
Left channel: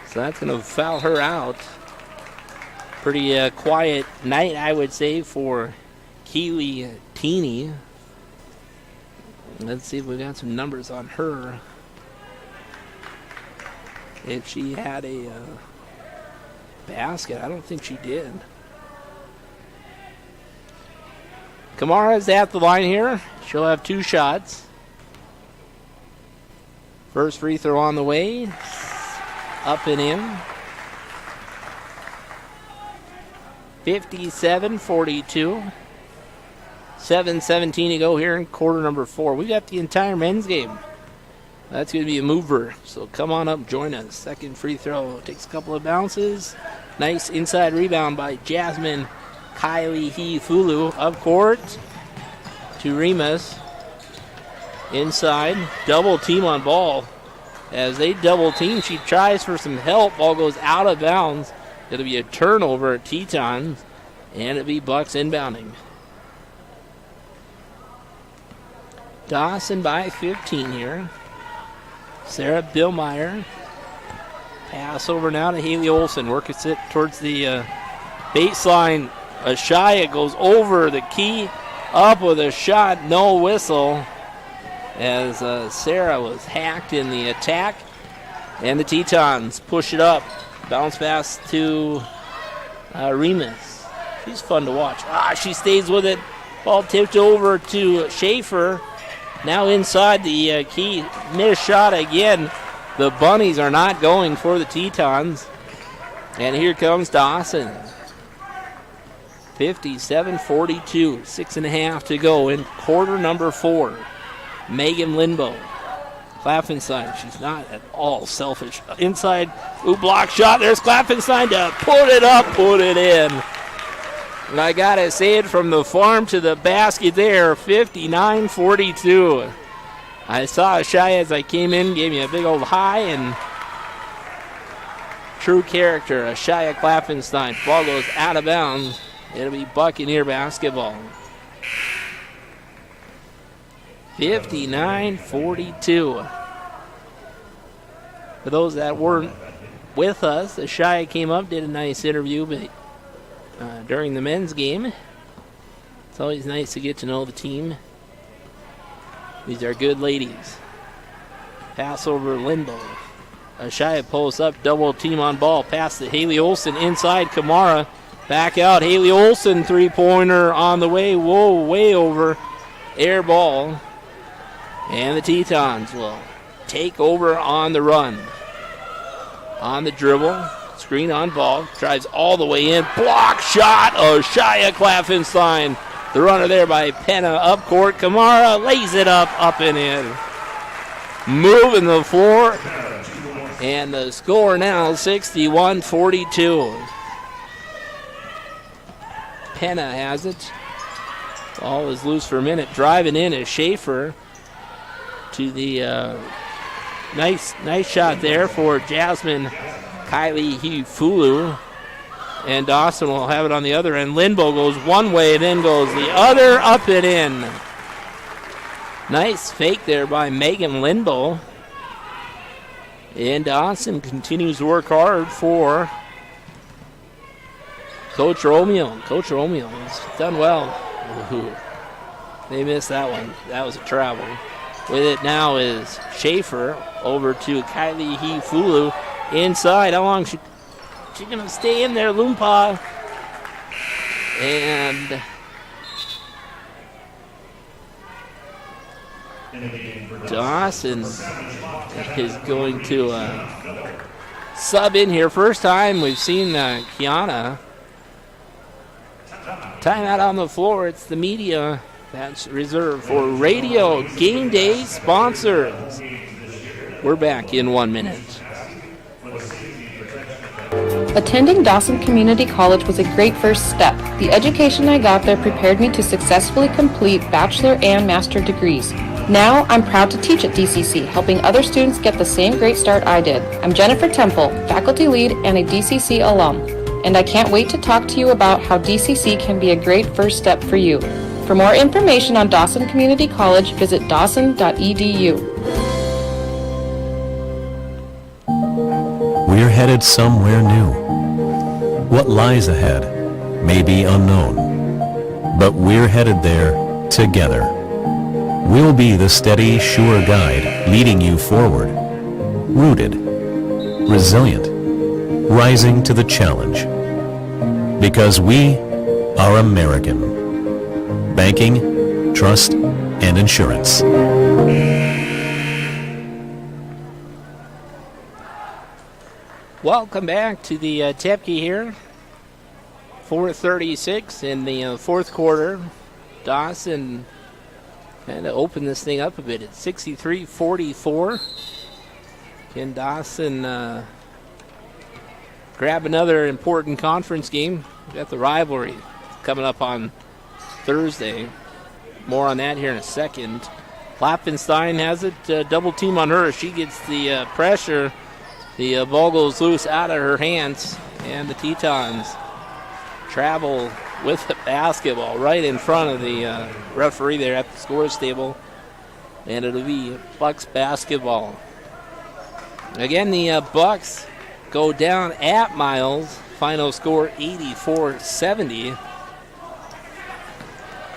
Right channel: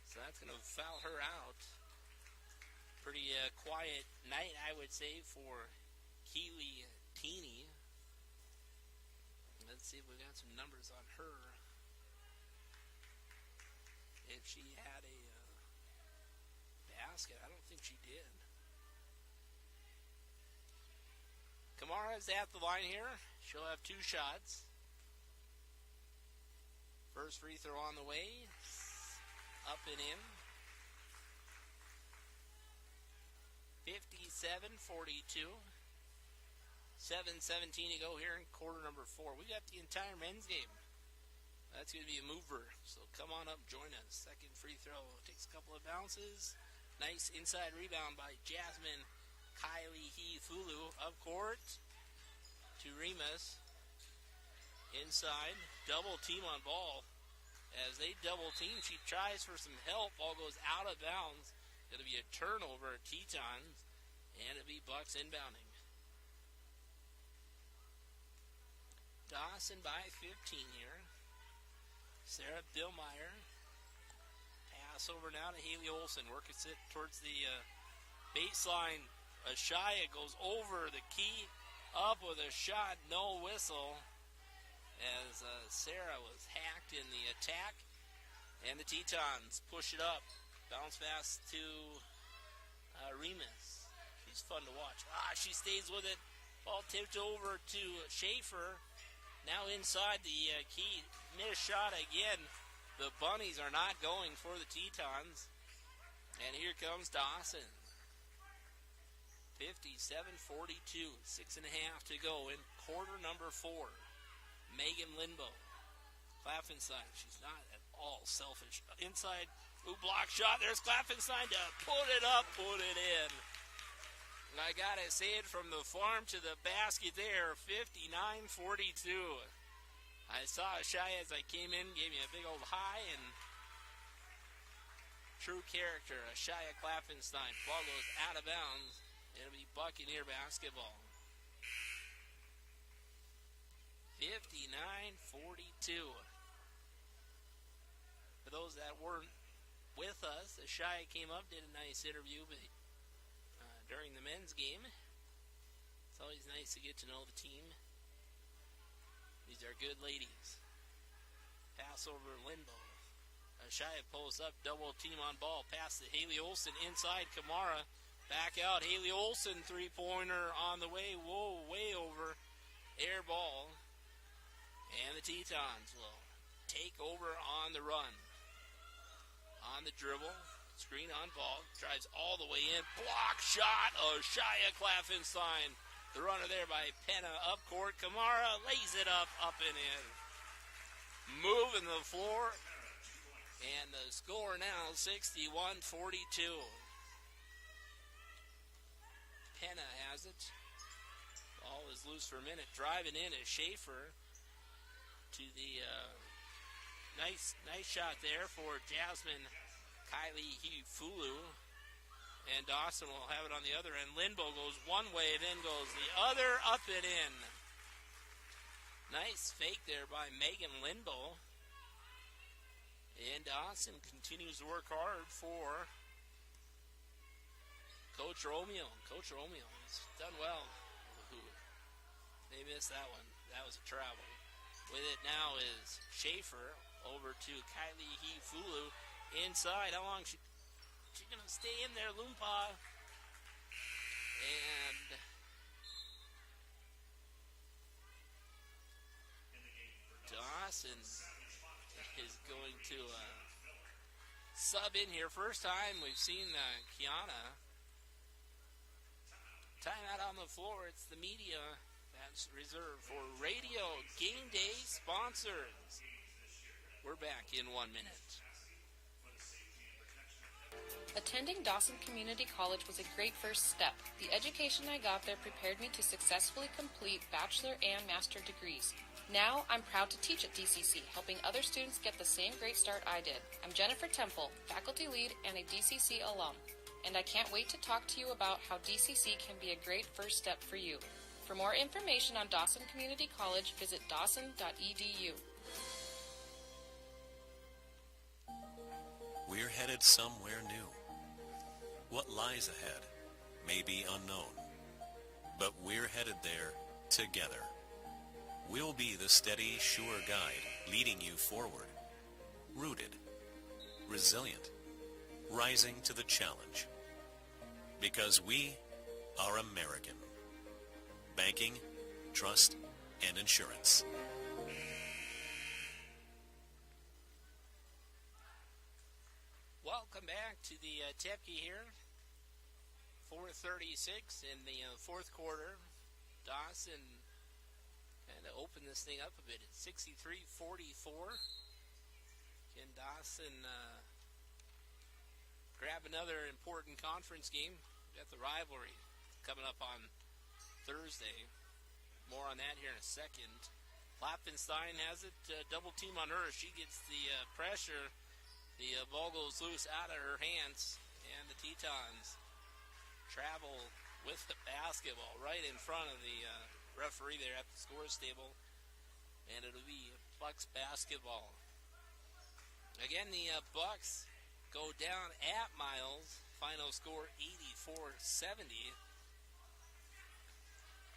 So that's going to foul her out. Pretty quiet night, I would say, for Keely Teeny. Let's see if we got some numbers on her. If she had a basket, I don't think she did. Kamara's at the line here. She'll have 2 shots. First free throw on the way. Up and in. 57-42. 7:17 to go here in quarter number 4. We got the entire men's game. That's going to be a mover. So come on up, join us. Second free throw. Takes a couple of bounces. Nice inside rebound by Jasmine Kylie Fulu. Up court to Remus. Inside. Double team on ball. As they double team, she tries for some help. Ball goes out of bounds. It'll be a turnover at Tetons. And it'll be Bucks inbounding. Dawson by 15 here. Sarah Billmeyer. Pass over now to Haley Olson. Works it towards the baseline. Ashaya goes over the key. Up with a shot. No whistle. As Sarah was hacked in the attack. And the Tetons push it up. Bounce pass to Remus. She's fun to watch. She stays with it. Ball tipped over to Schaefer. Now inside the key. Missed shot again. The Bunnies are not going for the Tetons. And here comes Dawson. 57-42. 6.5 to go in quarter number 4. Megan Lindbo. Klaffenstein, she's not at all selfish. Inside, block shot. There's Klaffenstein to put it up, put it in. And I got to say it from the farm to the basket there, 59-42. I saw Ashaya as I came in, gave me a big old high, and true character, Ashaya Klaffenstein. Ball goes out of bounds. It'll be Buccaneer basketball. 59-42. For those that weren't with us, Ashaya came up, did a nice interview, but during the men's game, it's always nice to get to know the team. These are good ladies. Pass over Lindbo. Ashaya pulls up, double team on ball. Pass to Haley Olson inside Kamara. Back out, Haley Olson, three-pointer on the way. Whoa, way over. Air ball. And the Tetons will take over on the run. On the dribble. Screen on ball. Drives all the way in. Block shot. Ashaya Klaffenstein. The runner there by Penna up court. Kamara lays it up and in. moving the floor. And the score now 61-42. Penna has it. Ball is loose for a minute. Driving in is Schaefer to the nice shot there for Jasmine Kylie Hifulu. And Dawson will have it on the other end. Lindbo goes one way, then goes the other, up and in. Nice fake there by Megan Lindbo. And Dawson continues to work hard for Coach Romeo. Coach Romeo has done well. Ooh, they missed that one. That was a travel. With it now is Schaefer over to Kylie Hifulu inside. How long she going to stay in there, Loompa? And Dawson is going to sub in here. First time we've seen Kiana. Timeout on the floor. It's the media that's reserved for Radio Game Day sponsors. We're back in 1 minute. Attending Dawson Community College was a great first step. The education I got there prepared me to successfully complete bachelor and master degrees. Now, I'm proud to teach at DCC, helping other students get the same great start I did. I'm Jennifer Temple, faculty lead and a DCC alum, and I can't wait to talk to you about how DCC can be a great first step for you. For more information on Dawson Community College, visit dawson.edu. We're headed somewhere new. What lies ahead may be unknown, but we're headed there together. We'll be the steady, sure guide leading you forward. Rooted, resilient, rising to the challenge. Because we are American. Banking, trust, and insurance. Welcome back to the Tepke here. 4:36 in the fourth quarter. Dawson had to open this thing up a bit. It's 63-44. Can Dawson grab another important conference game? We've got the rivalry coming up on Thursday. More on that here in a second. Klappenstein has it. Double team on her. She gets the pressure. The ball goes loose out of her hands, and the Tetons travel with the basketball right in front of the referee there at the scores table, and it'll be Bucks basketball. Again, the Bucks go down at Miles. Final score 84-70.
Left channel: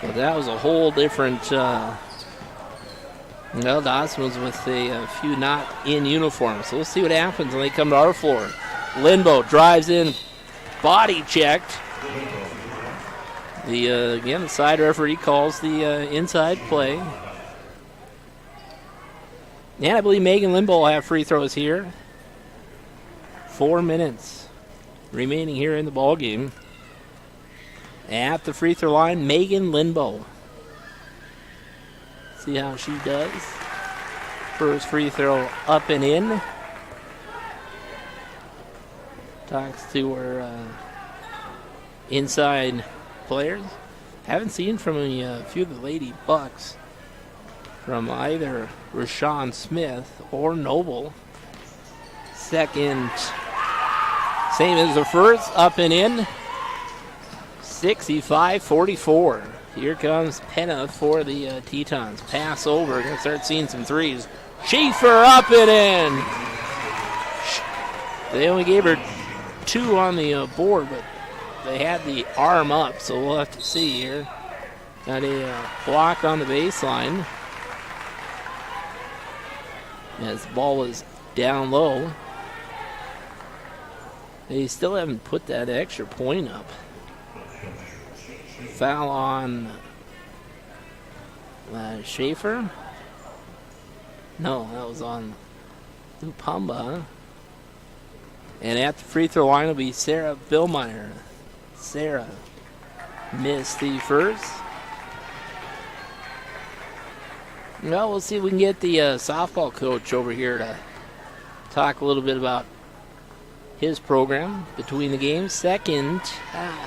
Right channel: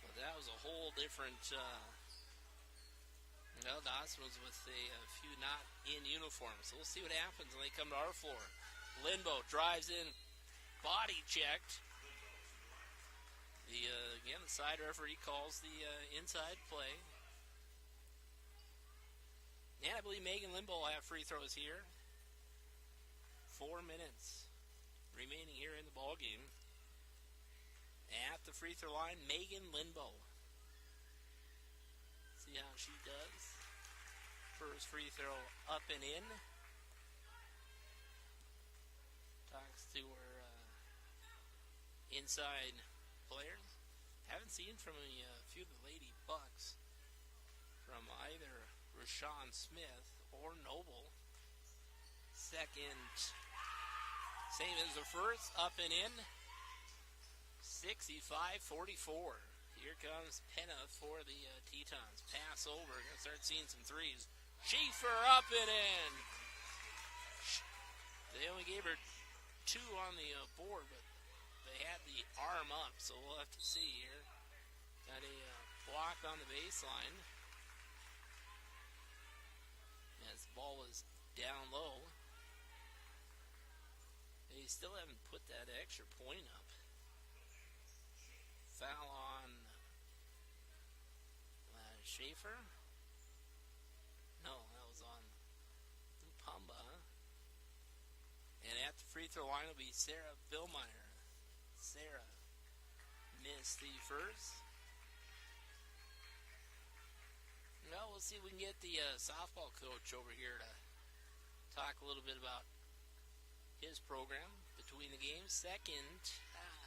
But that was a whole different. Dawson was with a few not in uniform. So we'll see what happens when they come to our floor. Lindbo drives in, body checked. Again, the side referee calls the inside play. And I believe Megan Lindbo will have free throws here. 4 minutes remaining here in the ball game. At the free throw line, Megan Lindbo. See how she does. First free throw up and in. Talks to her inside players. Haven't seen from a few of the Lady Bucks from either Rashawn Smith or Noble. Second, same as the first, up and in. 65-44. Here comes Penna for the Tetons. Pass over. Gonna start seeing some threes. Schaefer up and in. They only gave her 2 on the board, but they had the arm up, so we'll have to see here. Got a block on the baseline. As the ball was down low. They still haven't put that extra point up. Foul on Schaefer. No, that was on Lupamba. And at the free throw line will be Sarah Billmeyer. Sarah missed the first. Well, we'll see if we can get the softball coach over here to talk a little bit about his program between the games. Second,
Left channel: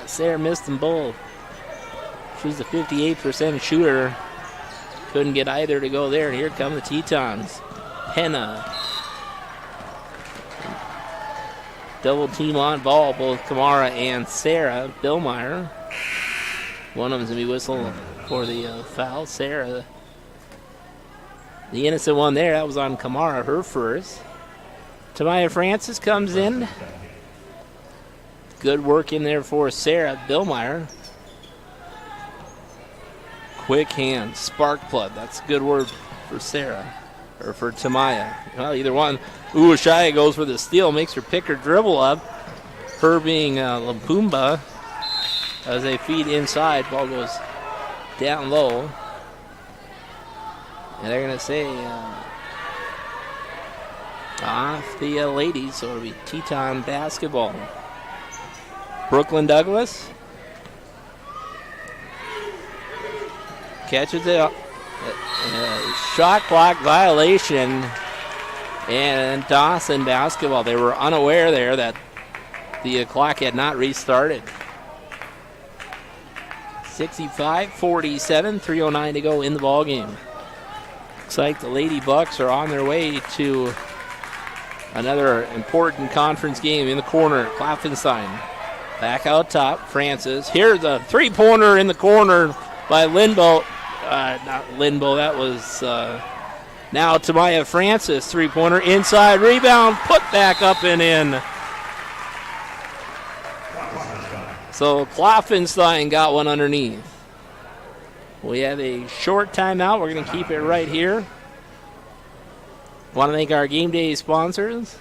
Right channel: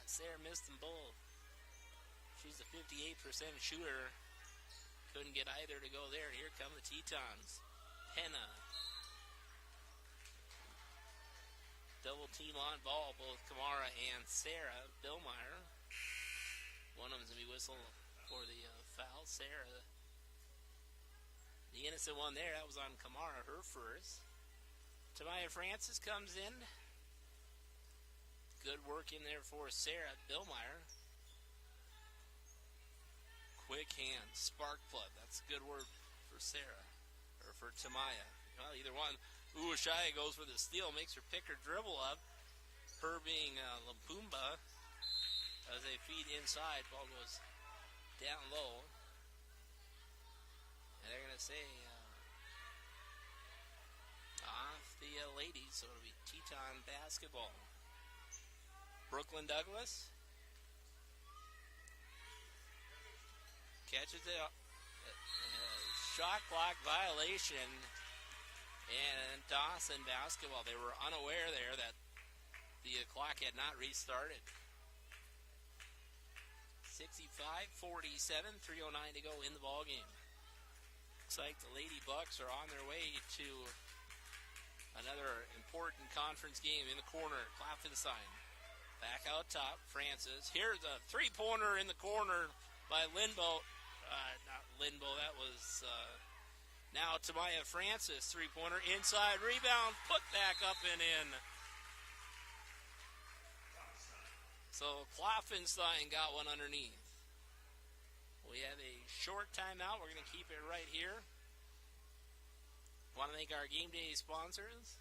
Sarah missed them both. She's a 58% shooter. Couldn't get either to go there. And here come the Tetons. Henna. Double team on ball, both Kamara and Sarah Billmeyer. One of them's going to be whistled for the foul. Sarah, the innocent one there, that was on Kamara, her first. Tamaya Francis comes in. Good work in there for Sarah Billmeyer. Quick hand, spark plug. That's a good word for Sarah, or for Tamaya. Well, either one. Uwashaya goes for the steal, makes her pick her dribble up. Her being Lampumba as they feed inside. Ball goes down low. And they're going to say off the ladies, so it'll be Teton basketball. Brooklyn Douglas catches it. Shot clock violation, and Dawson basketball. They were unaware there that the clock had not restarted. 65-47, 3:09 to go in the ball game. Looks like the Lady Bucks are on their way to another important conference game. In the corner, Klopfenstein. Back out top, Francis. Here's a three-pointer in the corner by Lindbo. Not Lindbo, that was now Tamaya Francis. Three-pointer inside, rebound, put back up and in. So Klopfenstein got one underneath. We have a short timeout. We're going to keep it right here. Want to thank our game day sponsors.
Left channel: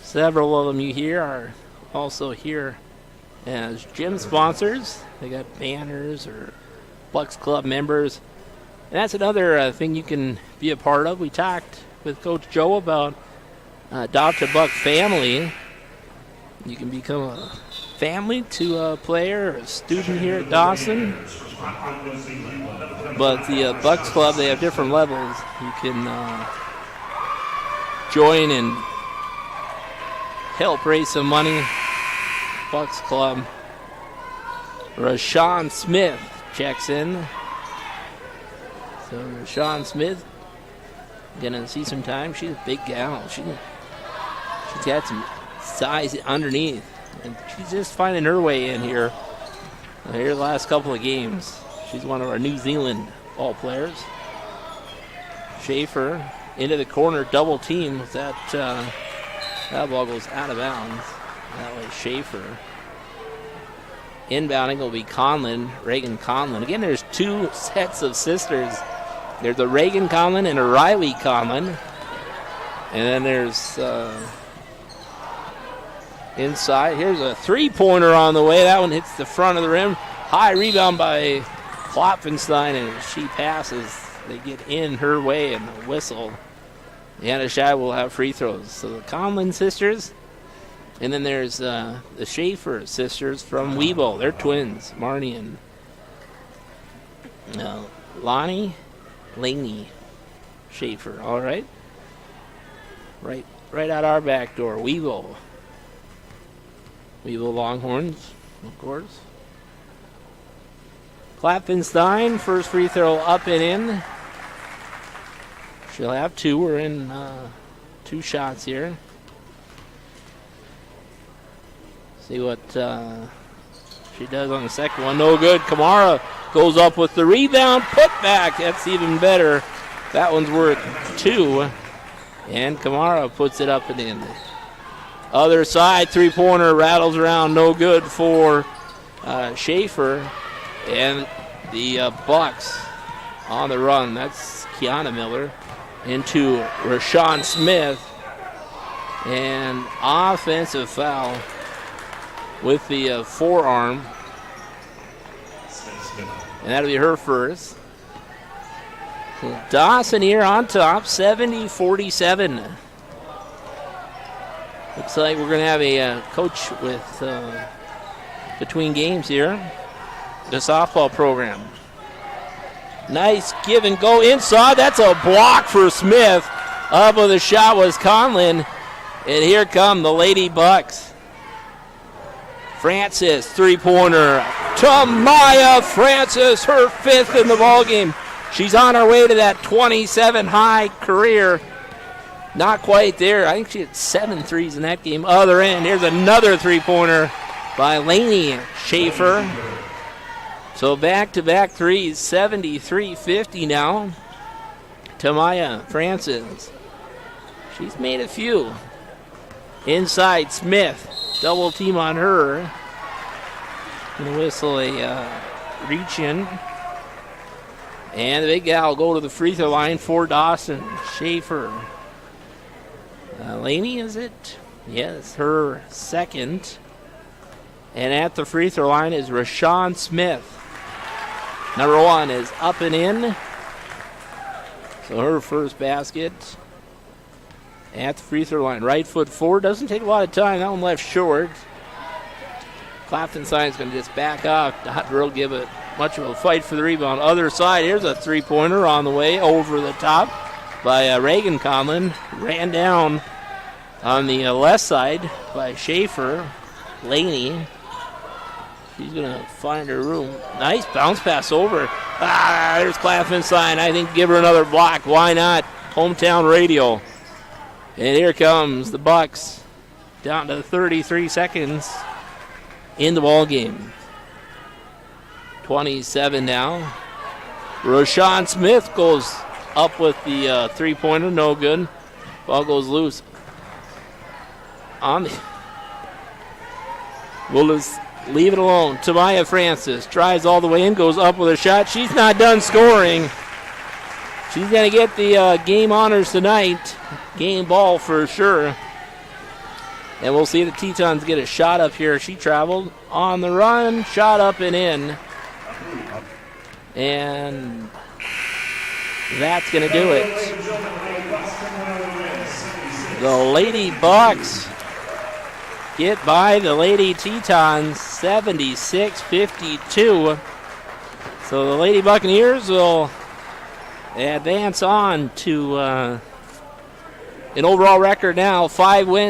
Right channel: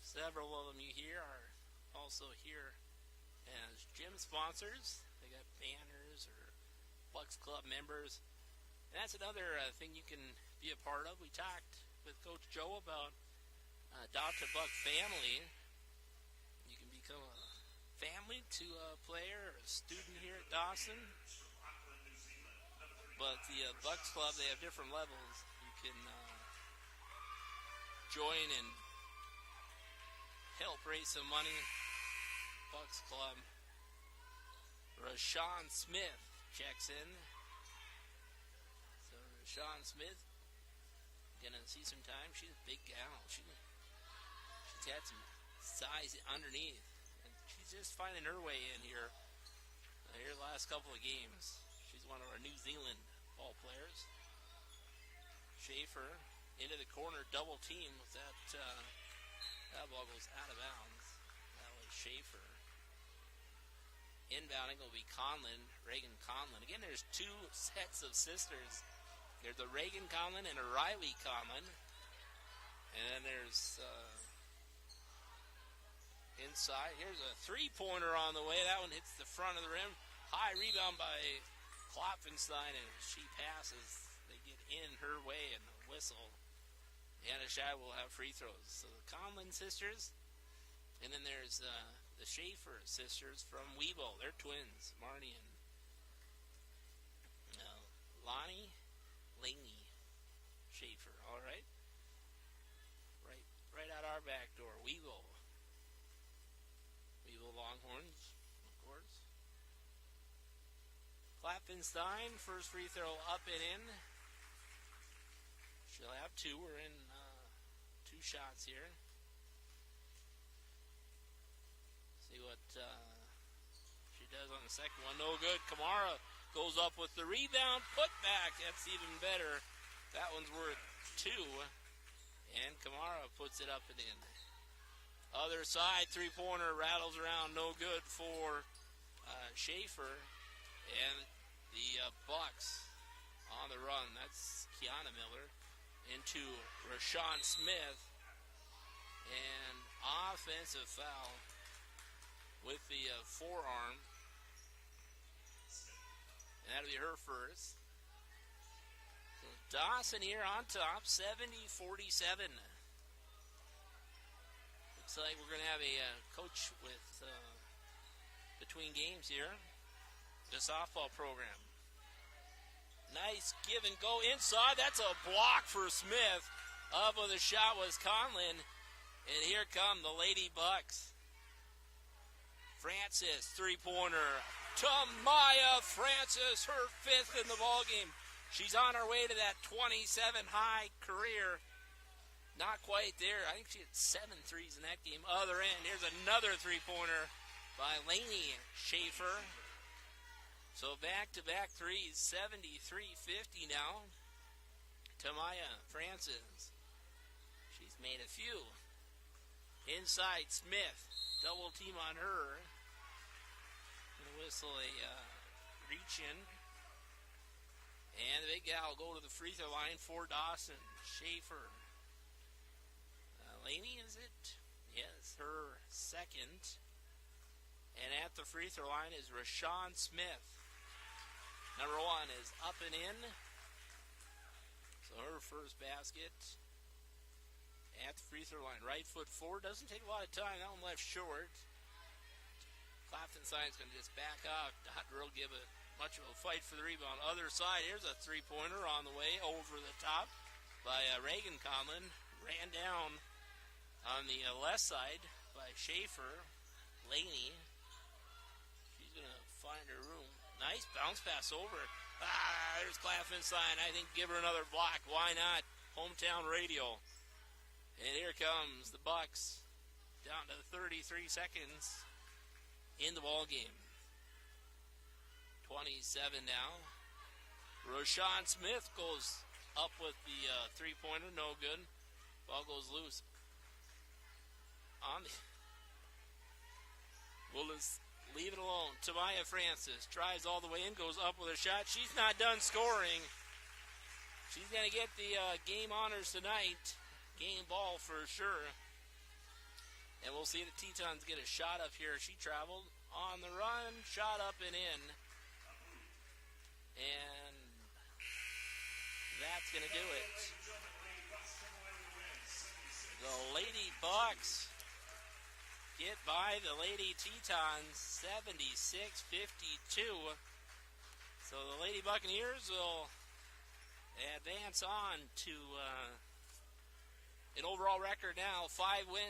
Several of them you hear are also here as gym sponsors. They got banners or Bucks Club members. And that's another thing you can be a part of. We talked with Coach Joe about Adopt a Buck Family. You can become a family to a player or a student here at Dawson. But the Bucks Club, they have different levels. You can join and help raise some money. Bucks Club. Rashawn Smith checks in. So Rashawn Smith gonna see some time. She's a big gal. She's got some size underneath, and she's just finding her way in here. Here the last couple of games. She's one of our New Zealand ball players. Schaefer into the corner, double team. That ball goes out of bounds. That way Schaefer. Inbounding will be Conlon, Reagan Conlon. Again, there's two sets of sisters. There's a Reagan Conlon and a Riley Conlon. And then there's inside. Here's a three-pointer on the way. That one hits the front of the rim. High rebound by Klopfenstein, and she passes. They get in her way and the whistle. Anna Shai will have free throws. So the Conlon sisters. And then there's the Schaefer sisters from Webo. They're twins, Marnie and Lonnie Laney Schaefer. All right. Right out our back door, Webo. Webo Longhorns, of course. Klopfenstein, first free throw up and in. She'll have two. We're in two shots here. See what she does on the second one. No good. Kamara goes up with the rebound. Put back. That's even better. That one's worth two. And Kamara puts it up and in. Other side, three-pointer rattles around. No good for Schaefer. And the Bucks on the run. That's Kiana Miller into Rashawn Smith. And offensive foul with the forearm. And that'll be her first. So Dawson here on top, 70-47. Looks like we're going to have a coach with between games here. The softball program. Nice give and go inside. That's a block for Smith. Up with a shot was Conlin. And here come the Lady Bucks. Francis, three-pointer. Tamaya Francis, her fifth in the ballgame. She's on her way to that 27 high career. Not quite there. I think she had 7 threes in that game. Other end, here's another three-pointer by Lainey Schaefer. So back-to-back threes, 73-50 now. Tamaya Francis. She's made a few. Inside, Smith. Double team on her. Gonna whistle a reach in. And the big gal will go to the free throw line for Dawson. Schaefer. Laney, is it? Yes, her second. And at the free throw line is Rashawn Smith. Number 1 is up and in. So her first basket. At the free throw line, right foot forward. Doesn't take a lot of time. That one left short. Clafton Science going to just back off. Not really give it much of a fight for the rebound. Other side, here's a three-pointer on the way over the top by Reagan Conlin. Ran down on the left side by Schaefer. Laney. She's going to find her room. Nice bounce pass over. There's Clafton Science. I think give her another block. Why not? Hometown radio. And here comes the Bucks, down to 33 seconds in the ball game. 27 now. Rashawn Smith goes up with the three-pointer, no good. Ball goes loose. We'll just leave it alone. Tamaya Francis tries all the way in, goes up with a shot. She's not done scoring. She's going to get the game honors tonight. Game ball for sure. And we'll see the Tetons get a shot up here. She traveled on the run, shot up and in. And that's going to do it. The Lady Bucks get by the Lady Tetons 76-52. So the Lady Buccaneers will advance on to an overall record now, 5 wins.